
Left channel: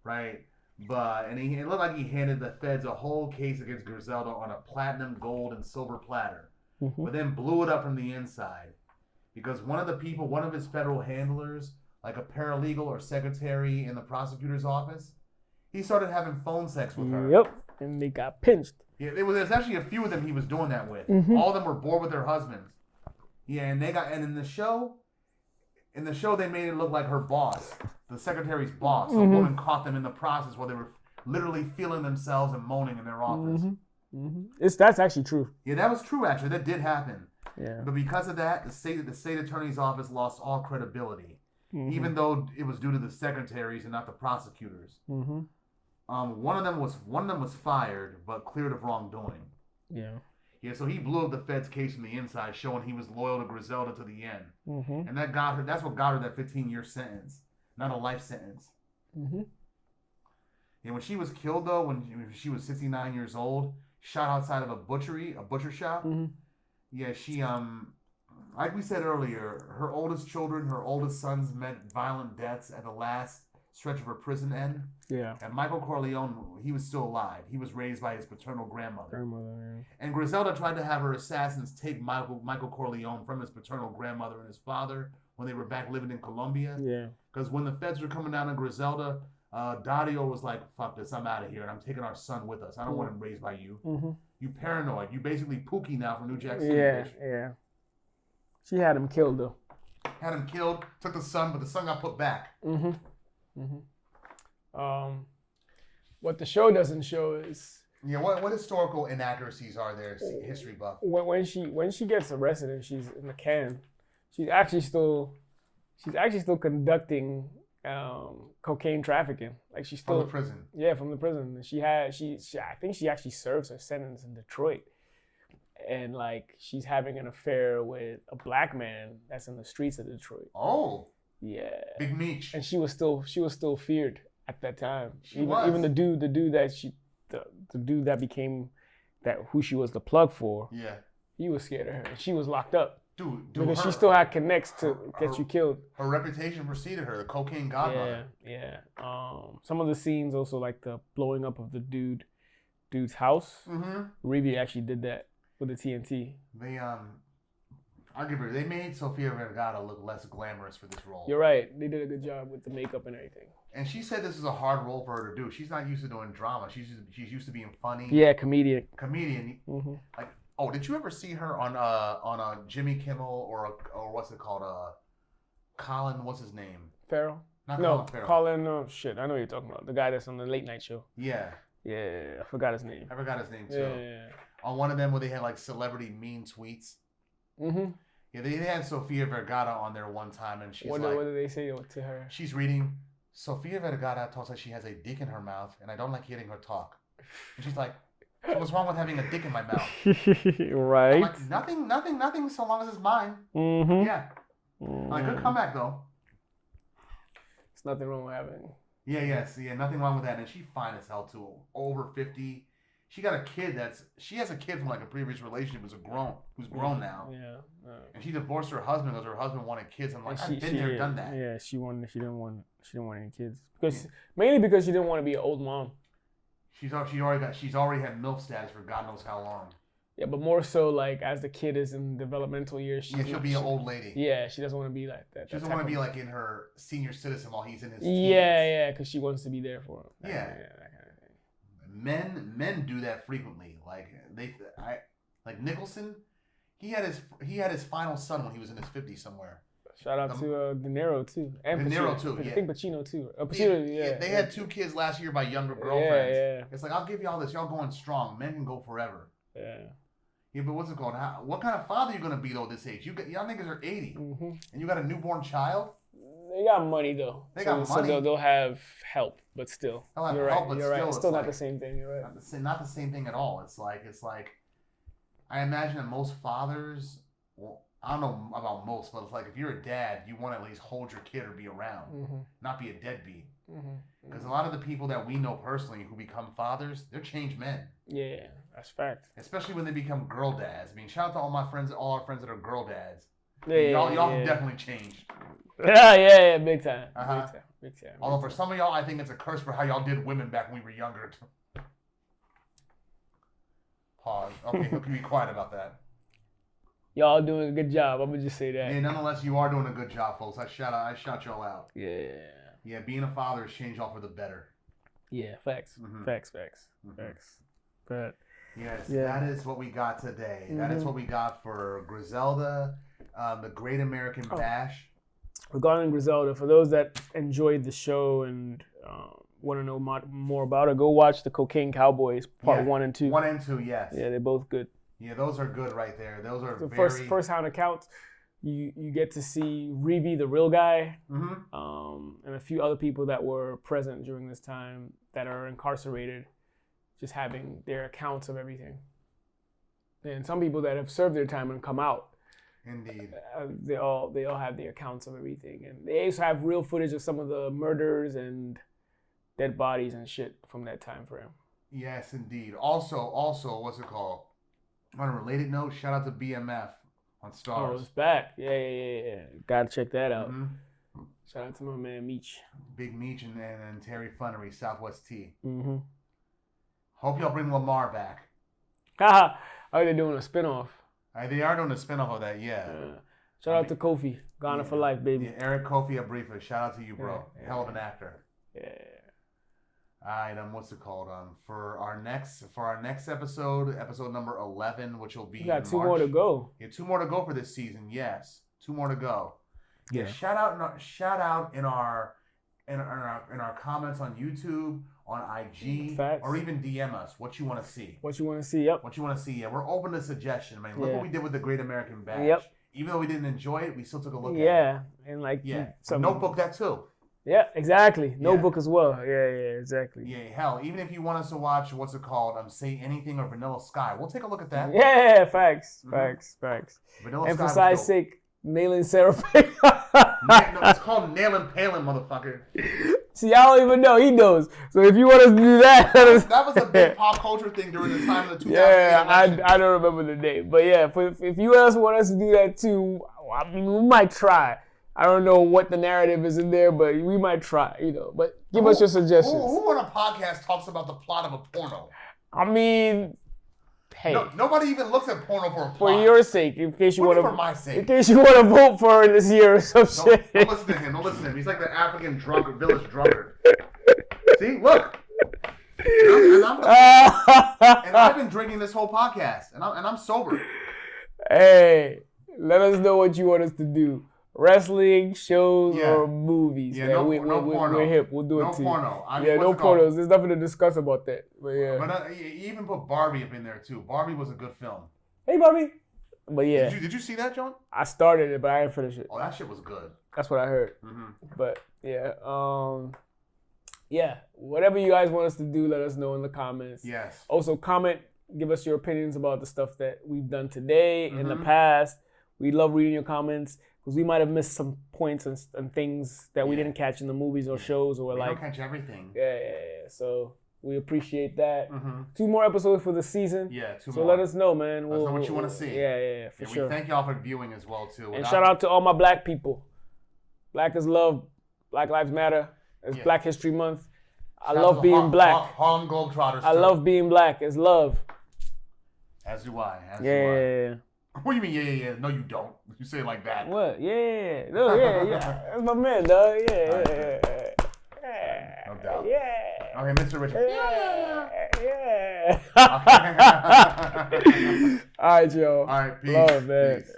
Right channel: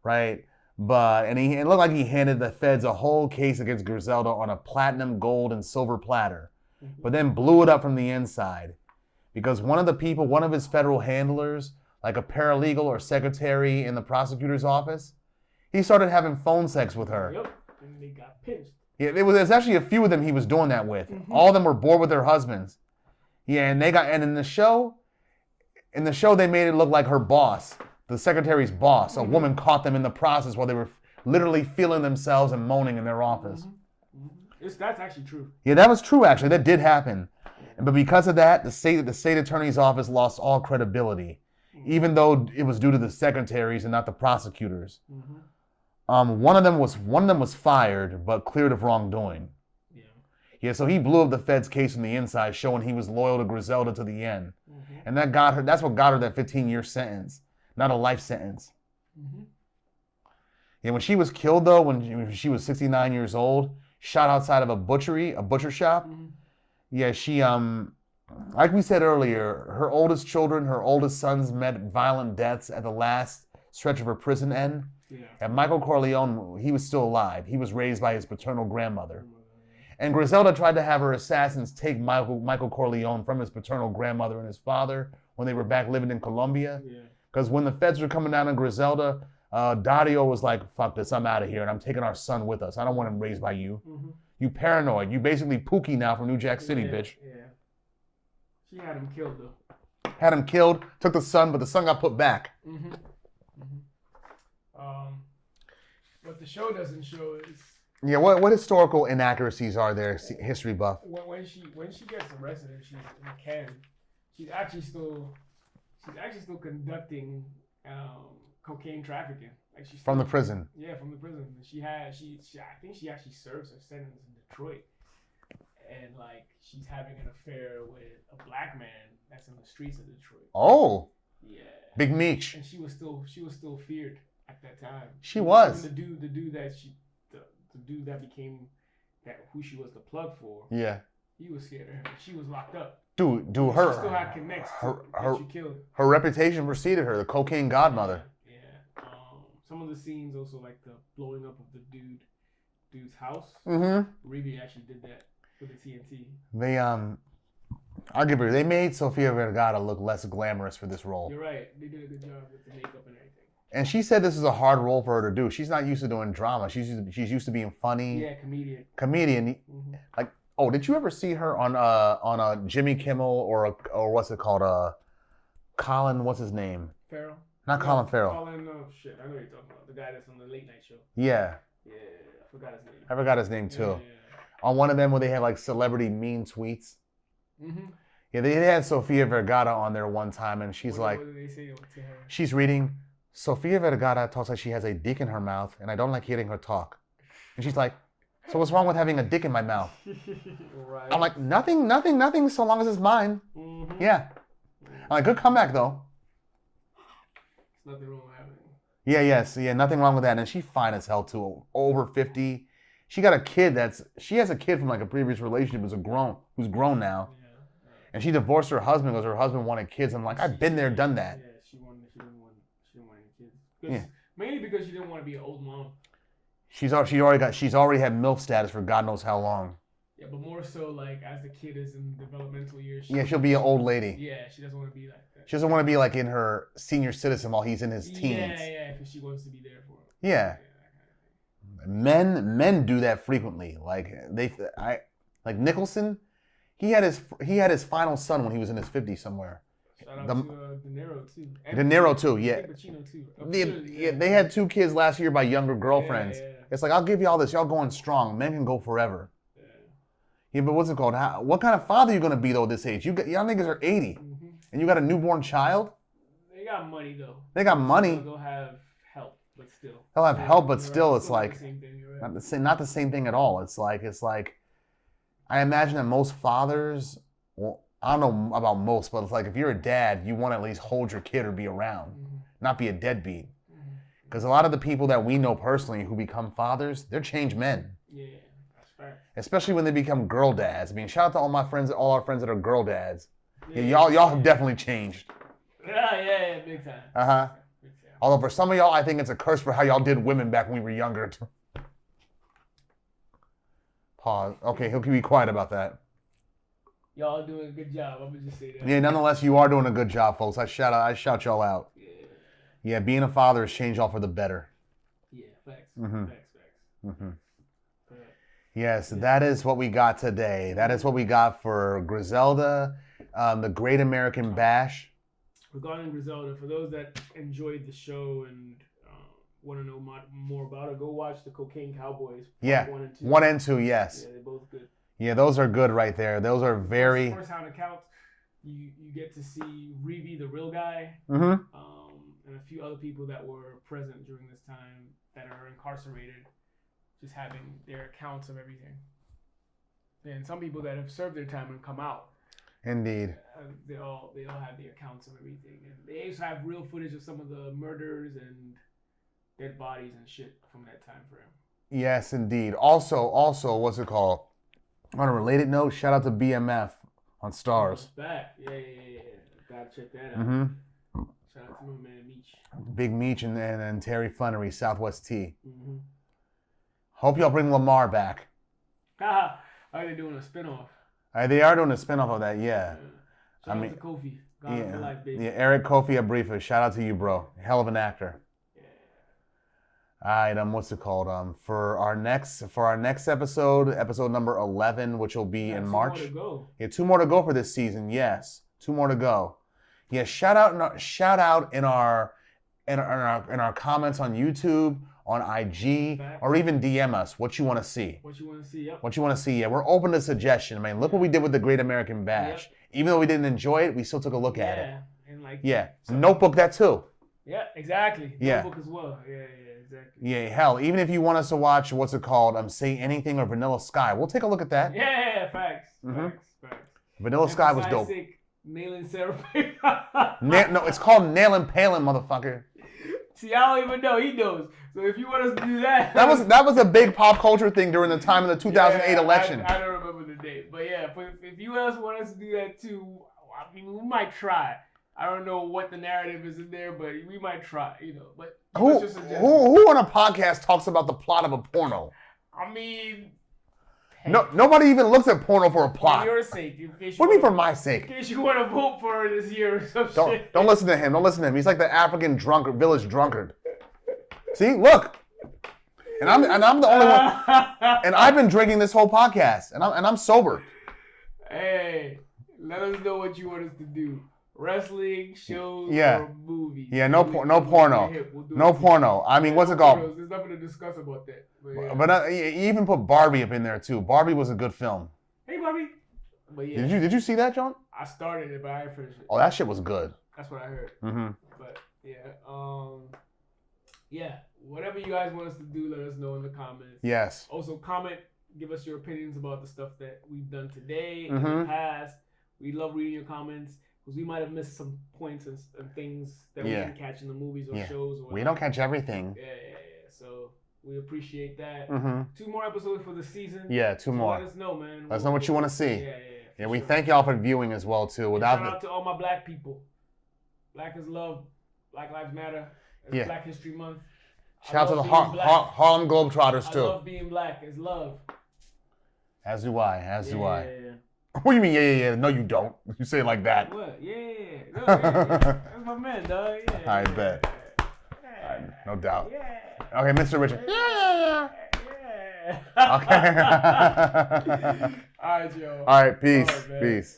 right? It looked like he handed the feds a whole case against Griselda on a platinum, gold, and silver platter, but then blew it up from the inside because one of his federal handlers, like a paralegal or secretary in the prosecutor's office, he started having phone sex with her. Yep, and they got pinched. Yeah, there's actually a few of them he was doing that with. Mm-hmm. All of them were bored with their husbands. Yeah, and in the show they made it look like her boss, the secretary's boss, a woman caught them in the process while they were literally feeling themselves and moaning in their office. Mm-hmm. Mm-hmm. That's actually true. Yeah, that was true actually. That did happen. Yeah. But because of that, the state attorney's office lost all credibility, even though it was due to the secretaries and not the prosecutors. Mm-hmm. One of them was fired but cleared of wrongdoing. Yeah. Yeah, so he blew up the Fed's case from the inside, showing he was loyal to Griselda to the end. Mm-hmm. And that's what got her that 15-year sentence, not a life sentence. Mm-hmm. Yeah, when she was killed, though, when she was 69 years old, shot outside of a butcher shop, yeah, she, like we said earlier, her oldest sons met violent deaths at the last stretch of her prison end. Yeah. And Michael Corleone, he was still alive. He was raised by his paternal grandmother. And Griselda tried to have her assassins take Michael Corleone from his paternal grandmother and his father when they were back living in Colombia. Yeah. Because when the feds were coming down on Griselda, Dario was like, fuck this, I'm out of here, and I'm taking our son with us. I don't want him raised by you. Mm-hmm. You paranoid. You basically Pookie now from New Jack City, bitch. Yeah. She had him killed, though. Had him killed, took the son, but the son got put back. Mm-hmm. Mm-hmm. What the show doesn't show is... Yeah, what historical inaccuracies are there, history buff? When she gets arrested and she's in the can, she's actually still conducting cocaine trafficking. Like she's still, from the prison. Yeah, from the prison. I think she actually serves her sentence in Detroit, and like she's having an affair with a black man that's in the streets of Detroit. Oh. Yeah. Big Meech. And she was still feared at that time. Even the dude that the dude that became who she was the plug for. Yeah. He was scared of her. She was locked up. Dude, she still had connects to get you killed. Her reputation preceded her, the cocaine godmother. Yeah. Some of the scenes also, like the blowing up of the dude's house. Reeve actually did that with the TNT. I'll give her. They made Sofia Vergara look less glamorous for this role. You're right. They did a good job with the makeup and everything. And she said this is a hard role for her to do. She's not used to doing drama. She's used to being funny. Yeah, comedian. Like, oh, did you ever see her on a Jimmy Kimmel or what's it called? Colin, what's his name? Farrell. Colin Farrell. Colin, shit. I know what you're talking about. The guy that's on the late night show. Yeah. Yeah, I forgot his name. I forgot his name too. Yeah. On one of them where they had like celebrity mean tweets. Yeah, they had Sofia Vergara on there one time, and she's like, what did they say to her? She's reading, Sofia Vergara talks like she has a dick in her mouth, and I don't like hearing her talk. And she's like, so what's wrong with having a dick in my mouth? Right. I'm like, nothing, so long as it's mine. Yeah. I'm like, good comeback though. There's nothing wrong with having. Yeah, nothing wrong with that. And she's fine as hell too. Over 50. She got a kid she has a kid from like a previous relationship who's grown now. Yeah. And she divorced her husband because her husbed wanted kids. I'm like, I've been there, done that. Yeah, she didn't want any kids. Mainly because she didn't want to be an old mom. She's already had MILF status for God knows how long. Yeah, but more so like as the kid is in developmental years. She'll be an old lady. Yeah, she doesn't want to be like that. She doesn't want to be like in her senior citizen while he's in his teens. Yeah, because she wants to be there for him. Yeah. That kind of thing. Men do that frequently. Like Nicholson, he had his final son when he was in his 50s somewhere. Shout out to De Niro too. De Niro too, yeah. I think Pacino too. They had 2 kids last year by younger girlfriends. Yeah. It's like, I'll give you all this. Y'all going strong. Men can go forever. Yeah. Yeah, but what's it called? What kind of father are you going to be though at this age? Y'all niggas are 80, and you got a newborn child? They got money though. They got money. So they'll have help, but still. They'll have help, but still, right. It's like not the same thing. You're right. not the same thing at all. It's like, I imagine that most fathers, well, I don't know about most, but it's like if you're a dad, you want to at least hold your kid or be around, not be a deadbeat. Because a lot of the people that we know personally who become fathers, they're changed men. Yeah, that's fact. Especially when they become girl dads. I mean, shout out to all our friends that are girl dads. Yeah, y'all have definitely changed. Yeah, big time. Big time. Although for some of y'all, I think it's a curse for how y'all did women back when we were younger. Pause. Okay, he'll be quiet about that. Y'all doing a good job. I'm gonna just say that. Yeah, nonetheless, you are doing a good job, folks. I shout y'all out. Yeah. Yeah, being a father has changed y'all for the better. Yeah, facts. Facts. But yes, that is what we got today. That is what we got for Griselda, the Great American Bash. Regarding Griselda, for those that enjoyed the show and want to know more about it, go watch the Cocaine Cowboys part 1 and 2. 1 and 2, yes. Yeah, they're both good. Yeah, those are good right there. Those are very first-hand accounts. You get to see Reeve, the real guy, and a few other people that were present during this time that are incarcerated, just having their accounts of everything. And some people that have served their time and come out. Indeed. They all have their accounts of everything, and they also have real footage of some of the murders and dead bodies and shit from that time frame. Yes, indeed. Also, what's it called? On a related note, shout out to BMF on Stars. Oh, it's back. Yeah. Gotta check that out. Shout out to my man Meech. Big Meech and Terry Flannery, Southwest T. Hope y'all bring Lamar back. Haha. Oh, they're doing a spinoff. They are doing a spinoff of that, yeah. Shout out to Kofi. Ghana for life, baby. Yeah, Eric Kofi Abrifa. Shout out to you, bro. Hell of an actor. Yeah. All right, what's it called? For our next episode number 11, which will be in March. 2 more to go. Yeah, 2 more to go for this season. Yes, 2 more to go. Yeah, shout out in our comments on YouTube, on IG, or even DM us what you want to see. What you want to see? Yep. What you want to see? Yeah, we're open to suggestion. I mean, look what we did with the Great American Bash. Yep. Even though we didn't enjoy it, we still took a look at it. Yeah, and Notebook that too. Yeah, exactly. Notebook as well. Yeah, exactly. Yeah, hell, even if you want us to watch, what's it called? Say Anything or Vanilla Sky, we'll take a look at that. Yeah, facts. Vanilla Sky was dope. Sake, nailing Sarah Palin. No, it's called Nailing Palin, motherfucker. See, I don't even know. He knows. So if you want us to do that, that was a big pop culture thing during the time of the 2008 election. I don't remember the name, but yeah, if you guys want us to do that too, I mean, we might try. I don't know what the narrative is in there, but we might try, But give us your suggestions. Who on a podcast talks about the plot of a porno? I mean, hey. No, nobody even looks at porno for a plot. For your sake, in case you what do you want mean for my sake? In case you want to vote for it this year or some shit. Don't listen to him. Don't listen to him. He's like the African village drunkard. See, look. And I'm the only one. And I've been drinking this whole podcast, and I'm sober. Hey, let us know what you want us to do. Wrestling, shows, or movies. Yeah, no porno. We're hip. We'll do no it porno. I mean, what's no it called? Pornos. There's nothing to discuss about that. But yeah. But you even put Barbie up in there too. Barbie was a good film. Hey, Barbie. But yeah. Did you see that, John? I started it, but I didn't finish it. Oh, that shit was good. That's what I heard. Mm-hmm. But yeah. Yeah. Whatever you guys want us to do, let us know in the comments. Yes. Also, comment. Give us your opinions about the stuff that we've done today, in the past. We love reading your comments. Because we might have missed some points and things that we didn't catch in the movies or shows. Or we don't catch everything. Yeah. So we appreciate that. Mm-hmm. 2 more episodes for the season. Yeah, 2 so more. Let us know, man. Let us know what you want to see. Yeah, for sure. We thank y'all for viewing as well, too. And shout out to all my black people. Black is love. Black Lives Matter. It's Black History Month. I love being black. Harlem Globetrotters, too. I love being black. It's love. As do I. Do I. Yeah. What do you mean, yeah? No, you don't. You say it like that. What? Yeah. No, yeah. That's my man, dog. Yeah. I bet. No doubt. Yeah. Okay, Mr. Richard. Yeah. Okay. All right, Joe. All right, peace. Oh, man. Peace.